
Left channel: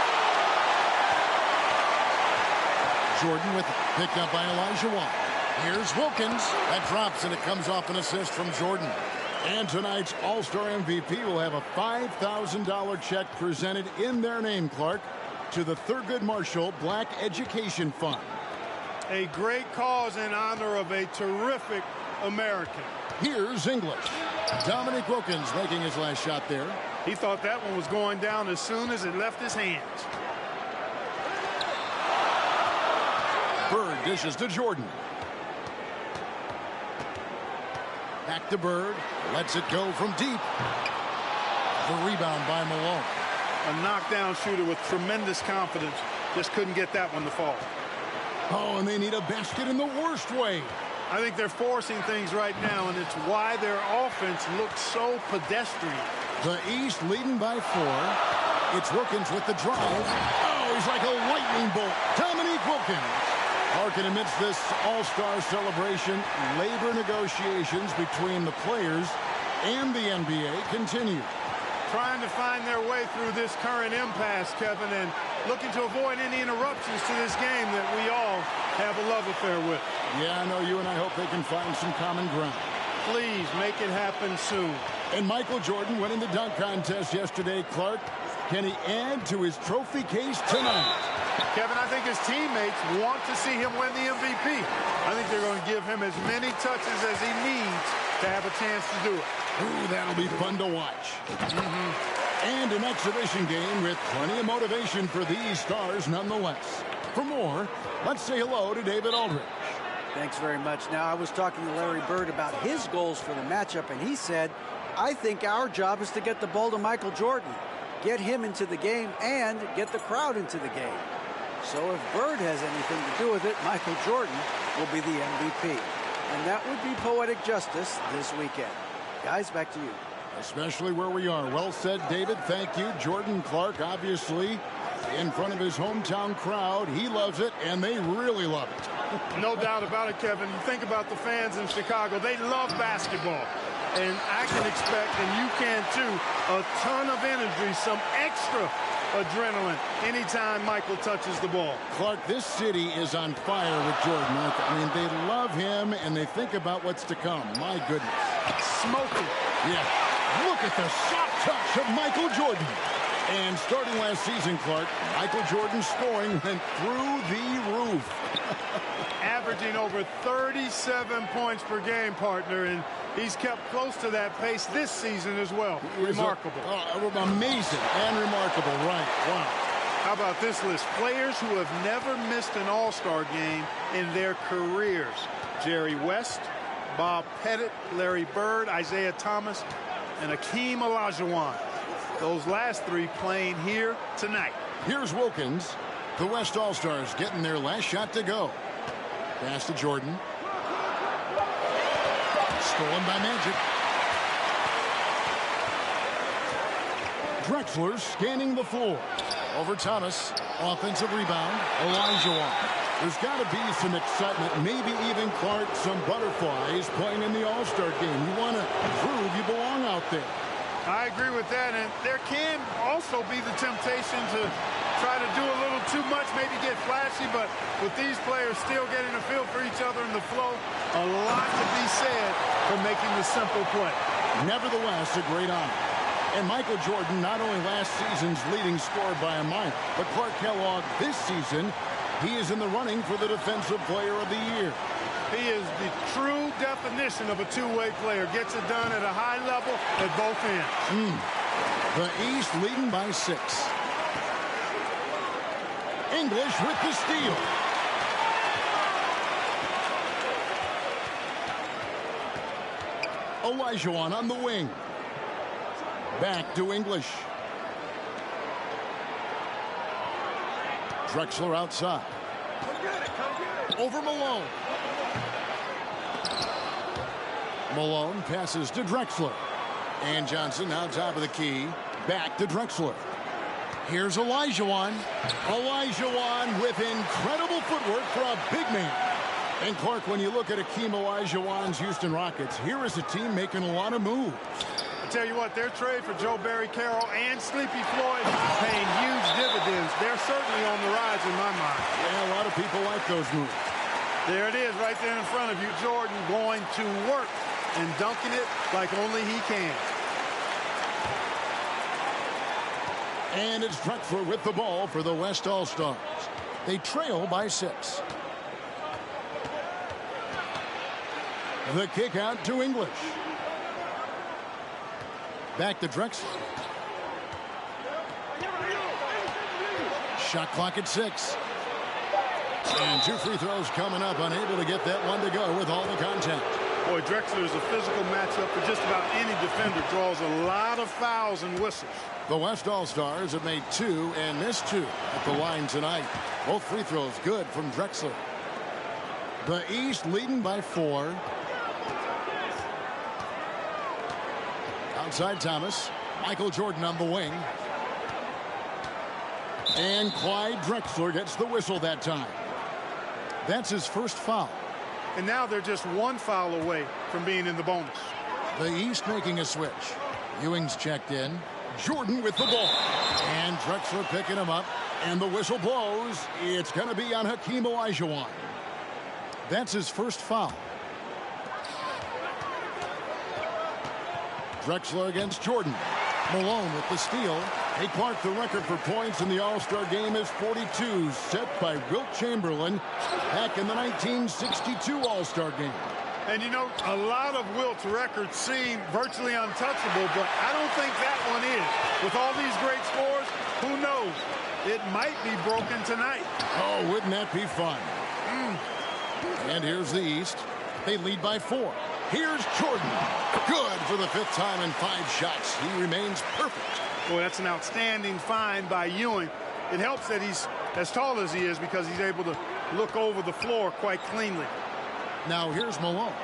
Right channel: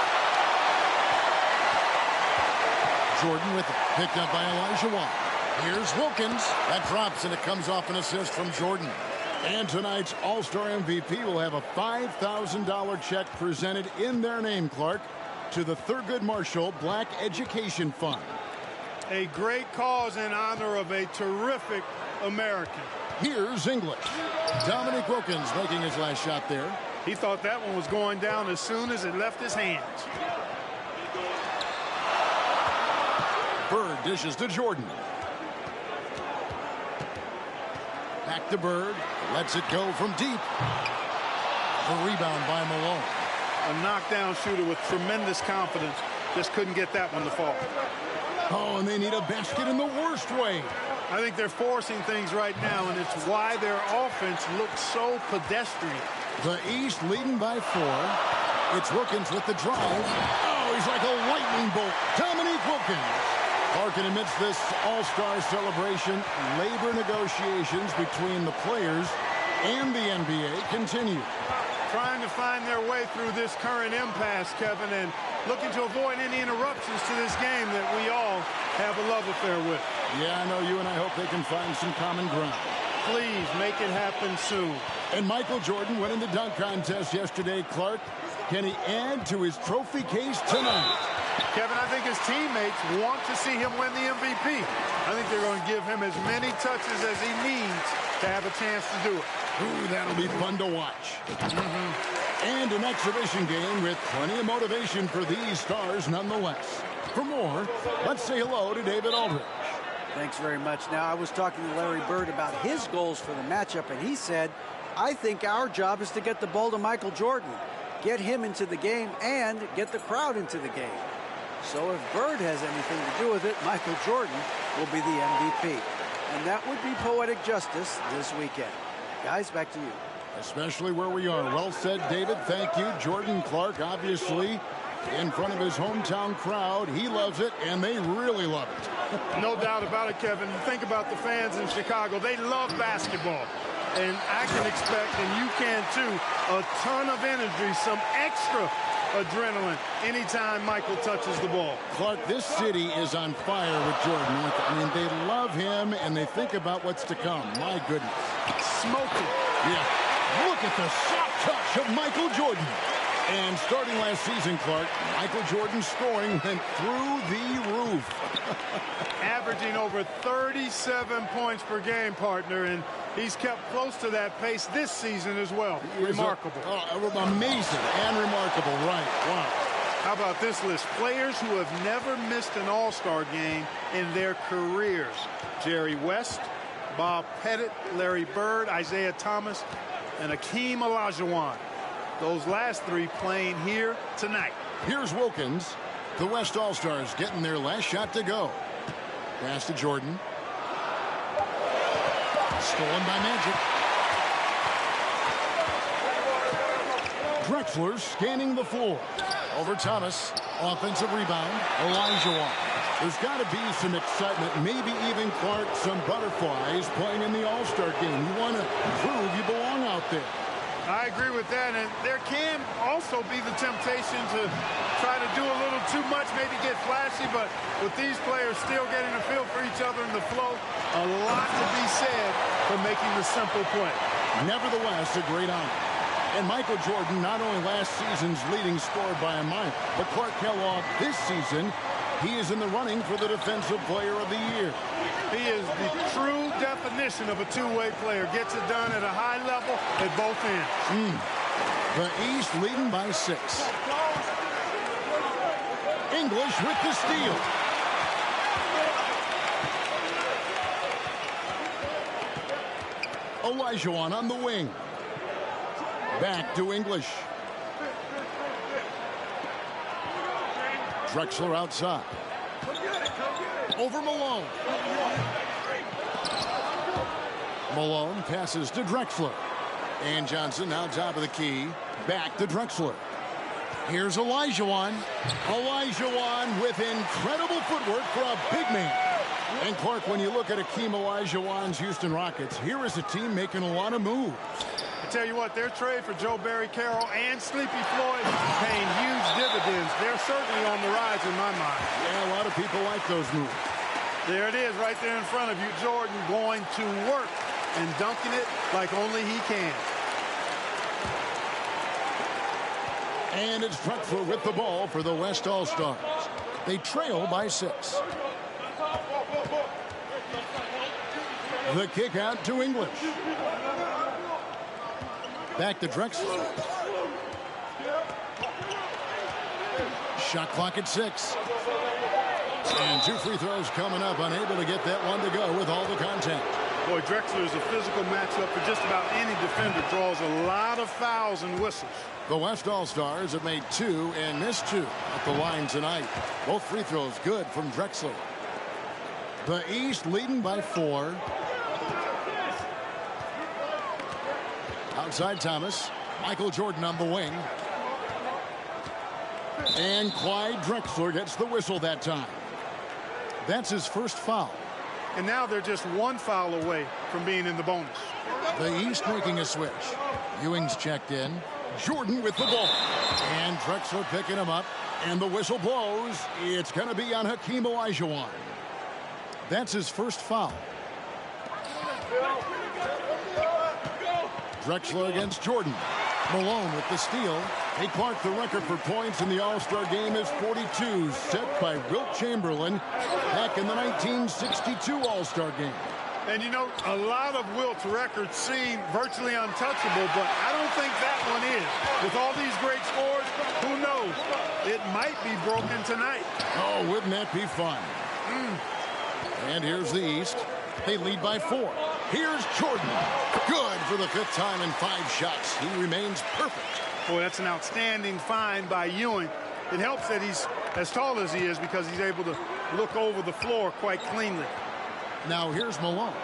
Jordan with it. Picked up by Olajuwon. Here's Wilkins. That drops, and it comes off an assist from Jordan. And tonight's All-Star MVP will have a $5,000 check presented in their name, Clark, to the Thurgood Marshall Black Education Fund. A great cause in honor of a terrific American. Here's English. Dominique Wilkins making his last shot there. He thought that one was going down as soon as it left his hands. Bird dishes to Jordan. Back to Bird. Lets it go from deep. The rebound by Malone. A knockdown shooter with tremendous confidence. Just couldn't get that one to fall. Oh, and they need a basket in the worst way. I think they're forcing things right now, and it's why their offense looks so pedestrian. The East leading by 4. It's Wilkins with the drive. Oh, he's like a lightning bolt. Dominique Wilkins. Harkin amidst this all-star celebration, labor negotiations between the players and the NBA continue. Trying to find their way through this current impasse, Kevin, and looking to avoid any interruptions to this game that we all have a love affair with. Yeah, I know you and I hope they can find some common ground. Please make it happen soon. And Michael Jordan winning the dunk contest yesterday, Clark. Can he add to his trophy case tonight? Kevin, I think his teammates want to see him win the MVP. I think they're going to give him as many touches as he needs to have a chance to do it. Ooh, that'll be fun to watch. And an exhibition game with plenty of motivation for these stars nonetheless. For more, let's say hello to David Aldridge. Thanks very much. Now, I was talking to Larry Bird about his goals for the matchup, and he said, I think our job is to get the ball to Michael Jordan. get him into the game and get the crowd into the game. So if Bird has anything to do with it, Michael Jordan will be the MVP. And that would be poetic justice this weekend. Guys, back to you. Especially where we are. Well said, David. Thank you. Jordan Clark, obviously, in front of his hometown crowd. He loves it, and they really love it. No doubt about it, Kevin. You think about the fans in Chicago. They love basketball. And I can expect, and you can too, a ton of energy, some extra adrenaline anytime Michael touches the ball. Clark, this city is on fire with Jordan. I mean, they love him, and they think about what's to come. My goodness. Smoking. Yeah. Look at the soft touch of Michael Jordan. And starting last season, Clark, Michael Jordan's scoring went through the roof. Averaging over 37 points per game, partner, and he's kept close to that pace this season as well. Remarkable. Amazing and remarkable, right. Wow. How about this list? Players who have never missed an All-Star game in their careers. Jerry West, Bob Pettit, Larry Bird, Isaiah Thomas, and Hakeem Olajuwon. Those last three playing here tonight. Here's Wilkins. The West All-Stars getting their last shot to go. Pass to Jordan. Stolen by Magic. Drexler scanning the floor. Over Thomas. Offensive rebound. Olajuwon. There's got to be some excitement, maybe even, Clark, some butterflies playing in the All-Star game. You want to prove you belong out there. I agree with that, and there can also be the temptation to try to do a little too much, maybe get flashy, but with these players still getting a feel for each other in the flow, a lot to be said for making the simple play. Nevertheless, a great honor. And Michael Jordan, not only last season's leading scorer by a mile, but Clark Kellogg this season, he is in the running for the Defensive Player of the Year. He is the true definition of a two-way player. Gets it done at a high level at both ends. The East leading by 6. English with the steal. Olajuwon on the wing. Back to English. Drexler outside. Over Malone. Malone passes to Drexler. And Johnson now top of the key. Back to Drexler. Here's Olajuwon. Olajuwon with incredible footwork for a big man. And Clark, when you look at Hakeem Olajuwon's Houston Rockets, here is a team making a lot of moves. I tell you what, their trade for Joe Barry Carroll and Sleepy Floyd paying huge dividends. They're certainly on the rise in my mind. Yeah, a lot of people like those moves. There it is right there in front of you. Jordan going to work and dunking it like only he can. And it's Drexler with the ball for the West All-Stars. They trail by 6. The kick out to English. Back to Drexler. Shot clock at 6. And 2 free throws coming up. Unable to get that one to go with all the contact. Boy, Drexler is a physical matchup for just about any defender. Draws a lot of fouls and whistles. The West All-Stars have made 2 and missed 2 at the line tonight. Both free throws good from Drexler. The East leading by 4. Outside Thomas. Michael Jordan on the wing. And Clyde Drexler gets the whistle that time. That's his first foul. And now they're just 1 foul away from being in the bonus. The East making a switch. Ewing's checked in. Jordan with the ball. And Drexler picking him up. And the whistle blows. It's going to be on Hakeem Olajuwon. That's his first foul. Drexler against Jordan. Malone with the steal. Hey, Clark, the record for points in the All-Star game is 42, set by Wilt Chamberlain back in the 1962 All-Star game. And, you know, a lot of Wilt's records seem virtually untouchable, but I don't think that one is. With all these great scores, who knows? It might be broken tonight. Oh, wouldn't that be fun? And here's the East. They lead by 4. Here's Jordan. Good for the 5th time in 5 shots. He remains perfect. Boy, that's an outstanding find by Ewing. It helps that he's as tall as he is because he's able to look over the floor quite cleanly. Now here's Malone.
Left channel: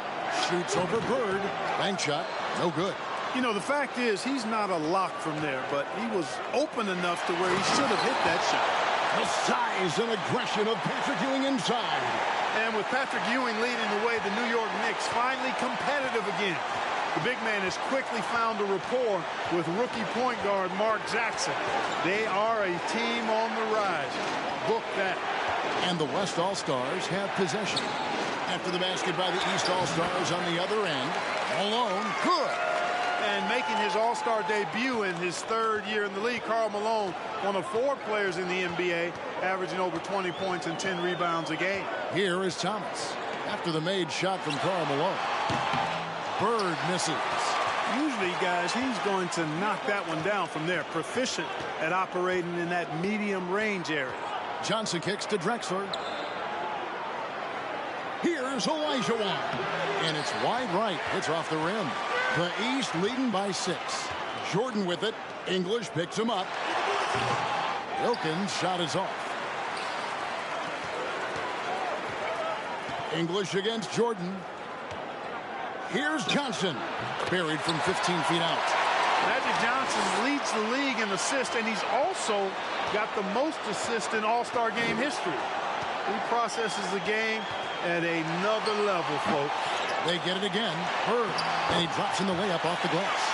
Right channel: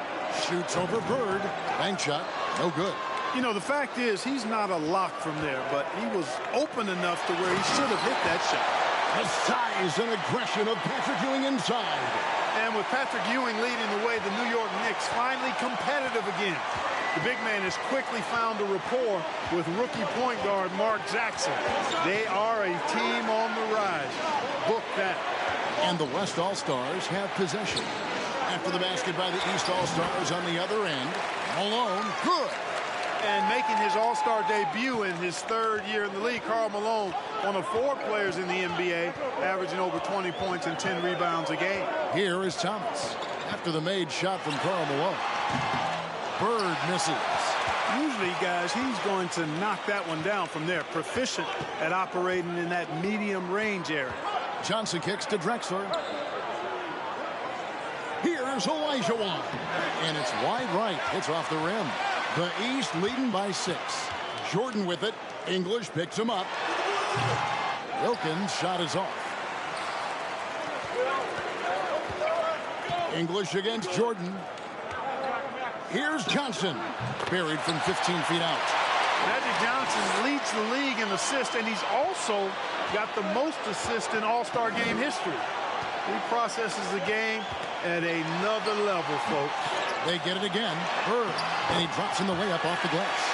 Shoots over Bird. Bank shot. No good. You know, the fact is he's not a lock from there, but he was open enough to where he should have hit that shot. The size and aggression of Patrick Ewing inside. And with Patrick Ewing leading the way, the New York Knicks finally competitive again. The big man has quickly found a rapport with rookie point guard Mark Jackson. They are a team on the rise. Book that. And the West All-Stars have possession. After the basket by the East All-Stars on the other end, Malone, good. And making his All-Star debut in his 3rd year in the league, Karl Malone, one of 4 players in the NBA, averaging over 20 points and 10 rebounds a game. Here is Thomas. After the made shot from Karl Malone. Bird misses. Usually, guys, he's going to knock that one down from there. Proficient at operating in that medium range area. Johnson kicks to Drexler. Here's Olajuwon. And it's wide right. It's off the rim. The East leading by 6. Jordan with it. English picks him up. Wilkins' shot is off. English against Jordan. Here's Johnson. Buried from 15 feet out. Magic Johnson leads the league in assists, and he's also got the most assists in All-Star game history. He processes the game at another level, folks. They get it again. Bird. And he drops in the layup off the glass.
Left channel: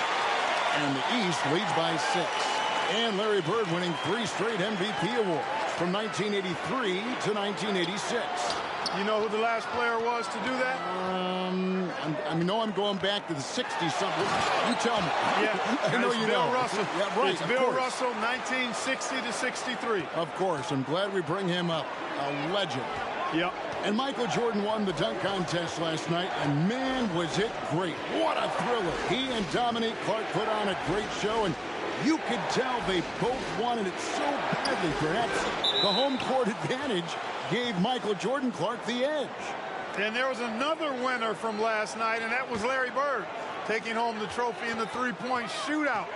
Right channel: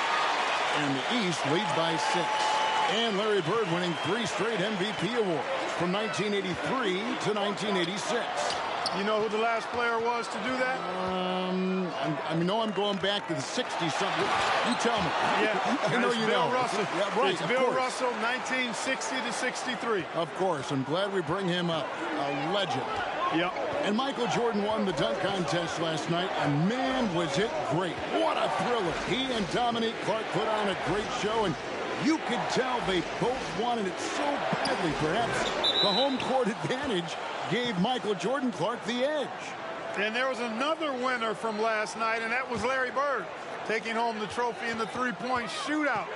And the East leads by 6. And Larry Bird winning 3 straight MVP awards from 1983 to 1986. You know who the last player was to do that? I'm going back to the 60-something. You tell me. Yeah, I know you Bill know. Russell. Yeah, right. It's Bill Russell, 1960 to 63. Of course. I'm glad we bring him up. A legend. Yep. And Michael Jordan won the dunk contest last night, and man, was it great. What a thriller. He and Dominique Clark put on a great show, and you could tell they both wanted it so badly. Perhaps the home court advantage gave Michael Jordan Clark the edge. And there was another winner from last night, and that was Larry Bird, taking home the trophy in the three-point shootout.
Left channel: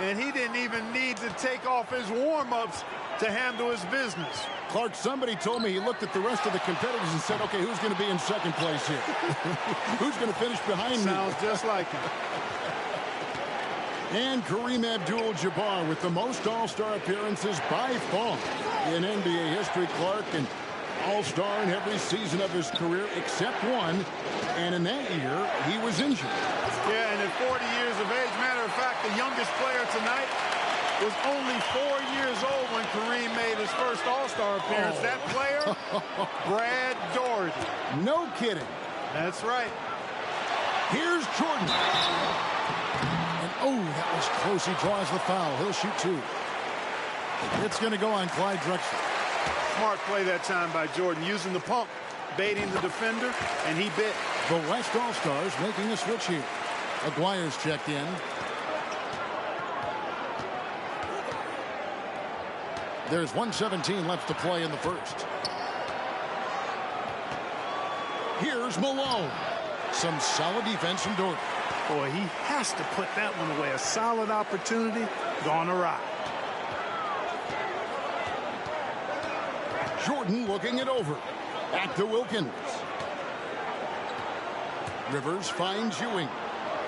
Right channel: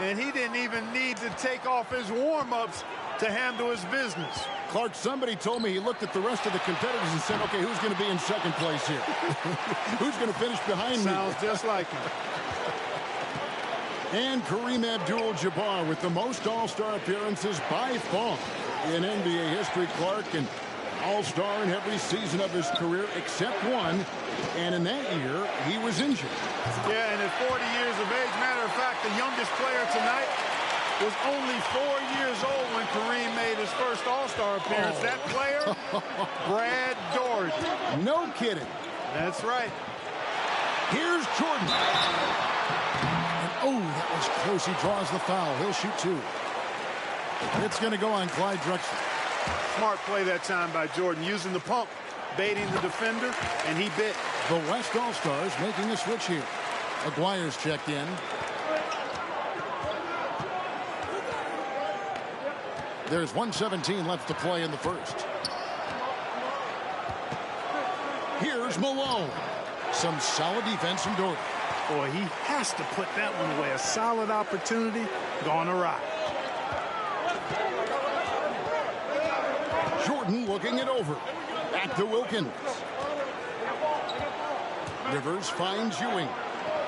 And he didn't even need to take off his warm-ups to handle his business. Clark, somebody told me he looked at the rest of the competitors and said, okay, who's going to be in second place here? Who's going to finish behind me? Sounds just like him. And Kareem Abdul-Jabbar with the most All-Star appearances by far in NBA history. Clark, an All-Star in every season of his career except one. And in that year, he was injured. Yeah, and at 40 years of age, matter of fact, the youngest player tonight was only 4 years old when Kareem made his first All-Star appearance. That player, Brad Daugherty. No kidding. That's right. Here's Jordan. And oh, that was close. He draws the foul. He'll shoot 2. It's going to go on Clyde Drexler. Smart play that time by Jordan, using the pump, baiting the defender, and he bit. The West All-Stars making a switch here. Aguirre's checked in. There's 1:17 left to play in the first. Here's Malone. Some solid defense from Daugherty. Boy, he has to put that one away. A solid opportunity gone awry. Jordan looking it over. Back to Wilkins. Rivers finds Ewing.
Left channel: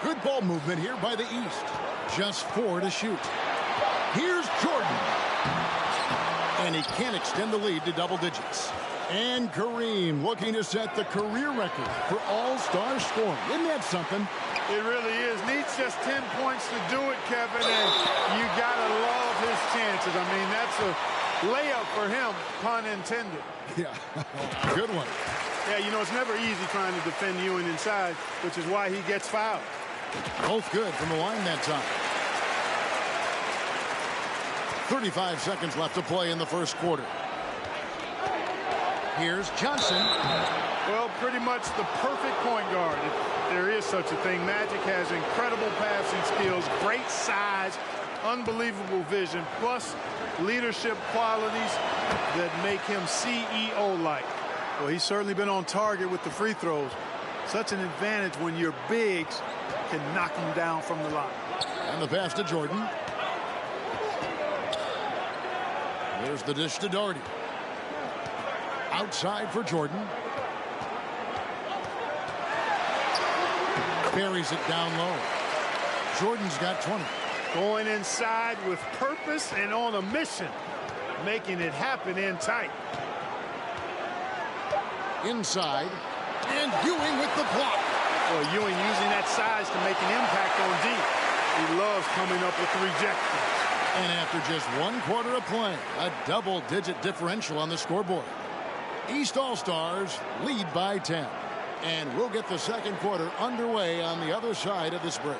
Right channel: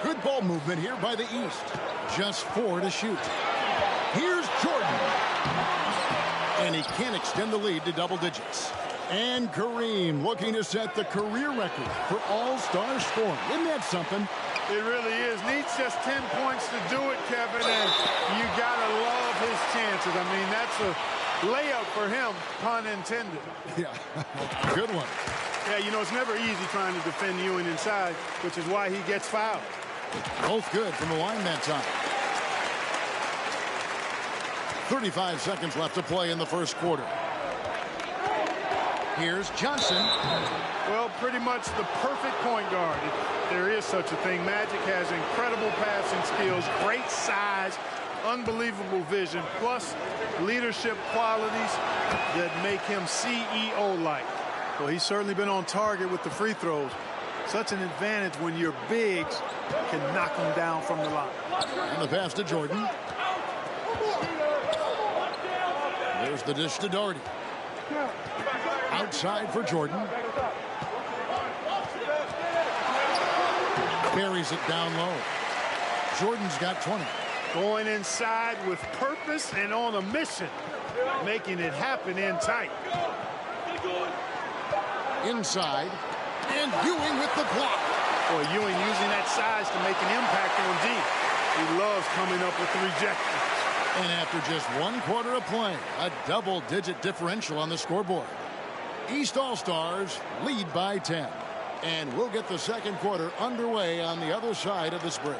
Good ball movement here by the East. Just 4 to shoot. Here's Jordan. And he can't extend the lead to double digits. And Kareem looking to set the career record for All-Star scoring. Isn't that something? It really is. Needs just 10 points to do it, Kevin, and you got to love his chances. I mean, that's a layup for him, pun intended. Yeah, good one. Yeah, you know, it's never easy trying to defend Ewing inside, which is why he gets fouled. Both good from the line that time. 35 seconds left to play in the first quarter. Here's Johnson. Well, pretty much the perfect point guard, if there is such a thing. Magic has incredible passing skills, great size, unbelievable vision, plus leadership qualities that make him CEO-like. Well, he's certainly been on target with the free throws. Such an advantage when your bigs can knock them down from the line. And the pass to Jordan. There's the dish to Doherty. Outside for Jordan. Buries it down low. Jordan's got 20. Going inside with purpose and on a mission. Making it happen in tight. Inside. And Ewing with the block. Boy, Ewing using that size to make an impact on D. He loves coming up with the rejections. And after just 1 quarter of play, a double-digit differential on the scoreboard. East All-Stars lead by 10. And we'll get the second quarter underway on the other side of this break.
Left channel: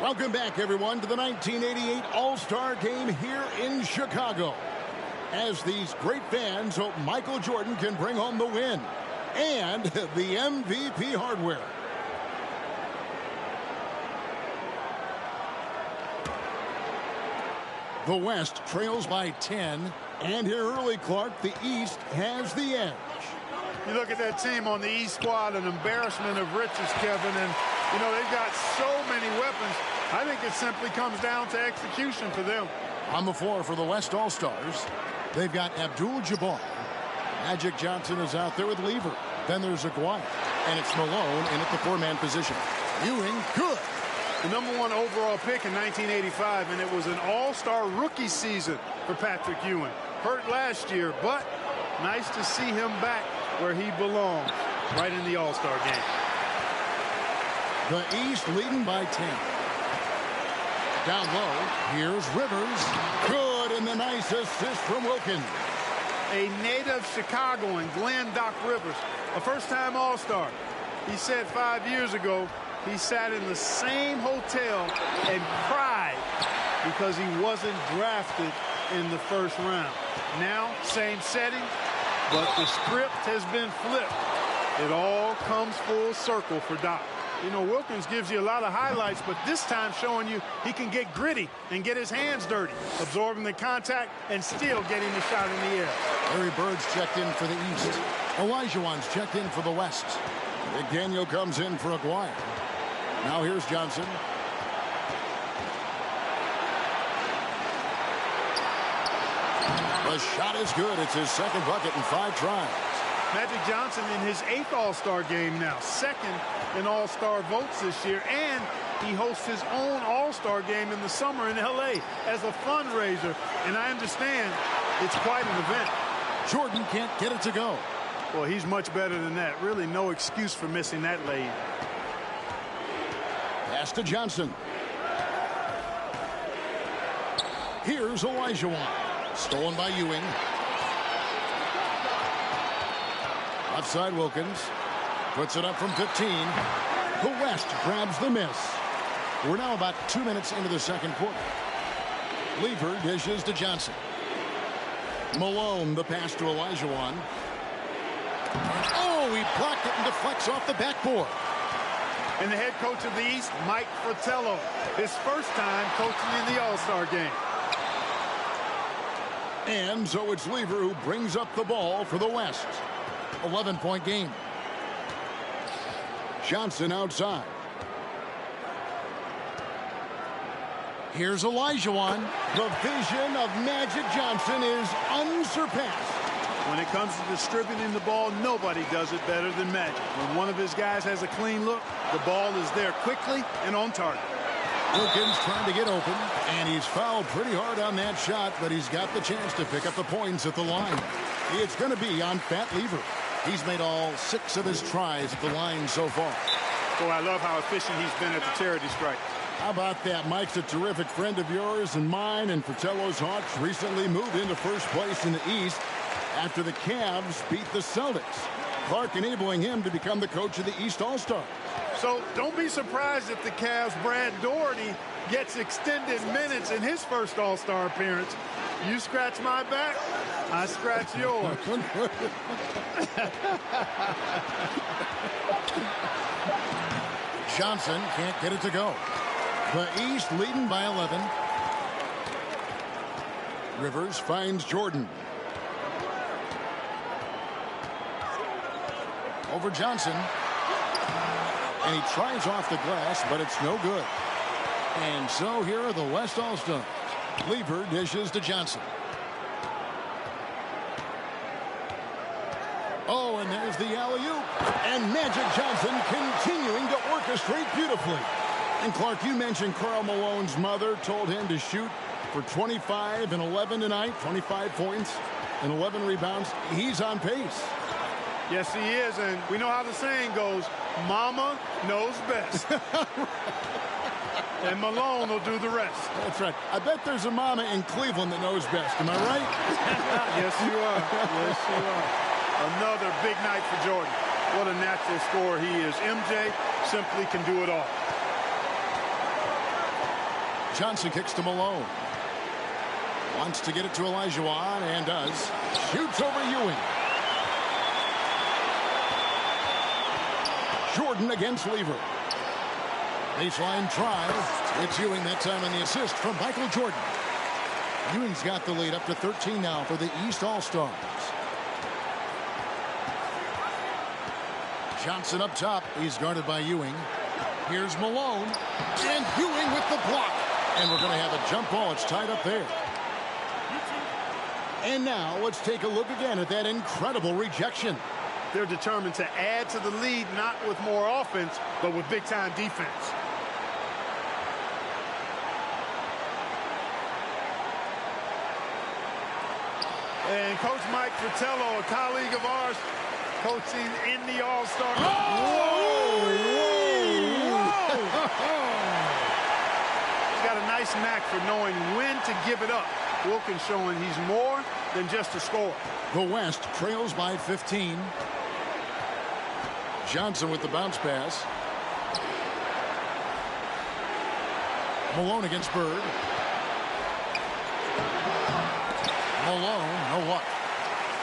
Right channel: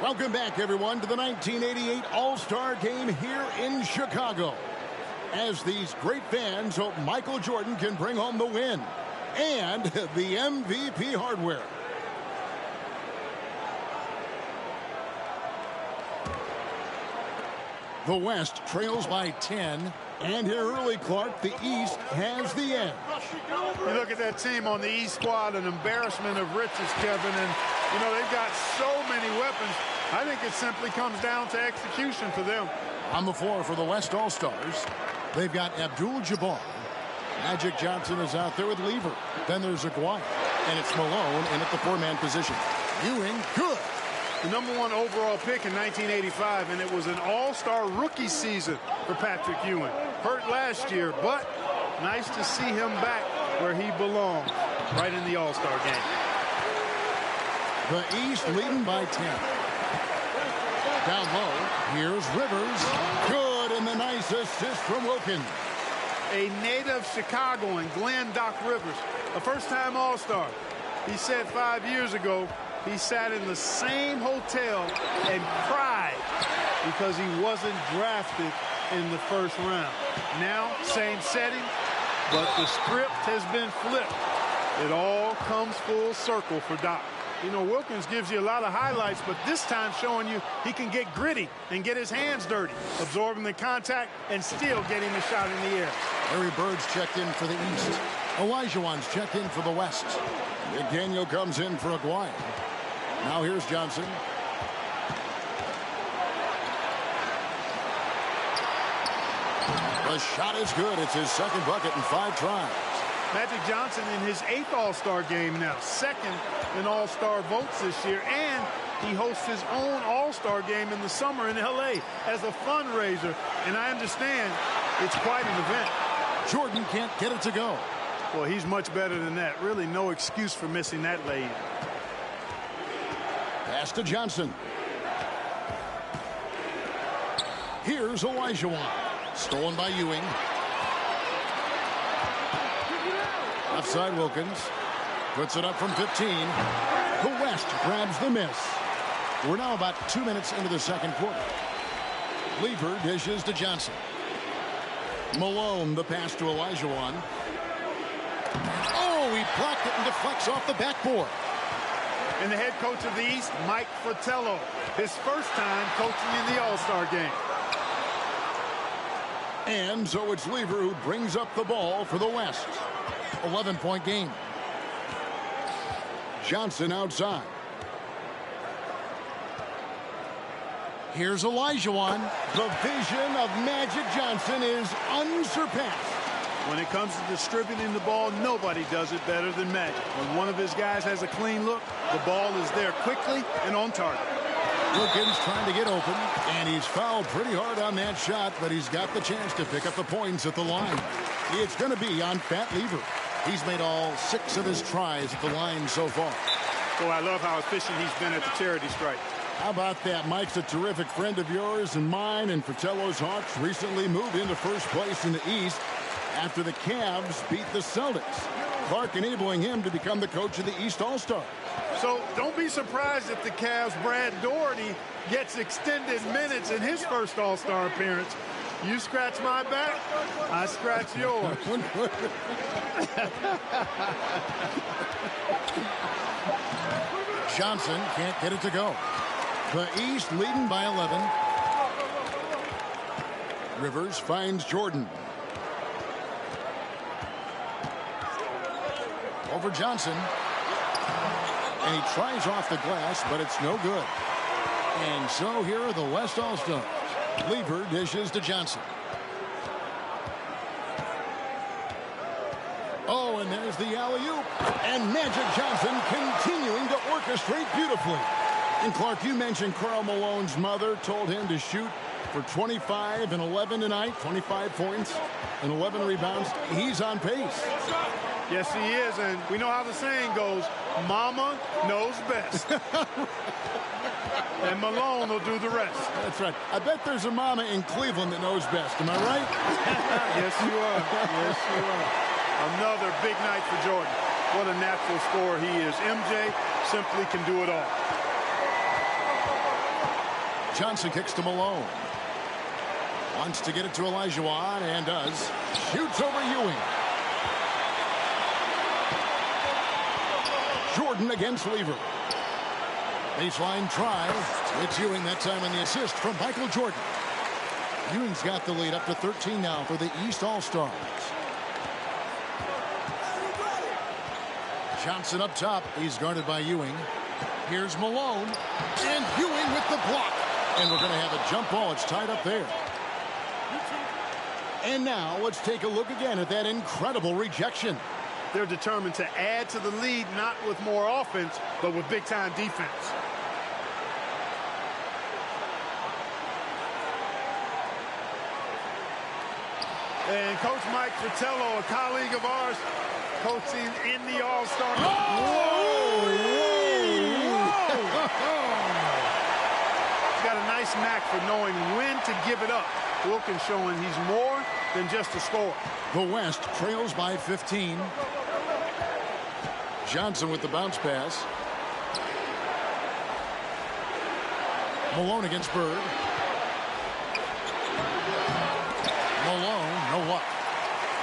Welcome back, everyone, to the 1988 All-Star Game here in Chicago. As these great fans hope Michael Jordan can bring home the win and the MVP hardware. The West trails by 10. And here early, Clark, the East has the edge. You look at that team on the East squad, an embarrassment of riches, Kevin. And, you know, they've got so many weapons. I think it simply comes down to execution for them. On the floor for the West All-Stars, they've got Abdul-Jabbar. Magic Johnson is out there with Lever. Then there's Aguirre. And it's Malone in at the 4-man position. Ewing, good. The #1 overall pick in 1985, and it was an all-star rookie season for Patrick Ewing. Hurt last year, but nice to see him back where he belongs, right in the all-star game. The East leading by 10. Down low, here's Rivers. Good, and the nice assist from Wilkins. A native Chicagoan, Glenn Doc Rivers, a first-time all-star. He said 5 years ago, he sat in the same hotel and cried because he wasn't drafted in the first round. Now, same setting, but the script has been flipped. It all comes full circle for Doc. You know, Wilkins gives you a lot of highlights, but this time showing you he can get gritty and get his hands dirty, absorbing the contact and still getting the shot in the air. Larry Bird's checked in for the East. Olajuwon's checked in for the West. McDaniel comes in for Aguirre. Now here's Johnson. The shot is good. It's his second bucket in 5 tries. Magic Johnson in his 8th All-Star game now, 2nd in All-Star votes this year, and he hosts his own All-Star game in the summer in L.A. as a fundraiser, and I understand it's quite an event. Jordan can't get it to go. Well, he's much better than that. Really no excuse for missing that lay. Pass to Johnson. Here's Olajuwon. Stolen by Ewing. Left side Wilkins. Puts it up from 15. The West grabs the miss. We're now about 2 minutes into the second quarter. Lever dishes to Johnson. Malone, the pass to Olajuwon. Oh, he blocked it and deflects off the backboard. And the head coach of the East, Mike Fratello, his first time coaching in the All-Star game. And so it's Lever who brings up the ball for the West. 11-point game. Johnson outside. Here's Olajuwon. The vision of Magic Johnson is unsurpassed. When it comes to distributing the ball, nobody does it better than Magic. When one of his guys has a clean look, the ball is there quickly and on target. Wilkins trying to get open, and he's fouled pretty hard on that shot, but he's got the chance to pick up the points at the line. It's going to be on Fat Lever. He's made all 6 of his tries at the line so far. Boy, I love how efficient he's been at the charity stripe. How about that? Mike's a terrific friend of yours and mine, and Fratello's Hawks recently moved into first place in the East after the Cavs beat the Celtics. Clark enabling him to become the coach of the East All-Stars. So don't be surprised if the Cavs' Brad Doherty gets extended minutes in his first All-Star appearance. You scratch my back, I scratch yours. Johnson can't get it to go. The East leading by 11. Rivers finds Jordan. Over Johnson. And he tries off the glass, but it's no good. And so here are the West All-Stars. Lever dishes to Johnson. Oh, and there's the alley-oop. And Magic Johnson continuing to orchestrate beautifully. And Clark, you mentioned Karl Malone's mother told him to shoot for 25 and 11 tonight, 25 points and 11 rebounds. He's on pace. Yes, he is, and we know how the saying goes, Mama knows best. And Malone will do the rest. That's right. I bet there's a mama in Cleveland that knows best. Am I right? Yes, you are. Yes, you are. Another big night for Jordan. What a natural scorer he is. MJ simply can do it all. Johnson kicks to Malone. Wants to get it to Olajuwon and does. Shoots over Ewing. Jordan against Lever. Baseline try. It's Ewing that time on the assist from Michael Jordan. Ewing's got the lead up to 13 now for the East All-Stars. Johnson up top. He's guarded by Ewing. Here's Malone. And Ewing with the block. And we're going to have a jump ball. It's tied up there. And now let's take a look again at that incredible rejection. They're determined to add to the lead, not with more offense, but with big-time defense. And Coach Mike Fratello, a colleague of ours, coaching in the All-Star. Oh! Whoa! He's got a nice knack for knowing when to give it up. Wilkins showing he's more than just a scorer. The West trails by 15. Johnson with the bounce pass. Malone against Bird. Malone, no luck.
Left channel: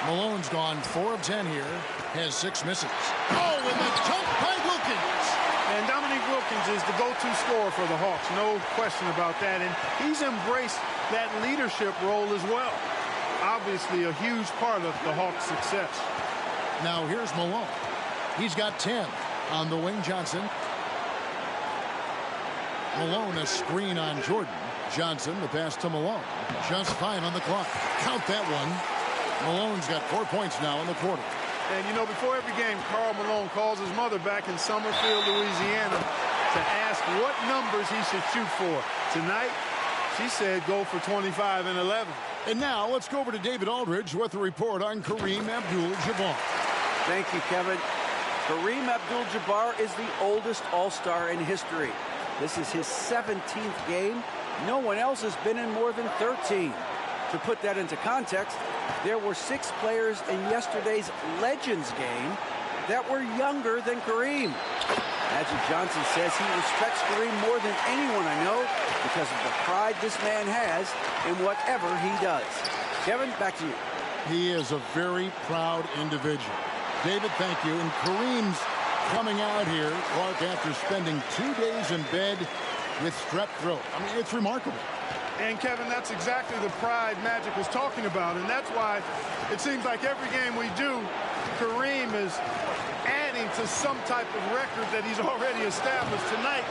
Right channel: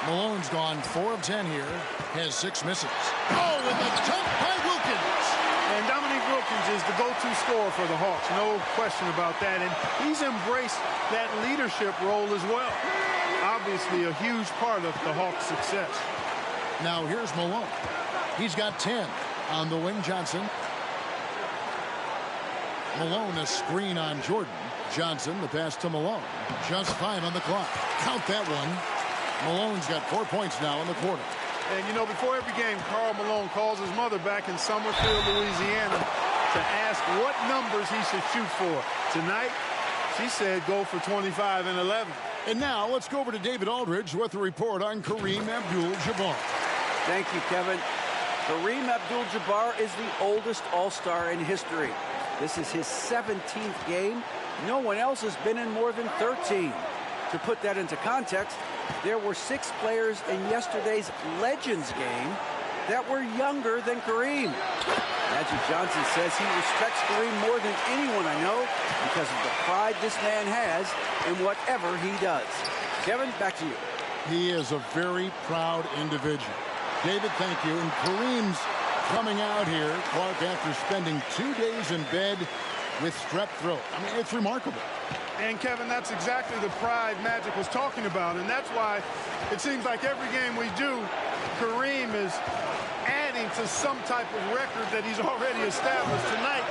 Malone's gone 4 of 10 here. Has 6 misses. Oh, and the dunk by Wilkins. And Dominique Wilkins is the go-to scorer for the Hawks. No question about that. And he's embraced that leadership role as well. Obviously a huge part of the Hawks' success. Now here's Malone. He's got 10 on the wing. Johnson. Malone a screen on Jordan. Johnson the pass to Malone. Just 5 on the clock. Count that one. Malone's got 4 points now in the quarter. And you know, before every game, Karl Malone calls his mother back in Summerfield, Louisiana, to ask what numbers he should shoot for. Tonight, she said go for 25 and 11. And now let's go over to David Aldridge with a report on Kareem Abdul-Jabbar. Thank you, Kevin. Kareem Abdul-Jabbar is the oldest All-Star in history. This is his 17th game. No one else has been in more than 13. To put that into context, there were 6 players in yesterday's Legends game that were younger than Kareem. Magic Johnson says he respects Kareem more than anyone I know because of the pride this man has in whatever he does. Kevin, back to you. He is a very proud individual. David, thank you. And Kareem's coming out here, Clark, after spending 2 days in bed with strep throat. I mean, it's remarkable. And, Kevin, that's exactly the pride Magic was talking about. And that's why it seems like every game we do, Kareem is adding to some type of record that he's already established. Tonight,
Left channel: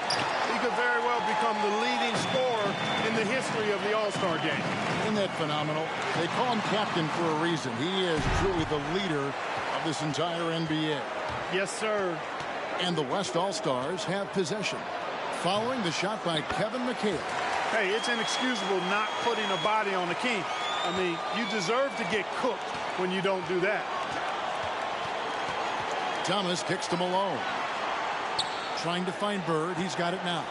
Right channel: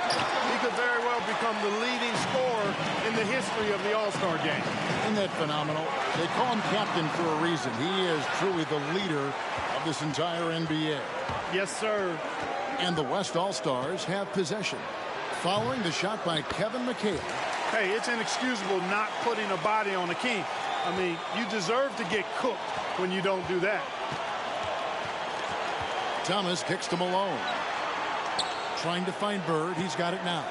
he could very well become the leading scorer in the history of the All-Star game. Isn't that phenomenal? They call him captain for a reason. He is truly the leader of this entire NBA. Yes, sir. And the West All-Stars have possession. Following the shot by Kevin McHale. Hey, it's inexcusable not putting a body on the king. I mean, you deserve to get cooked when you don't do that. Thomas kicks to Malone. Trying to find Bird. He's got it now.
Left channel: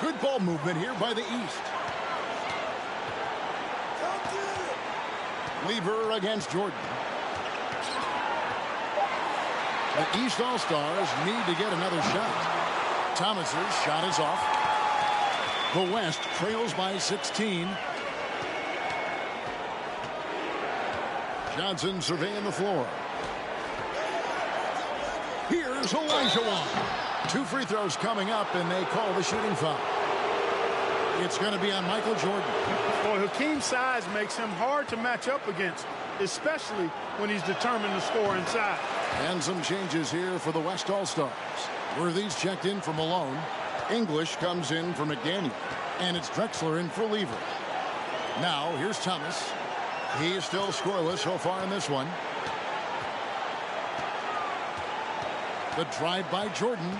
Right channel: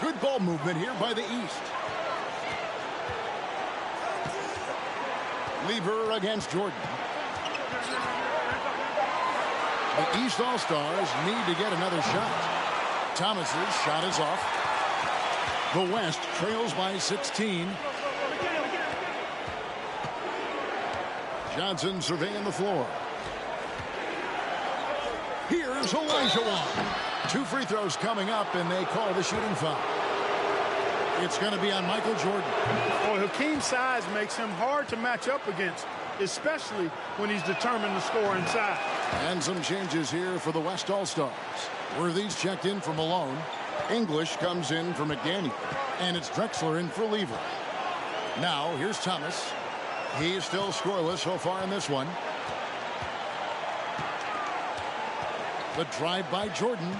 Good ball movement here by the East. Lever against Jordan. The East All-Stars need to get another shot. Thomas's shot is off. The West trails by 16. Johnson surveying the floor. Here's Olajuwon. 2 free throws coming up, and they call the shooting foul. It's going to be on Michael Jordan. Well, Hakeem's size makes him hard to match up against, especially when he's determined to score inside. And some changes here for the West All-Stars. Worthy's checked in for Malone. English comes in for McDaniel. And it's Drexler in for Lever. Now, here's Thomas. He is still scoreless so far in this one. The drive by Jordan.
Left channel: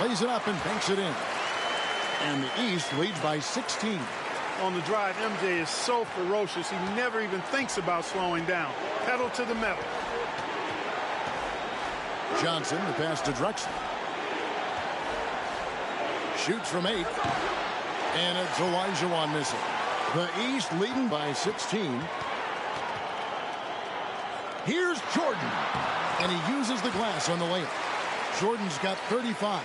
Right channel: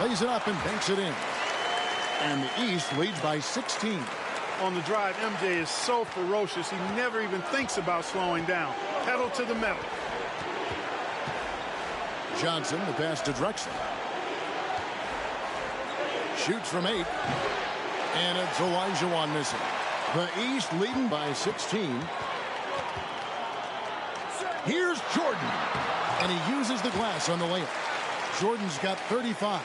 Lays it up and banks it in. And the East leads by 16. On the drive, MJ is so ferocious, he never even thinks about slowing down. Pedal to the metal. Johnson, the pass to Drexler. Shoots from 8. And it's Olajuwon missing. The East leading by 16. Here's Jordan. And he uses the glass on the layup. Jordan's got 35.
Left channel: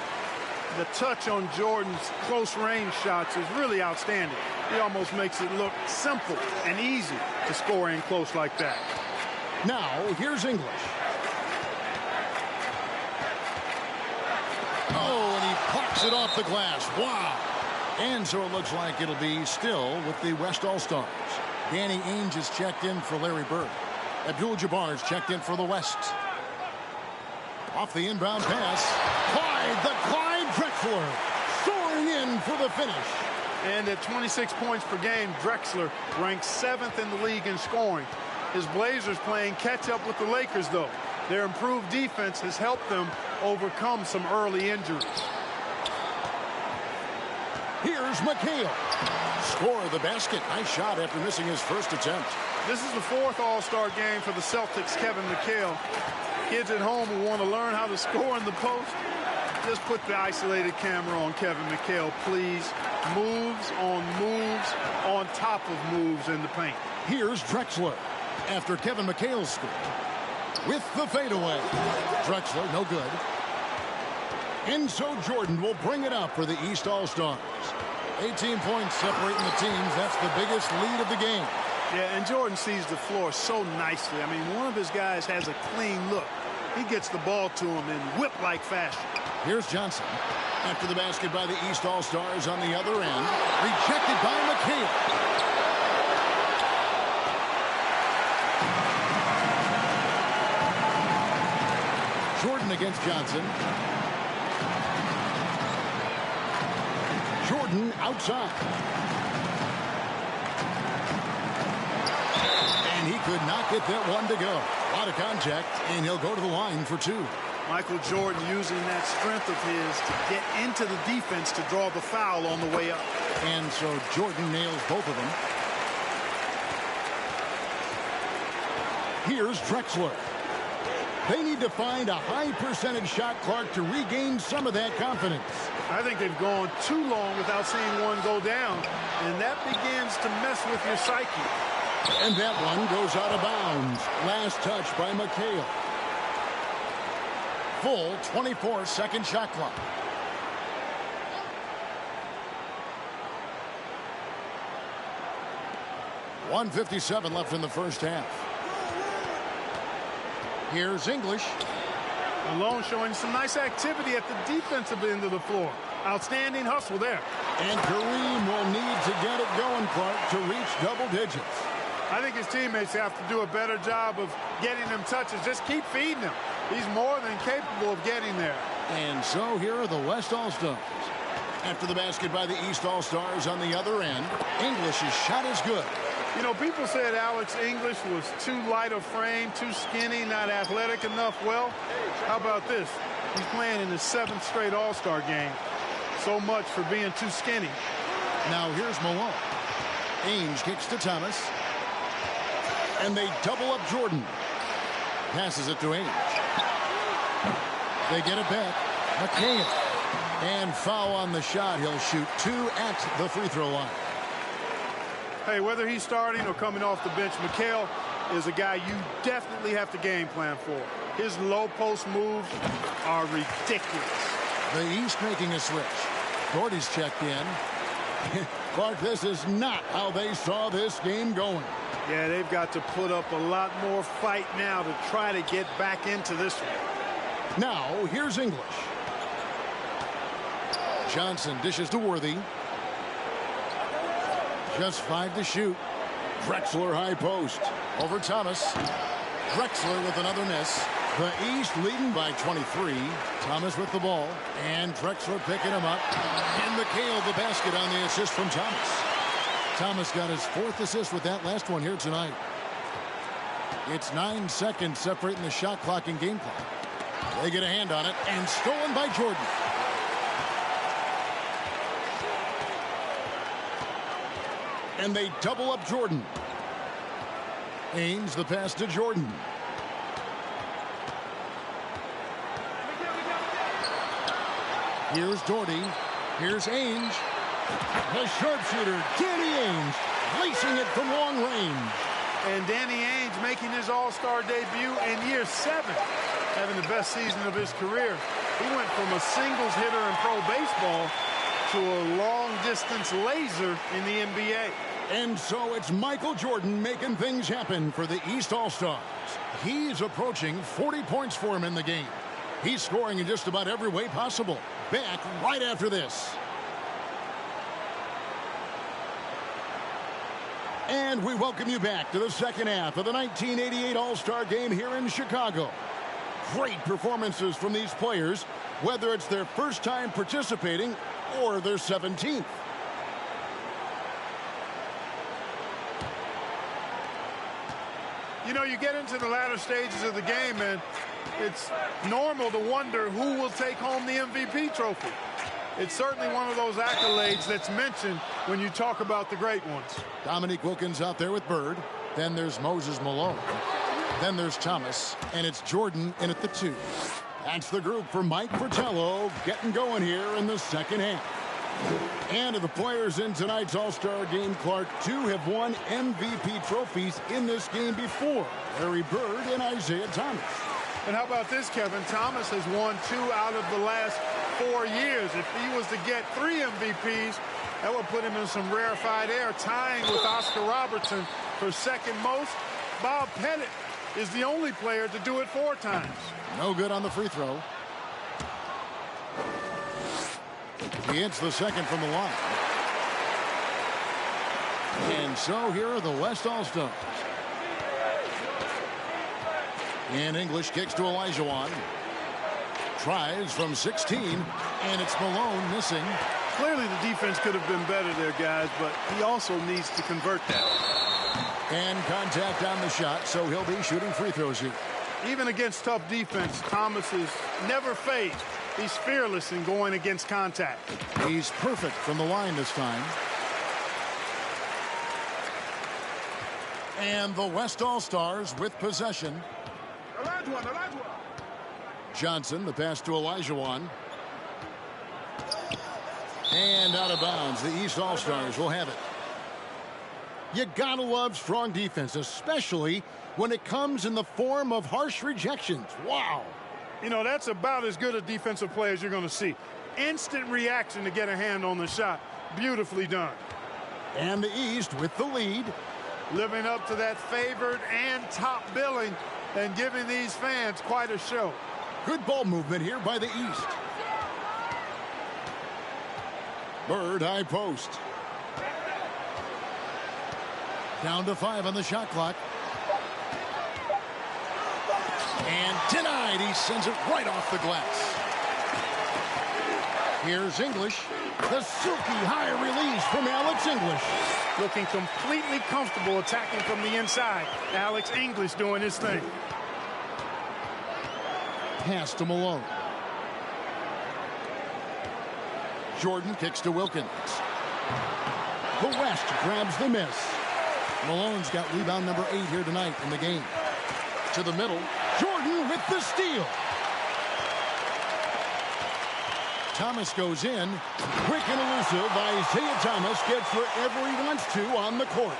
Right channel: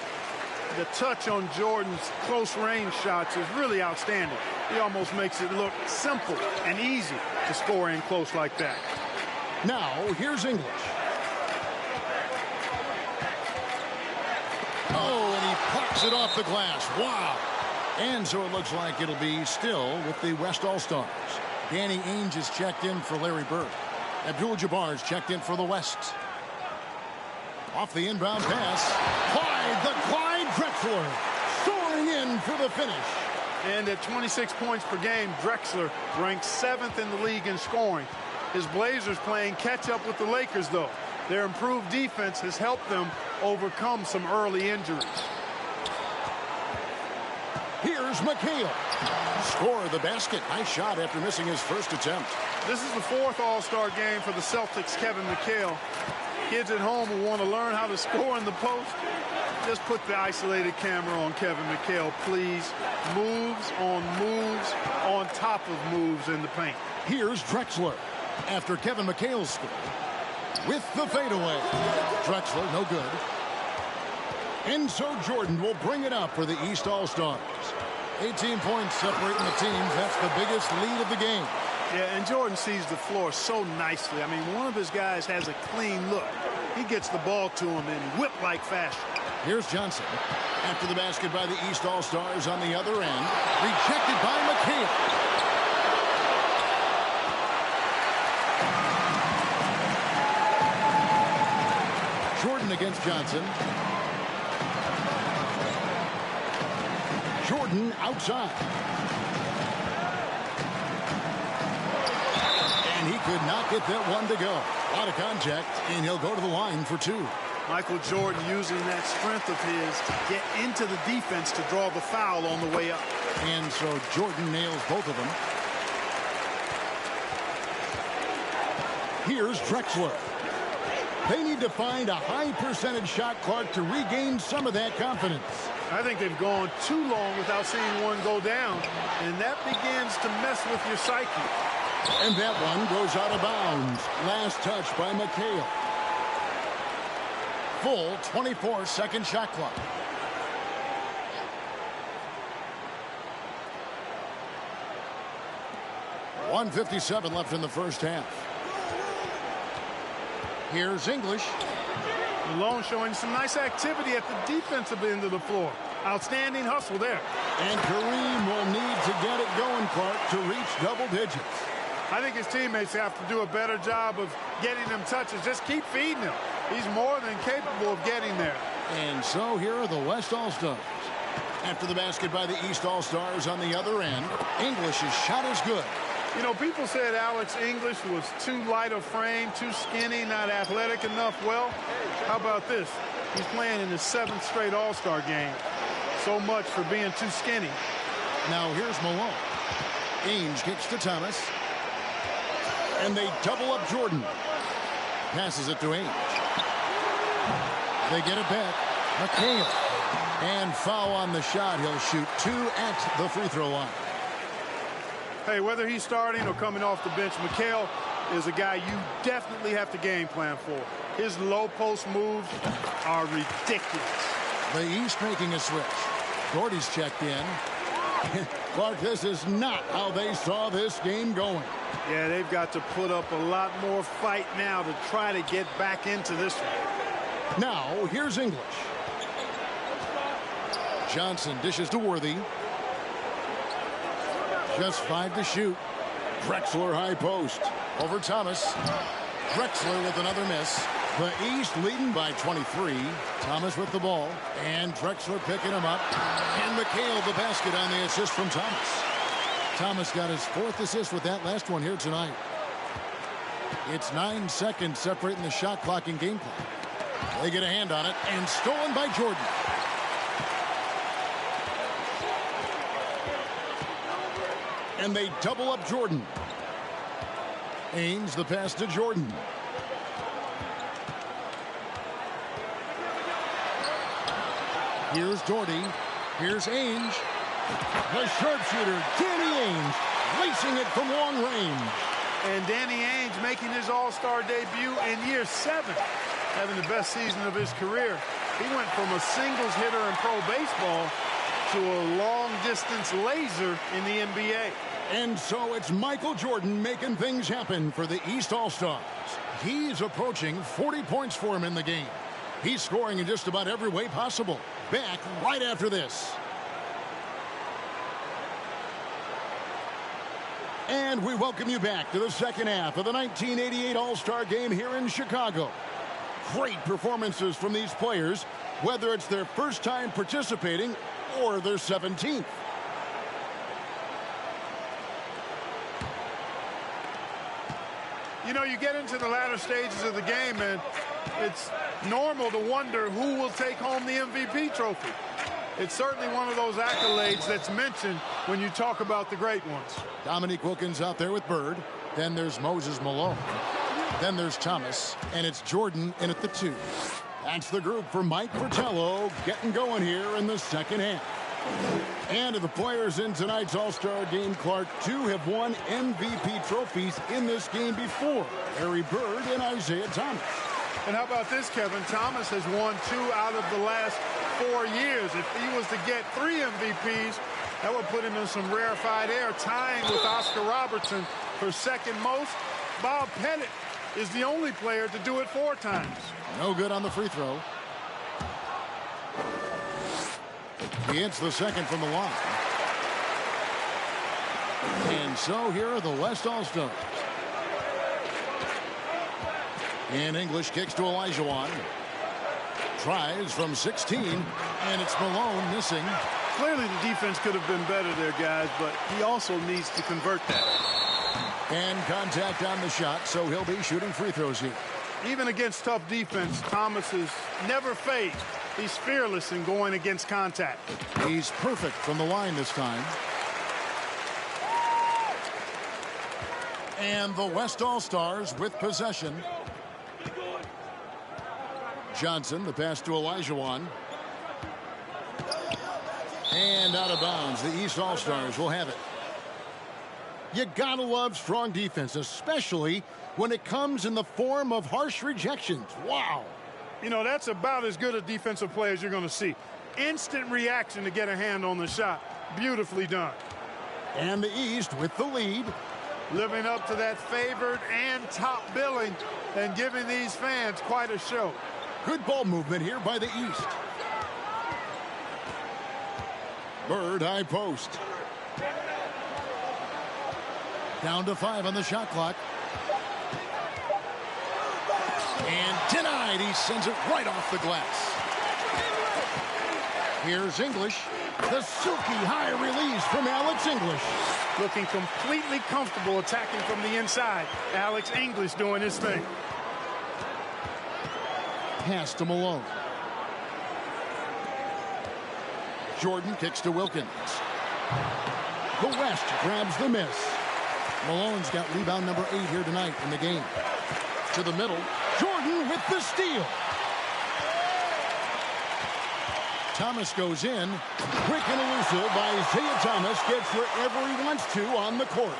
The touch on Jordan's close range shots is really outstanding. He almost makes it look simple and easy to score in close like that. Now, here's English. Oh, and he plucks it off the glass. Wow. And so it looks like it'll be still with the West All-Stars. Danny Ainge is checked in for Larry Bird. Abdul-Jabbar's checked in for the West. Off the inbound pass. Clyde Drexler soaring in for the finish. And at 26 points per game, Drexler ranks 7th in the league in scoring. His Blazers playing catch up with the Lakers, though. Their improved defense has helped them overcome some early injuries. Here's McHale. Score the basket. Nice shot after missing his first attempt. This is the 4th All-Star game for the Celtics' Kevin McHale. Kids at home who want to learn how to score in the post, just put the isolated camera on Kevin McHale, please. Moves on top of moves in the paint. Here's Drexler after Kevin McHale's score with the fadeaway. Drexler, no good. And so Jordan will bring it up for the East All-Stars. 18 points separating the teams. That's the biggest lead of the game. Yeah, and Jordan sees the floor so nicely. I mean, one of his guys has a clean look. He gets the ball to him in whip-like fashion. Here's Johnson. After the basket by the East All-Stars on the other end. Rejected by McHale. Jordan against Johnson. Jordan outside. And he could not get that one to go. A lot of contact, and he'll go to the line for 2. Michael Jordan using that strength of his to get into the defense to draw the foul on the way up. And so Jordan nails both of them. Here's Drexler. They need to find a high percentage shot clock to regain some of that confidence. I think they've gone too long without seeing one go down, and that begins to mess with your psyche. And that one goes out of bounds. Last touch by McHale. Full 24-second shot clock. .157 left in the first half. Here's English. Malone showing some nice activity at the defensive end of the floor. Outstanding hustle there. And Kareem will need to get it going, Clark, to reach double digits. I think his teammates have to do a better job of getting him touches. Just keep feeding him. He's more than capable of getting there. And so here are the West All-Stars. After the basket by the East All-Stars on the other end, English's shot is good. You know, people said Alex English was too light of frame, too skinny, not athletic enough. Well, how about this? He's playing in his 7th straight All-Star game. So much for being too skinny. Now here's Malone. Ainge kicks to Thomas. And they double up Jordan. Passes it to Ainge. They get it back. McHale. And foul on the shot. He'll shoot 2 at the free throw line. Hey, whether he's starting or coming off the bench, McHale is a guy you definitely have to game plan for. His low post moves are ridiculous. The East making a switch. Gordy's checked in. Clark, this is not how they saw this game going. Yeah, they've got to put up a lot more fight now to try to get back into this one. Now, here's English. Johnson dishes to Worthy. Just 5 to shoot. Drexler high post. Over Thomas. Drexler with another miss. The East leading by 23. Thomas with the ball. And Drexler picking him up. And McHale the basket on the assist from Thomas. Thomas got his 4th assist with that last one here tonight. It's 9 seconds separating the shot clock and game clock. They get a hand on it. And stolen by Jordan. And they double up Jordan. Ainge the pass to Jordan. Here's Doherty. Here's Ainge. The sharpshooter, Danny Ainge, lacing it from long range. And Danny Ainge making his all-star debut in year 7, having the best season of his career. He went from a singles hitter in pro baseball to a long-distance laser in the NBA. And so it's Michael Jordan making things happen for the East All-Stars. He's approaching 40 points for him in the game. He's scoring in just about every way possible. Back right after this. And we welcome you back to the second half of the 1988 All-Star Game here in Chicago. Great performances from these players, whether it's their first time participating or their 17th. You know, you get into the latter stages of the game, and it's normal to wonder who will take home the MVP trophy. It's certainly one of those accolades that's mentioned when you talk about the great ones. Dominique Wilkins out there with Bird. Then there's Moses Malone. Then there's Thomas. And it's Jordan in at the 2. That's the group for Mike Fratello getting going here in the second half. And of the players in tonight's All-Star Game, Clark, 2 have won MVP trophies in this game before. Larry Bird and Isaiah Thomas. And how about this, Kevin? Thomas has won 2 out of the last 4 years. If he was to get 3 MVPs, that would put him in some rarefied air, tying with Oscar Robertson for second most. Bob Pettit is the only player to do it 4 times. No good on the free throw. He hits the second from the line. And so here are the West All-Stars. And English kicks to Olajuwon. Tries from 16, and it's Malone missing. Clearly the defense could have been better there, guys, but he also needs to convert that. And contact on the shot, so he'll be shooting free throws here. Even against tough defense, Thomas is never phased. He's fearless in going against contact. He's perfect from the line this time. And the West All-Stars with possession. Johnson, the pass to Olajuwon. And out of bounds. The East All-Stars will have it. You gotta love strong defense, especially when it comes in the form of harsh rejections. Wow. You know, that's about as good a defensive play as you're going to see. Instant reaction to get a hand on the shot. Beautifully done. And the East with the lead. Living up to that favored and top billing and giving these fans quite a show. Good ball movement here by the East. Bird high post. Down to 5 on the shot clock. And denied. He sends it right off the glass. Here's English. The silky high release from Alex English. Looking completely comfortable attacking from the inside. Alex English doing his thing. Pass to Malone. Jordan kicks to Wilkins. The West grabs the miss. Malone's got rebound number 8 here tonight in the game. To the middle. Jordan with the steal. Thomas goes in. Quick and elusive. Isaiah Thomas gets wherever he wants to on the court.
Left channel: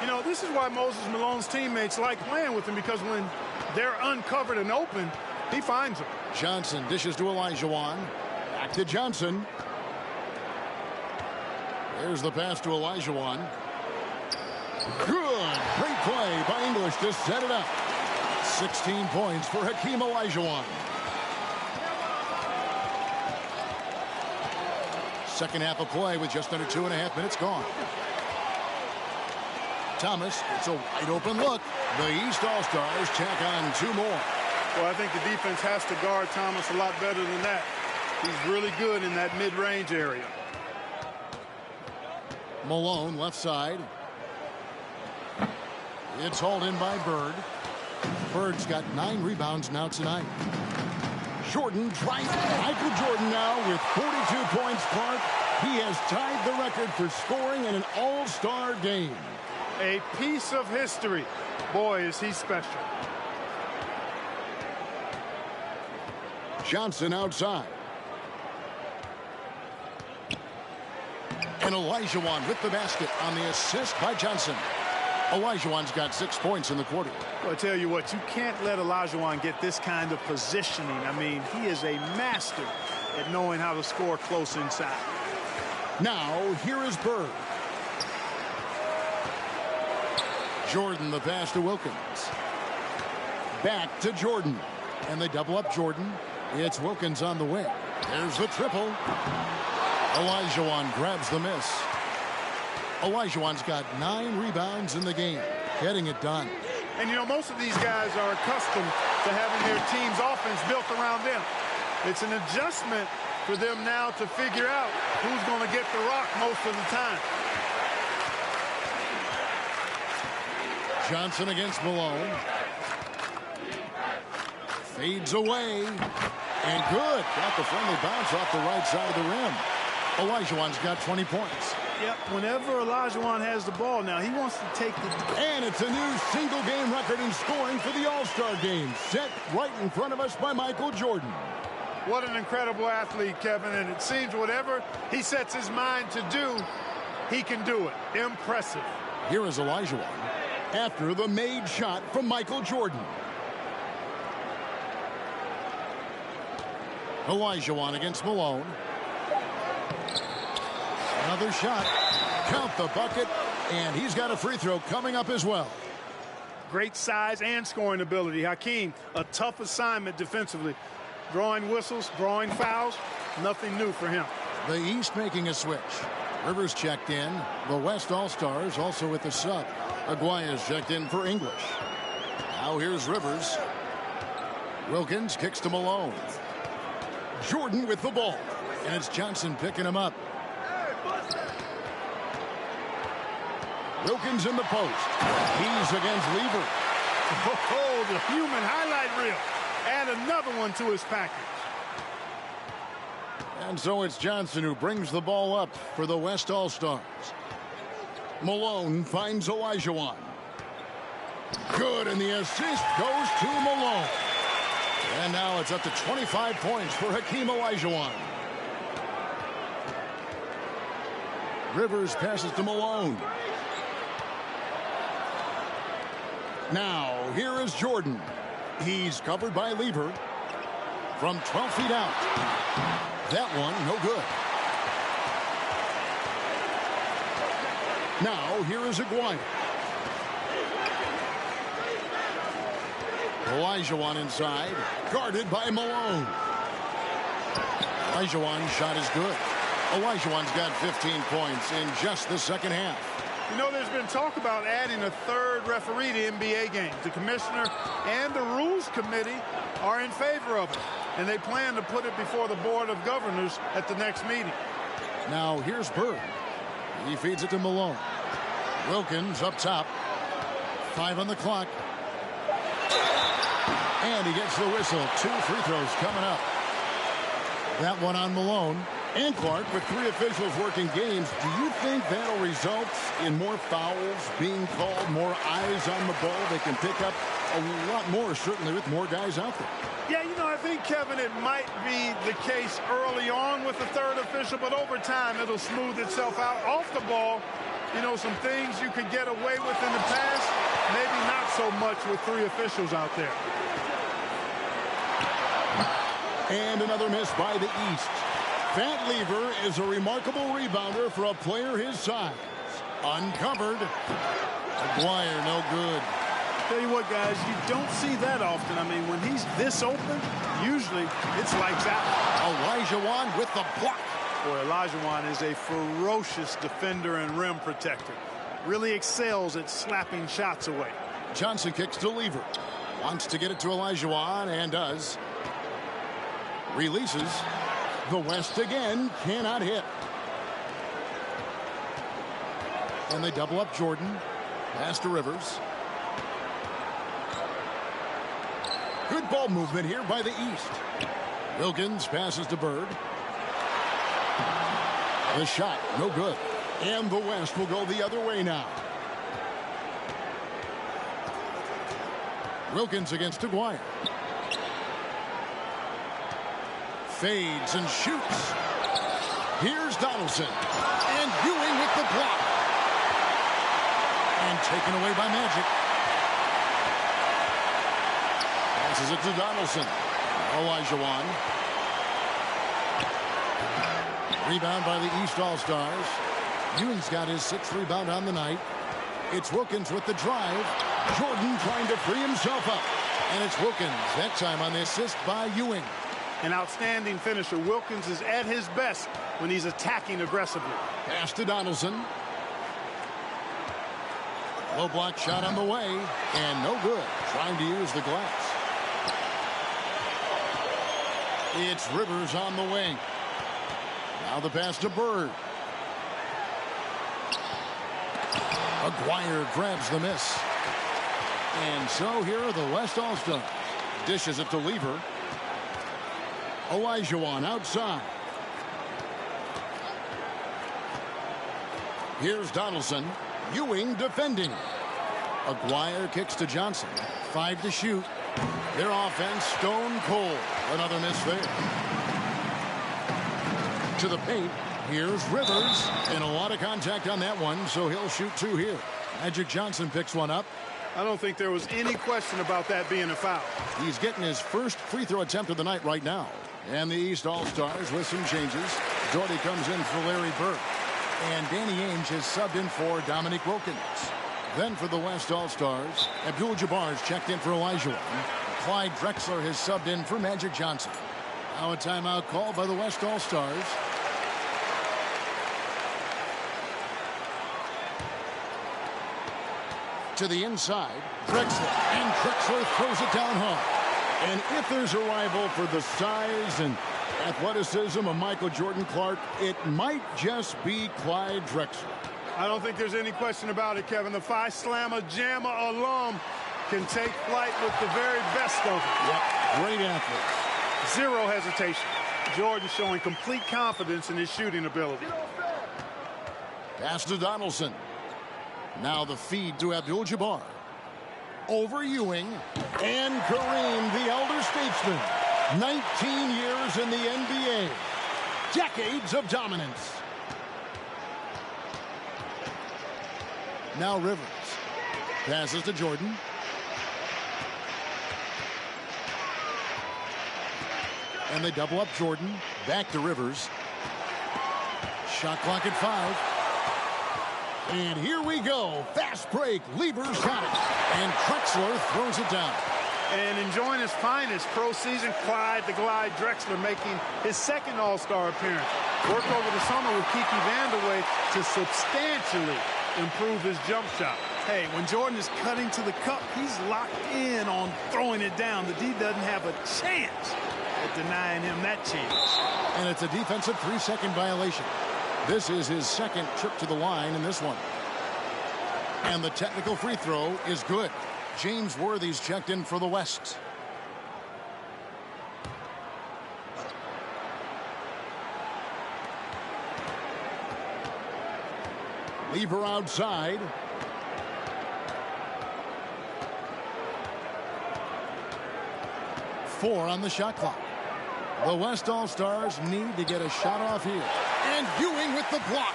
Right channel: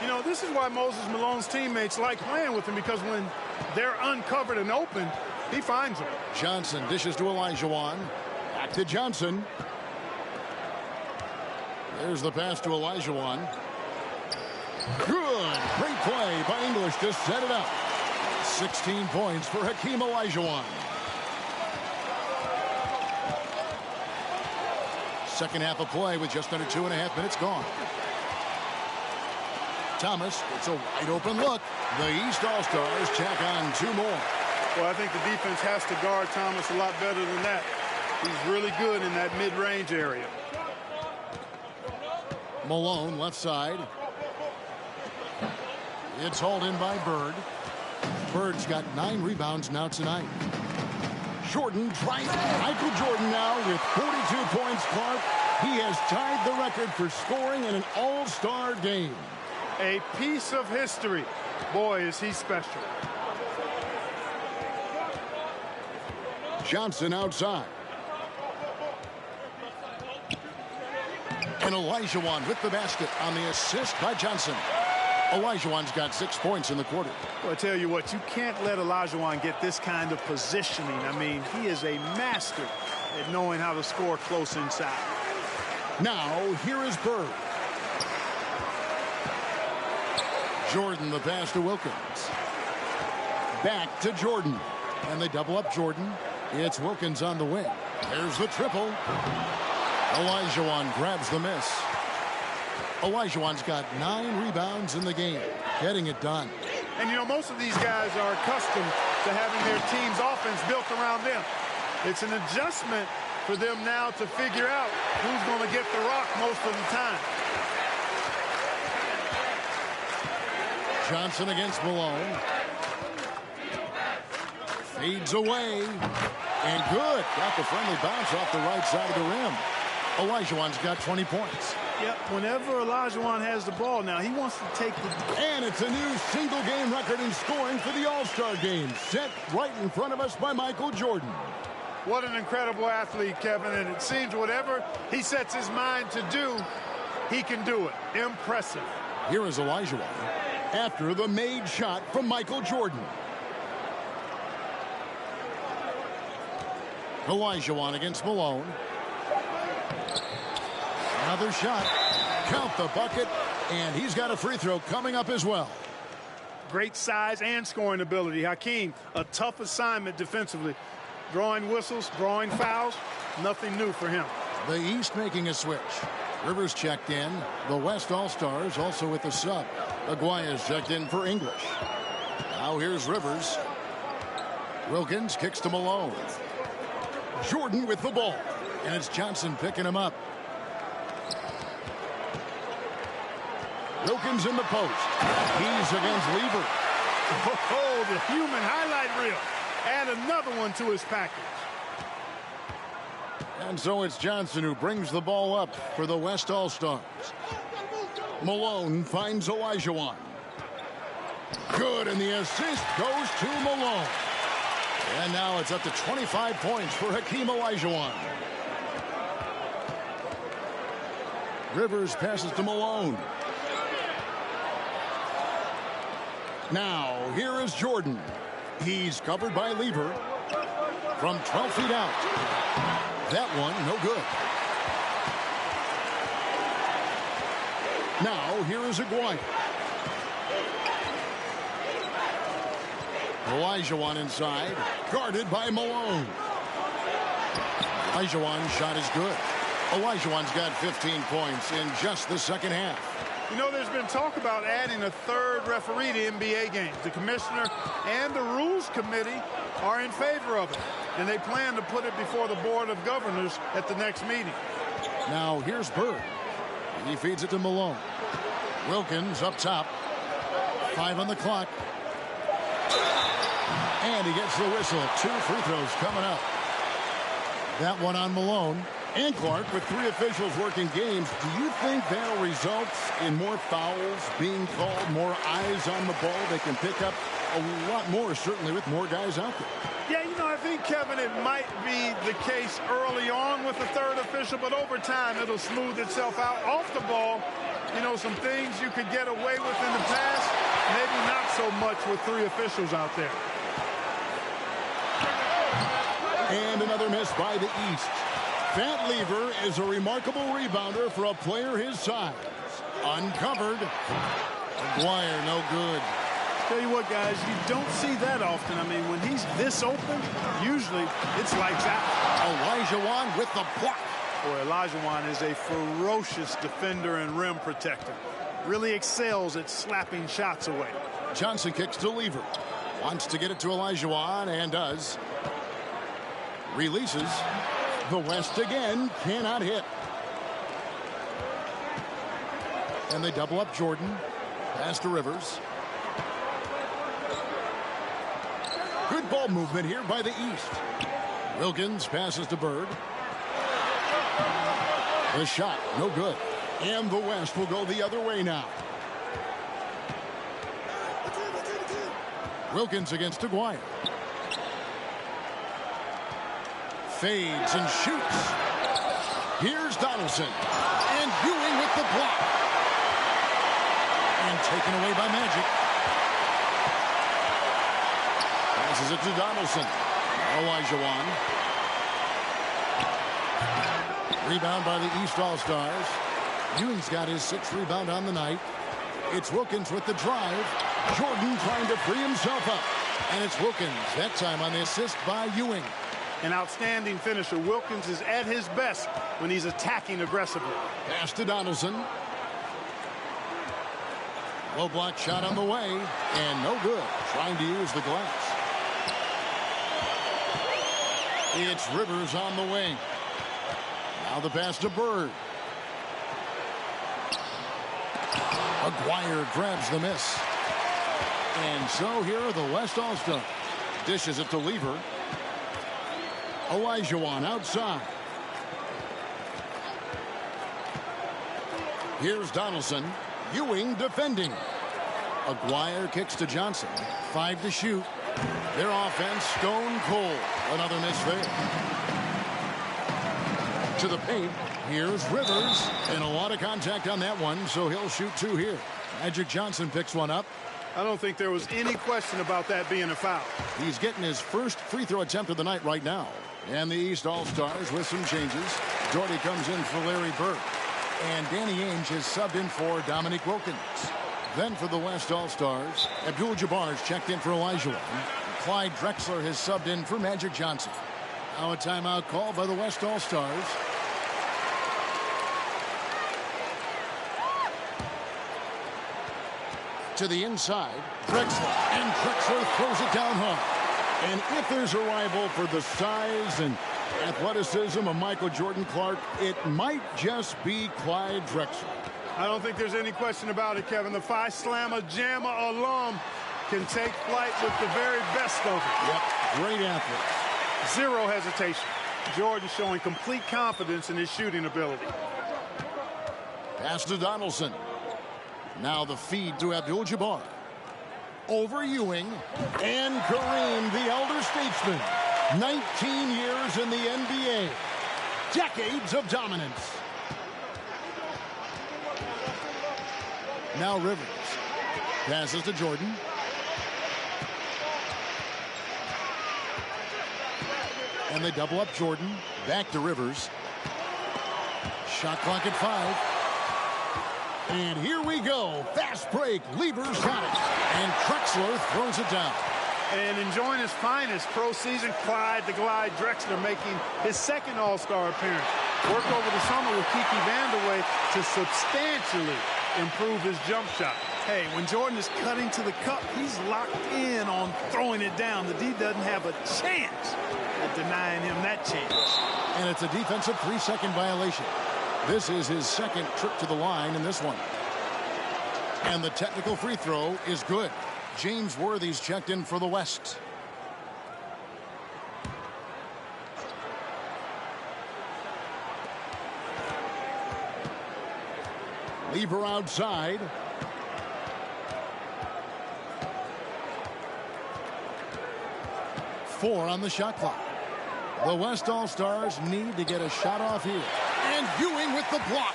You know, this is why Moses Malone's teammates like playing with him, because when they're uncovered and open, he finds them. Johnson dishes to Olajuwon. Back to Johnson. There's the pass to Olajuwon. Good. Great play by English to set it up. 16 points for Hakeem Olajuwon. Second half of play with just under 2.5 minutes gone. Thomas, it's a wide open look. The East All-Stars tack on 2 more. Well, I think the defense has to guard Thomas a lot better than that. He's really good in that mid-range area. Malone, left side. It's hauled in by Bird. Bird's got 9 rebounds now tonight. Jordan tries. Michael Jordan now with 42 points, Clark. He has tied the record for scoring in an all-star game. A piece of history. Boy, is he special. Johnson outside. And Olajuwon with the basket on the assist by Johnson. Olajuwon's got 6 points in the quarter. Well, I tell you what, you can't let Olajuwon get this kind of positioning. I mean, he is a master at knowing how to score close inside. Now, here is Bird. Jordan, the pass to Wilkins. Back to Jordan. And they double up Jordan. It's Wilkins on the wing. There's the triple. Olajuwon grabs the miss. Olajuwon's got 9 rebounds in the game, getting it done. And, you know, most of these guys are accustomed to having their team's offense built around them. It's an adjustment for them now to figure out who's going to get the rock most of the time. Johnson against Malone. Fades away. And good. Got the friendly bounce off the right side of the rim. Olajuwon's got 20 points. Yep, whenever Olajuwon has the ball now, he wants to take the... And it's a new single-game record in scoring for the All-Star game, set right in front of us by Michael Jordan. What an incredible athlete, Kevin, and it seems whatever he sets his mind to do, he can do it. Impressive. Here is Olajuwon after the made shot from Michael Jordan. Olajuwon against Malone. Another shot. Count the bucket. And he's got a free throw coming up as well. Great size and scoring ability. Hakeem, a tough assignment defensively. Drawing whistles, drawing fouls. Nothing new for him. The East making a switch. Rivers checked in. The West All-Stars also with the sub. Aguaya's checked in for English. Now here's Rivers. Wilkins kicks to Malone. Jordan with the ball. And it's Johnson picking him up. Wilkins in the post. He's against Lever. Oh, the human highlight reel. Add another one to his package. And so it's Johnson who brings the ball up for the West All-Stars. Malone finds Olajuwon. Good, and the assist goes to Malone. And now it's up to 25 points for Hakeem Olajuwon. Rivers passes to Malone. Now, here is Jordan. He's covered by Lever from 12 feet out. That one, no good. Now, here is Aguaya. Olajuwon inside, guarded by Malone. Olajuwon's shot is good. Olajuwon's got 15 points in just the second half. You know, there's been talk about adding a third referee to NBA games. The commissioner and the rules committee are in favor of it, and they plan to put it before the board of governors at the next meeting. Now here's Bird. He feeds it to Malone. Wilkins up top. 5 on the clock. And he gets the whistle. 2 free throws coming up. That one on Malone. And Clark, with 3 officials working games, do you think that'll result in more fouls being called, more eyes on the ball? They can pick up a lot more, certainly with more guys out there. Yeah, you know, I think, Kevin, it might be the case early on with the third official, but over time it'll smooth itself out. Off the ball, you know, some things you could get away with in the past, maybe not so much with 3 officials out there. And another miss by the East. Fat Lever is a remarkable rebounder for a player his size. Uncovered. Aguirre, no good. Tell you what, guys, you don't see that often. I mean, when he's this open, usually it's lights out. Olajuwon with the block. Boy, Olajuwon is a ferocious defender and rim protector. really excels at slapping shots away. Johnson kicks to Lever. Wants to get it to Olajuwon and does. Releases. The West again cannot hit. And they double up Jordan. Pass to Rivers. Good ball movement here by the East. Wilkins passes to Bird. The shot, no good. And the West will go the other way now. Wilkins against Aguirre. Fades and shoots. Here's Donaldson. And Ewing with the block. And taken away by Magic. Passes it to Donaldson. Olajuwon. Rebound by the East All-Stars. Ewing's got his 6th rebound on the night. It's Wilkins with the drive. Jordan trying to free himself up. And it's Wilkins, that time on the assist by Ewing. An outstanding finisher. Wilkins is at his best when he's attacking aggressively. Pass to Donaldson. Low block shot on the way. And no good. Trying to use the glass. It's Rivers on the wing. Now the pass to Bird. Aguirre grabs the miss. And so here are the West All-Stars. Dishes it to Lever. Olajuwon outside. Here's Donaldson. Ewing defending. Aguirre kicks to Johnson. 5 to shoot. Their offense stone cold. Another miss there. To the paint. Here's Rivers. And a lot of contact on that one, so he'll shoot 2 here. Magic Johnson picks one up. I don't think there was any question about that being a foul. He's getting his first free throw attempt of the night right now. And the East All-Stars with some changes. Doherty comes in for Larry Bird. And Danny Ainge has subbed in for Dominique Wilkins. Then for the West All-Stars, Abdul-Jabbar's checked in for Olajuwon. Clyde Drexler has subbed in for Magic Johnson. Now a timeout called by the West All-Stars. To the inside, Drexler. And Drexler throws it down hard. And if there's a rival for the size and athleticism of Michael Jordan Clark, it might just be Clyde Drexler. I don't think there's any question about it, Kevin. The Phi Slamma Jamma alum can take flight with the very best of them. Yep, great athletes. Zero hesitation. Jordan showing complete confidence in his shooting ability. Pass to Donaldson. Now the feed to Abdul-Jabbar. Over Ewing. And Kareem, the elder statesman. 19 years in the NBA. Decades of dominance. Now Rivers. Passes to Jordan. And they double up Jordan. Back to Rivers. Shot clock at 5. And here we go. Fast break. Lever's got it. And Drexler throws it down. And enjoying his finest pro season, Clyde the Glide Drexler making his 2nd All-Star appearance. Worked over the summer with Kiki Vandeweghe to substantially improve his jump shot. Hey, when Jordan is cutting to the cup, he's locked in on throwing it down. The D doesn't have a chance at denying him that chance. And it's a defensive 3-second violation. This is his 2nd trip to the line in this one. And the technical free throw is good. James Worthy's checked in for the West. Lever outside. Four on the shot clock. The West All-Stars need to get a shot off here. And Ewing with the block.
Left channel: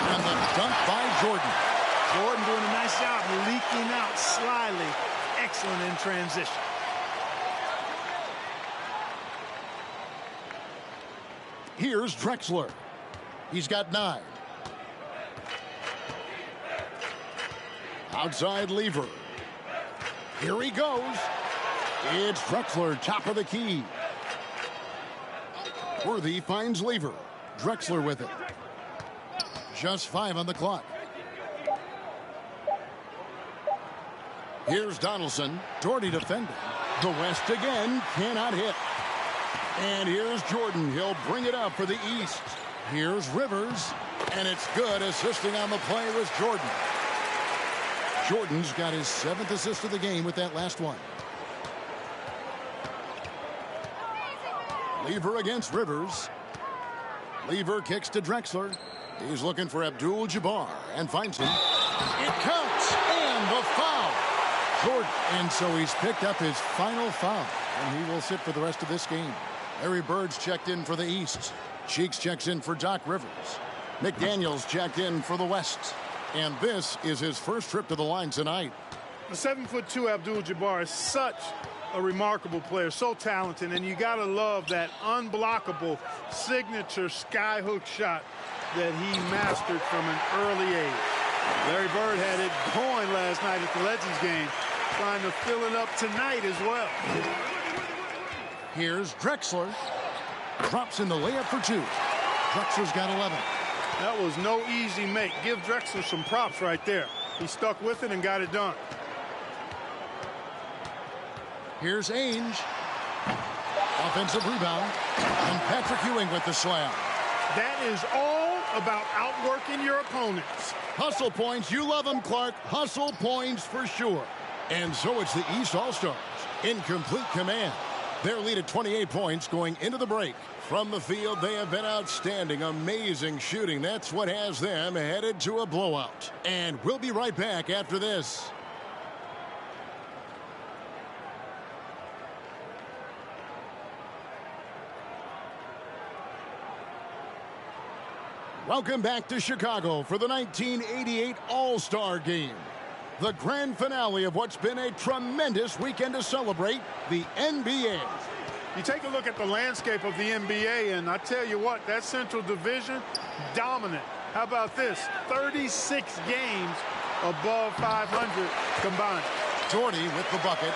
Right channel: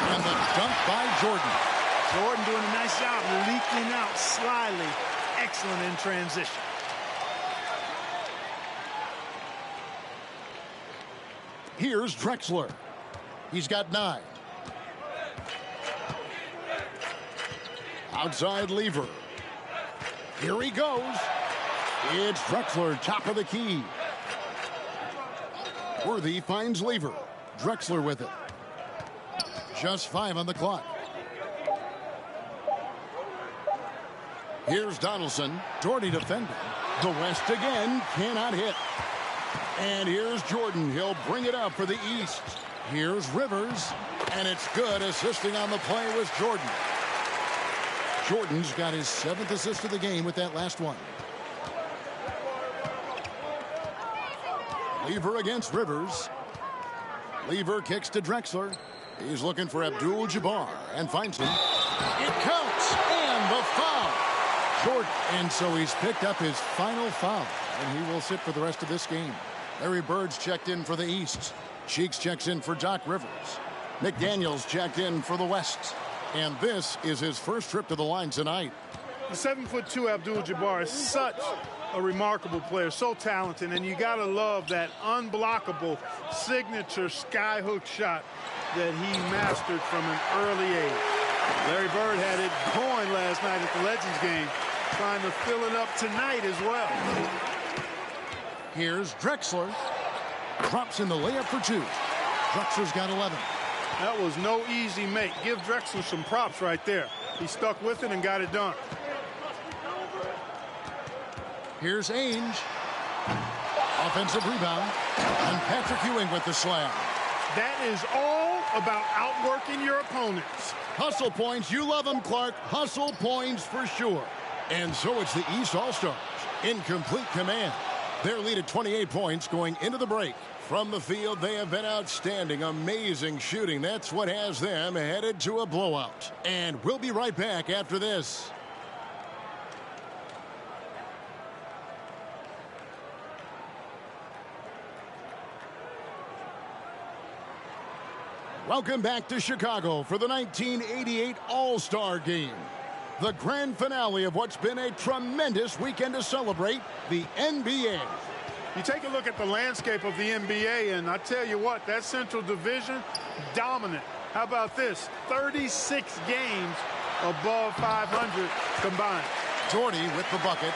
And the dunk by Jordan. Jordan doing a nice job leaking out slyly. Excellent in transition. Here's Drexler. He's got 9. Outside Lever. Here he goes. It's Drexler, top of the key. Worthy finds Lever. Drexler with it. Just 5 on the clock. Here's Donaldson. Doherty defending. The West again cannot hit. And here's Jordan. He'll bring it up for the East. Here's Rivers. And it's good. Assisting on the play was Jordan. Jordan's got his 7th assist of the game with that last one. Lever against Rivers. Lever kicks to Drexler. He's looking for Abdul-Jabbar and finds him. It counts. And the foul. Jordan. And so he's picked up his final foul. And he will sit for the rest of this game. Larry Bird's checked in for the East. Cheeks checks in for Doc Rivers. McDaniels checked in for the West. And this is his first trip to the line tonight. The 7'2" Abdul-Jabbar is such a remarkable player, so talented, and you gotta love that unblockable signature skyhook shot that he mastered from an early age. Larry Bird had it going last night at the Legends game, trying to fill it up tonight as well. Here's Drexler. Drops in the layup for 2. Drexler's got 11. That was no easy make. Give Drexler some props right there. He stuck with it and got it done. Here's Ainge. Offensive rebound. And Patrick Ewing with the slam. That is all about outworking your opponents. Hustle points. You love them, Clark. Hustle points for sure. And so it's the East All-Stars in complete command. Their lead at 28 points going into the break. From the field, they have been outstanding. Amazing shooting. That's what has them headed to a blowout. And we'll be right back after this. Welcome back to Chicago for the 1988 All-Star Game. The grand finale of what's been a tremendous weekend to celebrate, the NBA. You take a look at the landscape of the NBA, and I tell you what, that Central Division, dominant. How about this? 36 games above 500 combined. Doherty with the bucket.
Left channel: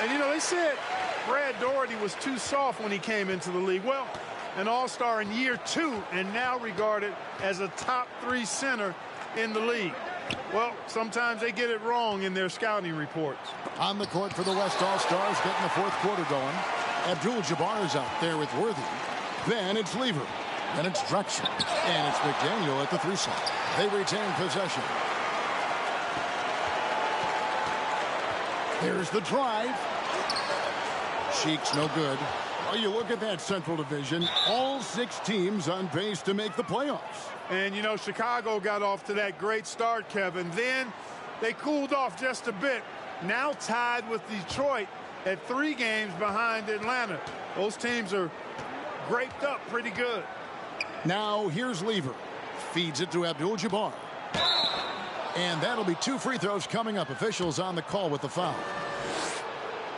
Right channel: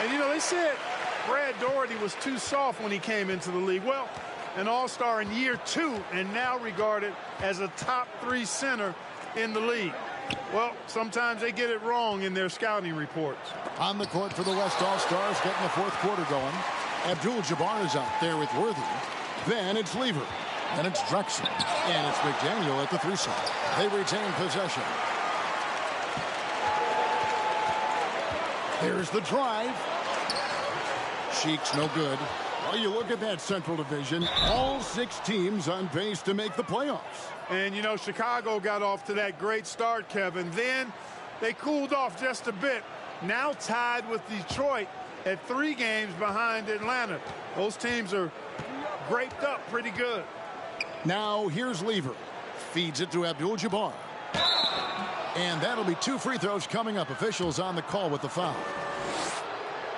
And, you know, they said Brad Doherty was too soft when he came into the league. Well, an all-star in year 2 and now regarded as a top 3 center in the league. Well, sometimes they get it wrong in their scouting reports. On the court for the West All-Stars, getting the 4th quarter going. Abdul-Jabbar is out there with Worthy. Then it's Lever. Then it's Drexler. And it's McDaniel at the 3 slot. They retain possession. There's the drive. Cheeks no good. Well, you look at that Central Division, all 6 teams on pace to make the playoffs. And, you know, Chicago got off to that great start, Kevin. Then they cooled off just a bit. Now tied with Detroit at 3 games behind Atlanta. Those teams are graped up pretty good. Now here's Lever. Feeds it to Abdul-Jabbar. And that'll be 2 free throws coming up. Officials on the call with the foul.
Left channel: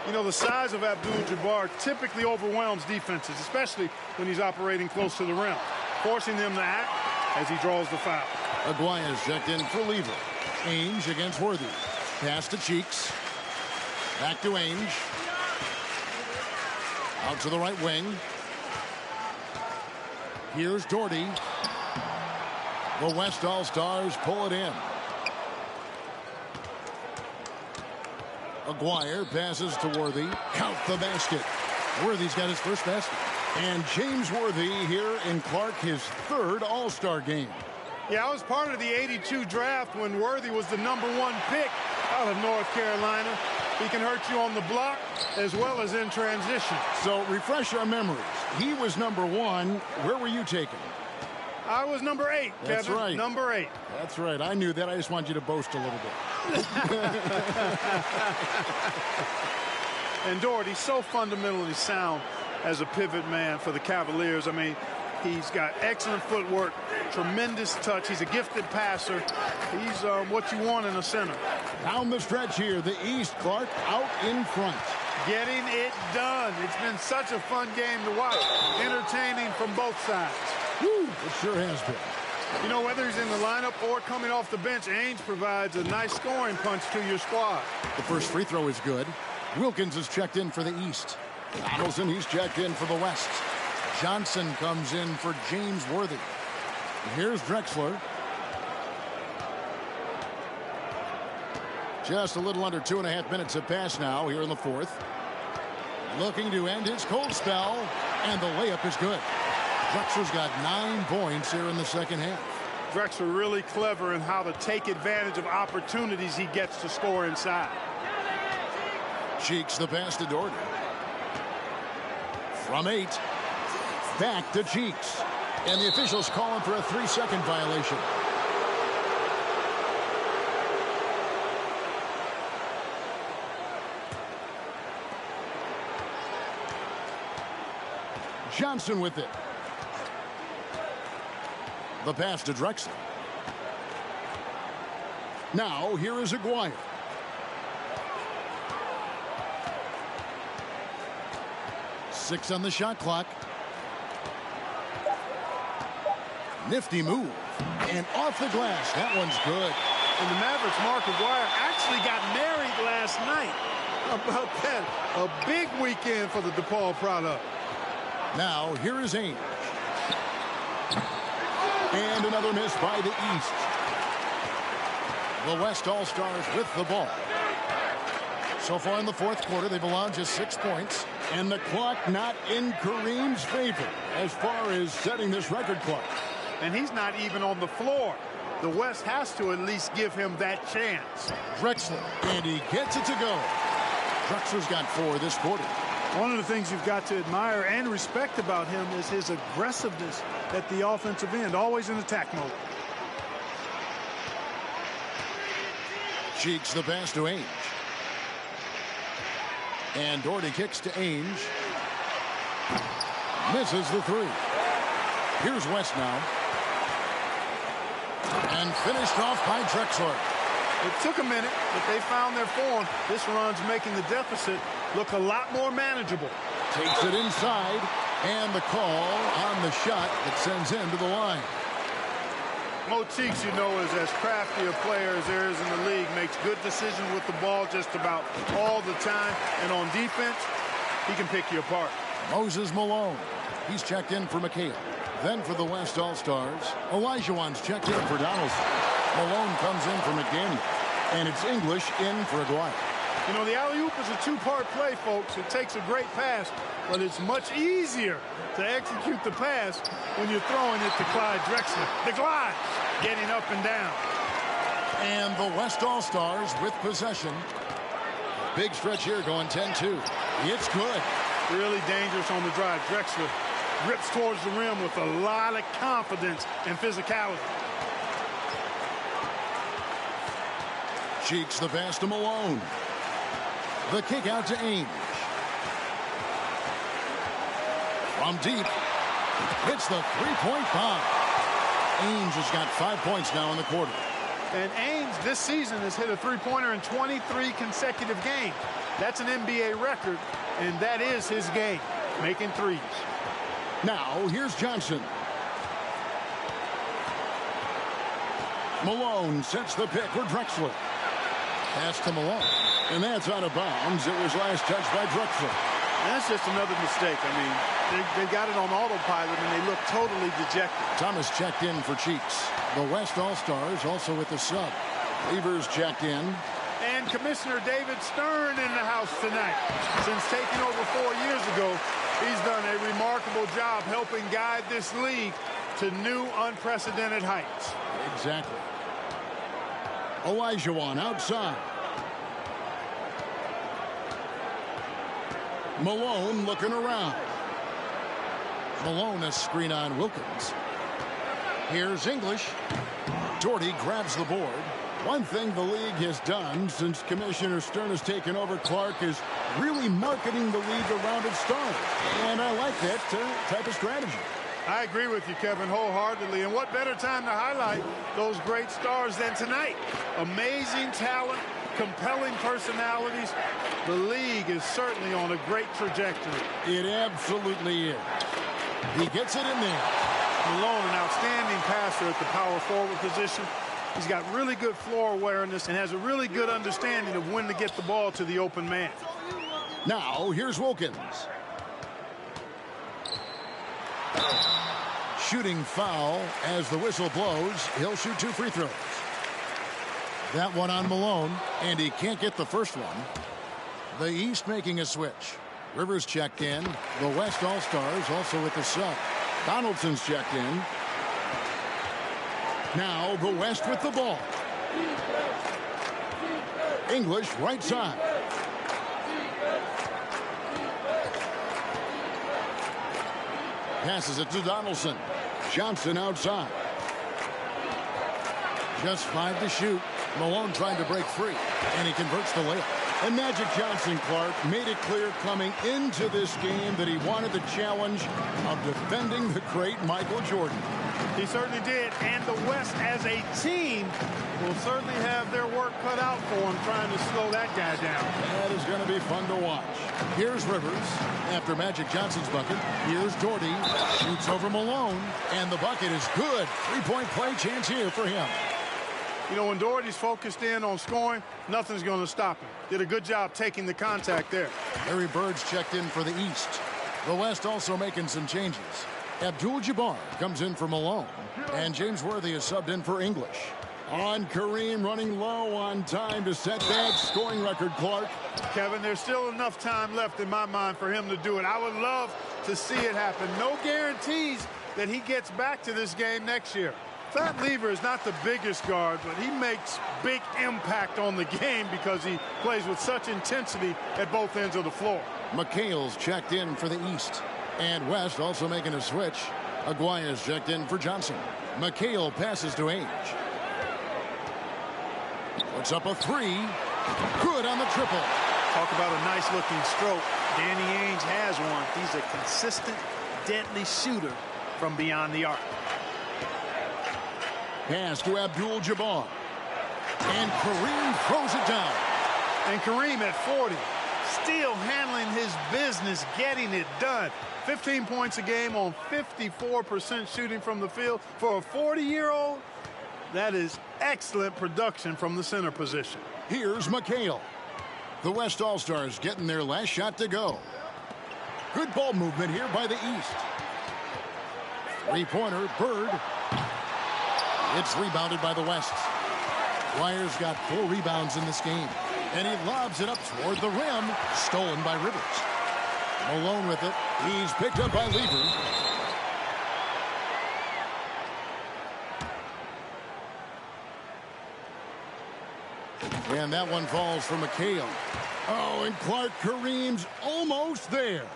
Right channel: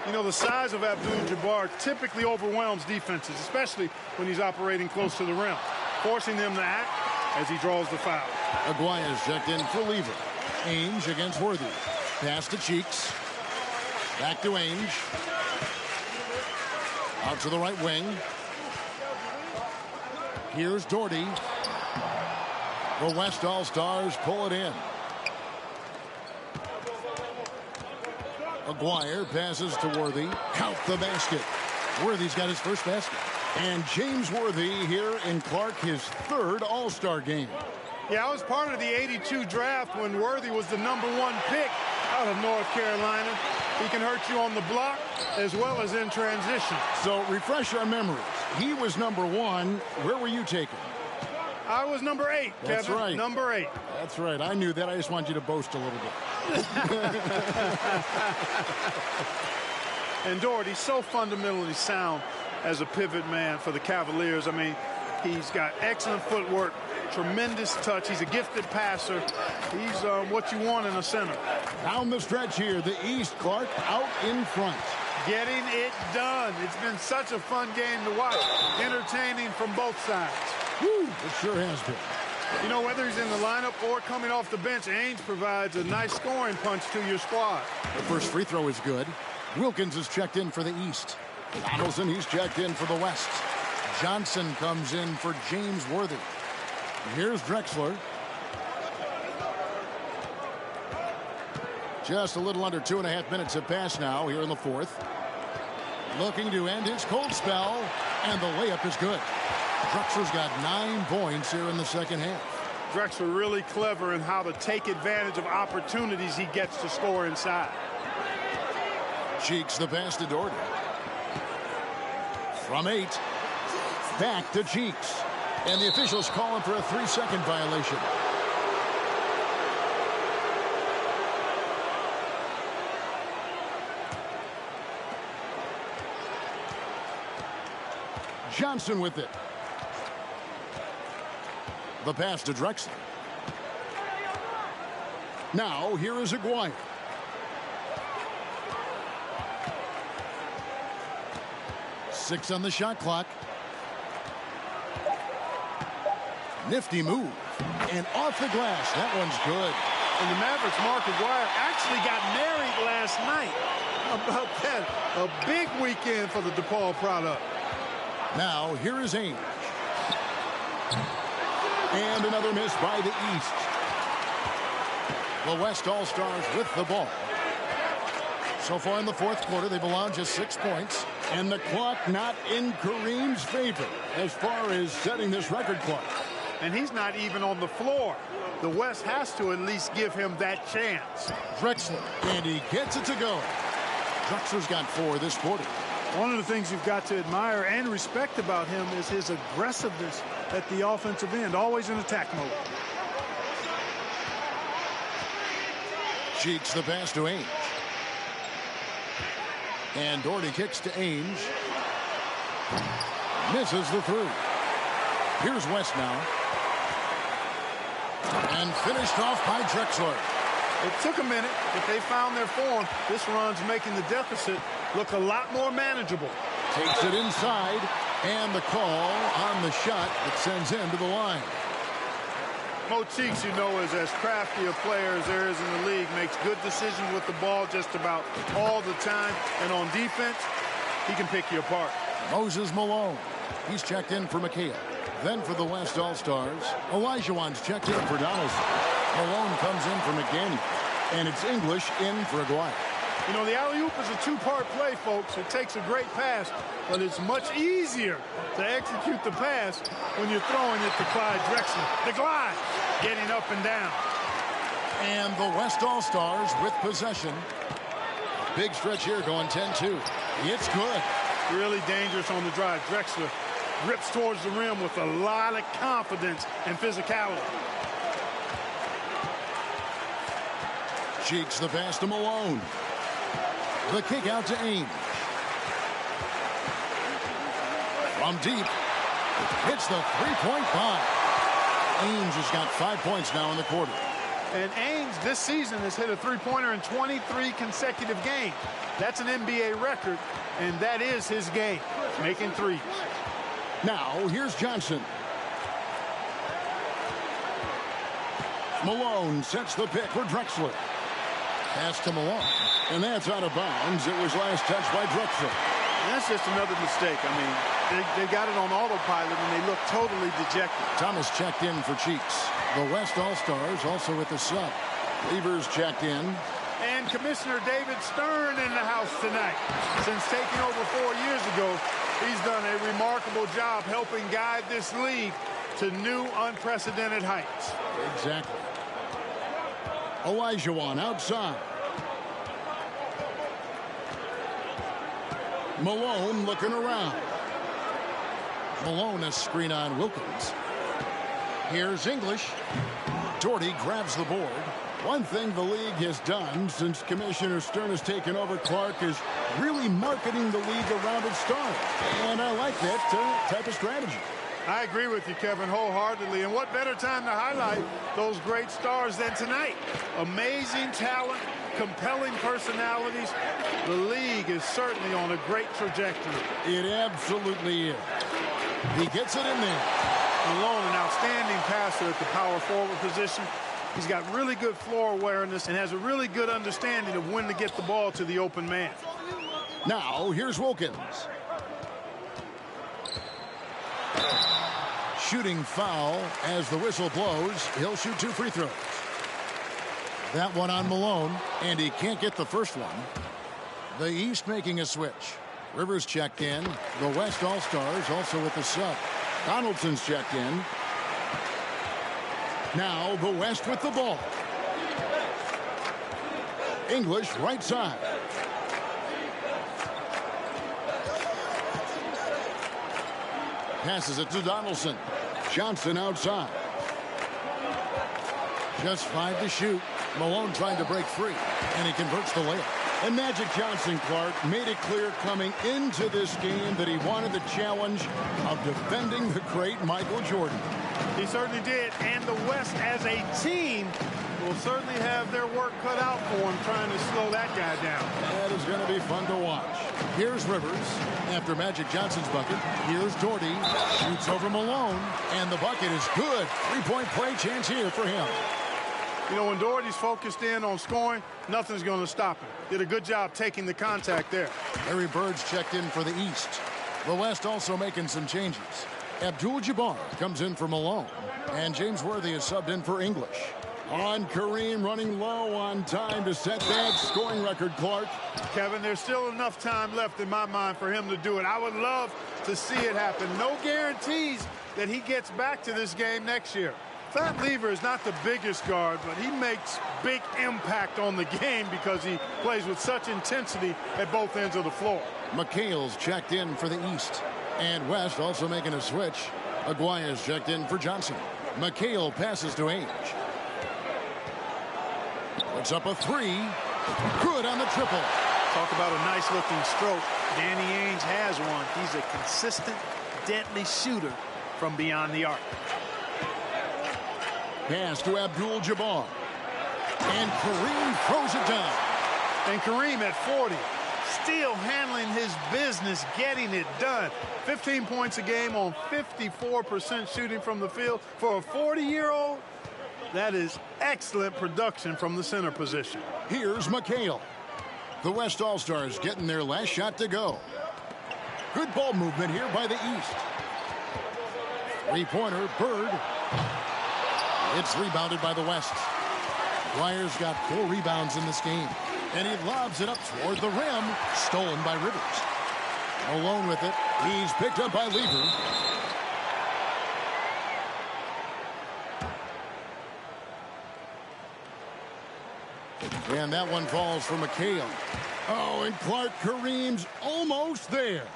You know, the size of Abdul-Jabbar typically overwhelms defenses, especially when he's operating close to the rim, forcing them to act as he draws the foul. Aguaya's checked in for Lever. Ainge against Worthy. Pass to Cheeks. Back to Ainge. Out to the right wing. Here's Doherty. The West All-Stars pull it in. Aguirre passes to Worthy. Count the basket. Worthy's got his first basket. And James Worthy here in Clark, his 3rd All-Star game. Yeah, I was part of the '82 draft when Worthy was the #1 pick out of North Carolina. He can hurt you on the block as well as in transition. So refresh our memories. He was #1. Where were you taken? I was number 8, That's Kevin. right. Number 8. That's right. I knew that. I just wanted you to boast a little bit. And Doherty's so fundamentally sound as a pivot man for the Cavaliers. I mean, he's got excellent footwork, tremendous touch. He's a gifted passer. He's what you want in a center. Down the stretch here, the East, Clark out in front. Getting it done. It's been such a fun game to watch. Entertaining from both sides. Woo, it sure has been. You know, whether he's in the lineup or coming off the bench, Ainge provides a nice scoring punch to your squad. The first free throw is good. Wilkins is checked in for the East. Donaldson, he's checked in for the West. Johnson comes in for James Worthy. Here's Drexler. Just a little under 2.5 minutes have passed now here in the fourth. Looking to end his cold spell, and the layup is good. Drexler's got 9 points here in the second half. Drexler really clever in how to take advantage of opportunities he gets to score inside. Cheeks the pass to Doherty. From 8, back to Cheeks. And the officials calling for a 3-second violation. Johnson with it. The pass to Drexler. Now here is Aguirre. Six on the shot clock. Nifty move. And off the glass. That one's good. And the Mavericks' Mark Aguirre actually got married last night. How about that? A big weekend for the DePaul product. Now, here is Ainge. And another miss by the East. The West All-Stars with the ball. So far in the fourth quarter, they've allowed just 6 points. And the clock not in Kareem's favor as far as setting this record clock. And he's not even on the floor. The West has to at least give him that chance. Drexler, and he gets it to go. Drexler's got 4 this quarter. One of the things you've got to admire and respect about him is his aggressiveness at the offensive end, always in attack mode. Cheeks the pass to Ainge. And Doherty kicks to Ainge. Misses the 3. Here's West now. And finished off by Drexler. It took a minute, but they found their form. This run's making the deficit look a lot more manageable. Takes it inside, and the call on the shot that sends him to the line. Mo Cheeks, you know, is as crafty a player as there is in the league. Makes good decisions with the ball just about all the time. And on defense, he can pick you apart. Moses Malone. He's checked in for McHale. Then for the West All-Stars, Olajuwon's checked in for Donaldson. Malone comes in for McDaniel. And it's English in for Aguirre. You know, the alley-oop is a two-part play, folks. It takes a great pass, but it's much easier to execute the pass when you're throwing it to Clyde Drexler. The glide, getting up and down. And the West All-Stars with possession. A big stretch here going 10-2. It's good. Really dangerous on the drive. Drexler rips towards the rim with a lot of confidence and physicality. Cheeks the pass to Malone. The kick out to Ainge. From deep, hits the three-point bomb. Ainge has got 5 points now in the quarter. And Ainge this season has hit a three-pointer in 23 consecutive games. That's an NBA record, and that is his game, making threes. Now, here's Johnson. Malone sets the pick for Drexler. Pass to Malone. And that's out of bounds. It was last touched by Drexler. And that's just another mistake. I mean, they got it on autopilot, and they look totally dejected. Thomas checked in for Cheeks. The West All-Stars also with the sub. Levers checked in. And Commissioner David Stern in the house tonight. Since taking over 4 years ago, he's done a remarkable job helping guide this league to new unprecedented heights. Exactly. Olajuwon outside. Malone looking around. Malone a screen on Wilkins. Here's English. Doherty grabs the board. One thing the league has done since Commissioner Stern has taken over Clark is really marketing the league around its stars. And I like that type of strategy. I agree with you, Kevin, wholeheartedly. And what better time to highlight those great stars than tonight? Amazing talent, compelling personalities. The league is certainly on a great trajectory. It absolutely is. He gets it in there. Malone, an outstanding passer at the power forward position. He's got really good floor awareness and has a really good understanding of when to get the ball to the open man. Now, here's Wilkins. Shooting foul as the whistle blows. He'll shoot 2 free throws. That one on Malone, and he can't get the first one. The East making a switch. Rivers checked in. The West All-Stars also with the sub. Donaldson's checked in. Now the West with the ball. English right side. Passes it to Donaldson. Johnson outside. Just 5 to shoot. Malone trying to break free, and he converts the layup. And Magic Johnson, Clark, made it clear coming into this game that he wanted the challenge of defending the great Michael Jordan. He certainly did, and the West as a team will certainly have their work cut out for him trying to slow that guy down. That is going to be fun to watch. Here's Rivers after Magic Johnson's bucket. Here's Doherty, shoots over Malone, and the bucket is good. 3-point play chance here for him. You know, when Doherty's focused in on scoring, nothing's going to stop him. Did a good job taking the contact there. Larry Bird's checked in for the East. The West also making some changes. Abdul-Jabbar comes in for Malone, and James Worthy is subbed in for English. On Kareem, running low on time to set that scoring record, Clark. Kevin, there's still enough time left in my mind for him to do it. I would love to see it happen. No guarantees that he gets back to this game next year. Thad Lever is not the biggest guard, but he makes big impact on the game because he plays with such intensity at both ends of the floor. McHale's checked in for the East. And West also making a switch. Aguirre's checked in for Johnson. McHale passes to Ainge. Puts up a 3. Good on the triple. Talk about a nice-looking stroke. Danny Ainge has one. He's a consistent, deadly shooter from beyond the arc. Pass to Abdul-Jabbar. And Kareem throws it down. And Kareem at 40, still handling his business, getting it done. 15 points a game on 54% shooting from the field. For a 40-year-old, that is excellent production from the center position. Here's McHale. The West All-Stars getting their last shot to go. Good ball movement here by the East. Three-pointer, Bird. It's rebounded by the West. Dwyer's got 4 rebounds in this game. And he lobs it up toward the rim. Stolen by Rivers. Malone with it. He's picked up by Lever. And that one falls for McHale. Oh, and Clark, Kareem's almost there.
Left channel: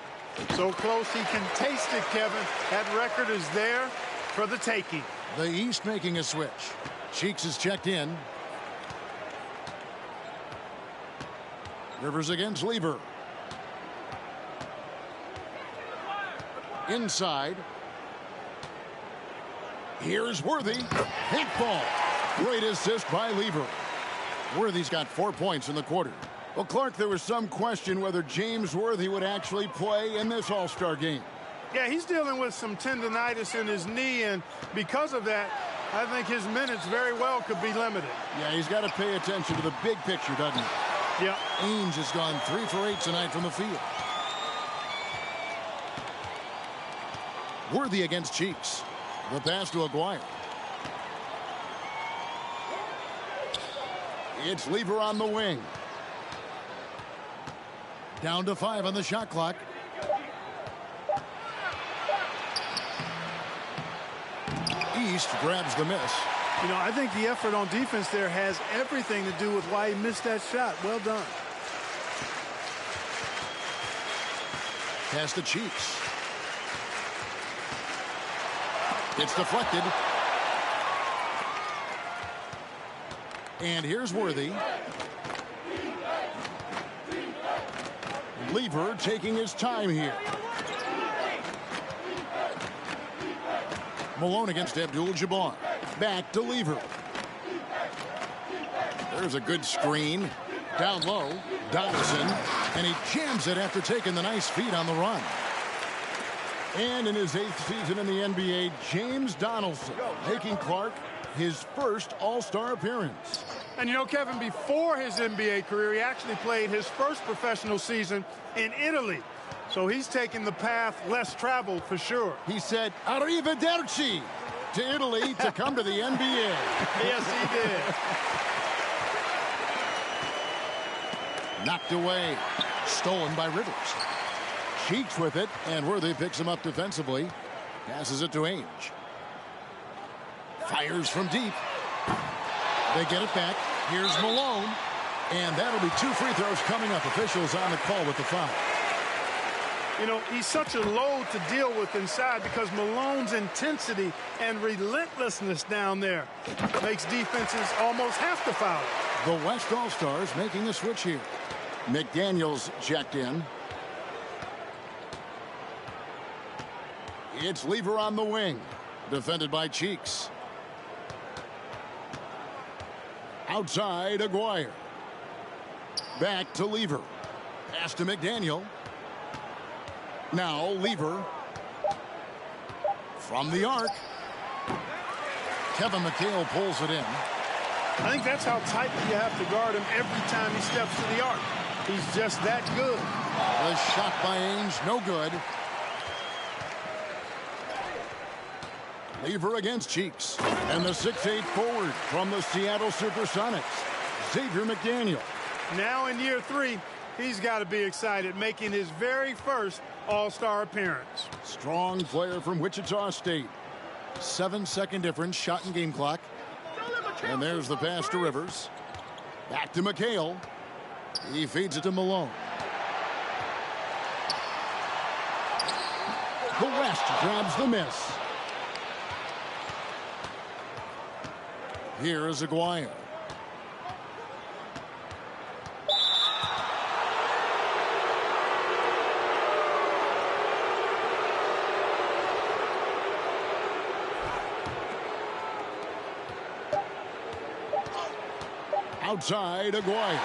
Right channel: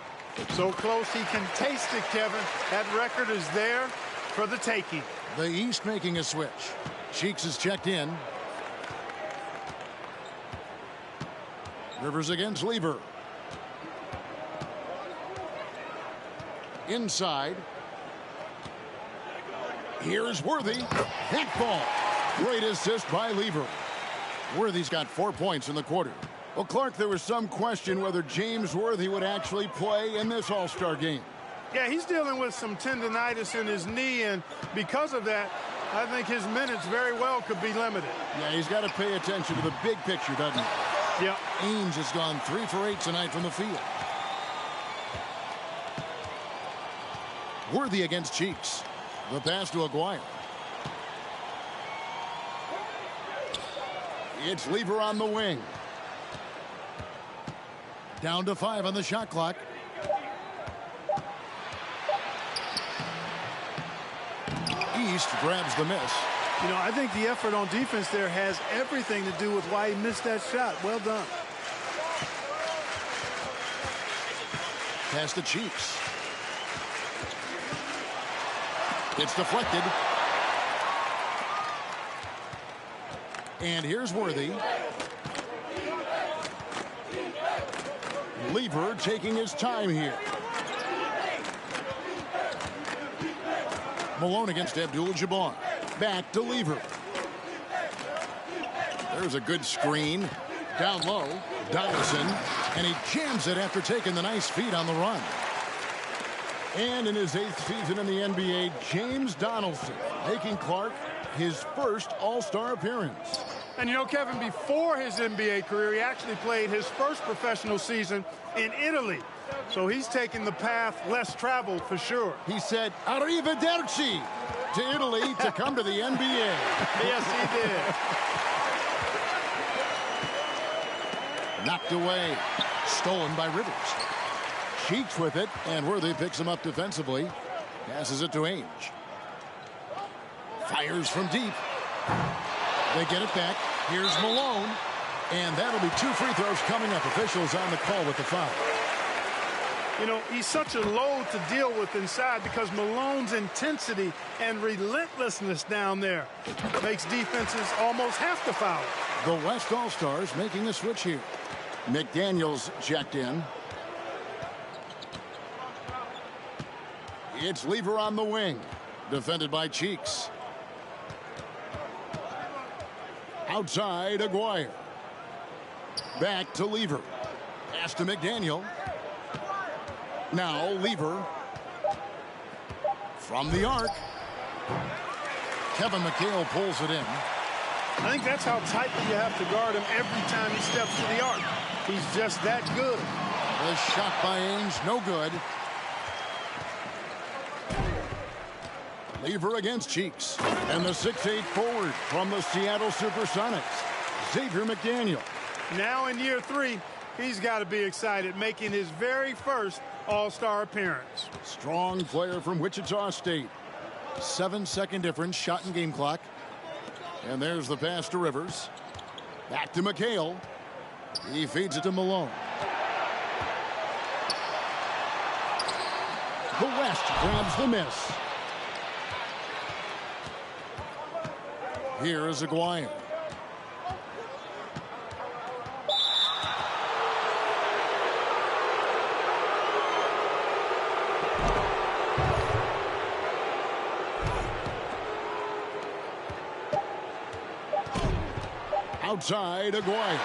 So close he can taste it, Kevin. That record is there for the taking. The East making a switch. Cheeks is checked in. Rivers against Lever. Inside. Here's Worthy. That ball. Great assist by Lever. Worthy's got 4 points in the quarter. Well, Clark, there was some question whether James Worthy would actually play in this All-Star game. Yeah, he's dealing with some tendonitis in his knee, and because of that, I think his minutes very well could be limited. Yeah, he's got to pay attention to the big picture, doesn't he? Yeah. Ainge has gone 3 for 8 tonight from the field. Worthy against Cheeks. The pass to Aguirre. It's Lever on the wing. Down to 5 on the shot clock. East grabs the miss. You know, I think the effort on defense there has everything to do with why he missed that shot. Well done. Pass to Cheeks. It's deflected. And here's Worthy. Lever taking his time here. Malone against Abdul-Jabbar. Back to Lever. There's a good screen. Down low. Donaldson. And he jams it after taking the nice feed on the run. And in his 8th season in the NBA, James Donaldson making Clark his first All-Star appearance. And you know, Kevin, before his NBA career, he actually played his first professional season in Italy. So he's taking the path less traveled for sure. He said, "Arrivederci" to Italy to come to the NBA. Yes, he did. Knocked away. Stolen by Rivers. Cheeks with it, and Worthy picks him up defensively. Passes it to Ainge. Fires from deep. They get it back. Here's Malone. And that'll be 2 free throws coming up. Officials on the call with the foul. You know, he's such a load to deal with inside because Malone's intensity and relentlessness down there makes defenses almost have to foul. The West All-Stars making a switch here. McDaniels checked in. It's Lever on the wing. Defended by Cheeks. Outside, Aguirre. Back to Lever. Pass to McDaniel. Now Lever. From the arc. Kevin McHale pulls it in. I think that's how tightly you have to guard him every time he steps to the arc. He's just that good. The shot by Ainge, no good. Lever against Cheeks. And the 6'8" forward from the Seattle Supersonics, Xavier McDaniel. Now in year 3, he's got to be excited, making his very first All-Star appearance. Strong player from Wichita State. 7-second difference, shot and game clock. And there's the pass to Rivers. Back to McHale. He feeds it to Malone. The West grabs the miss. Here is Aguirre. Outside, Aguirre.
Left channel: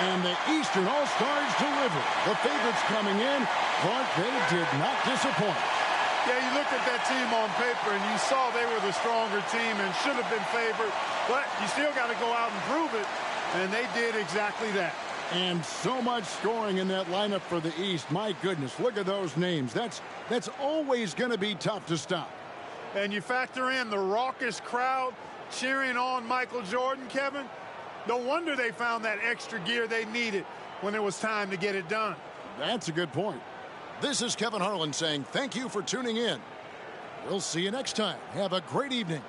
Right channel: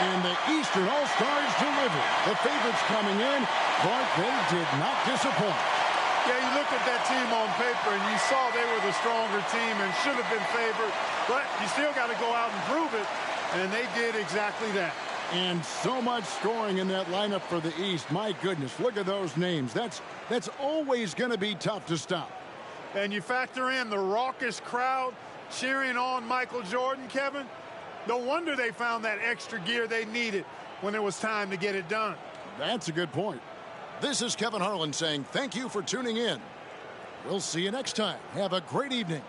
And the Eastern All-Stars deliver. The favorites coming in. Clark, they did not disappoint. Yeah, you looked at that team on paper and you saw they were the stronger team and should have been favored. But you still got to go out and prove it. And they did exactly that. And so much scoring in that lineup for the East. My goodness, look at those names. That's always going to be tough to stop. And you factor in the raucous crowd cheering on Michael Jordan, Kevin. No wonder they found that extra gear they needed when it was time to get it done. That's a good point. This is Kevin Harlan saying thank you for tuning in. We'll see you next time. Have a great evening.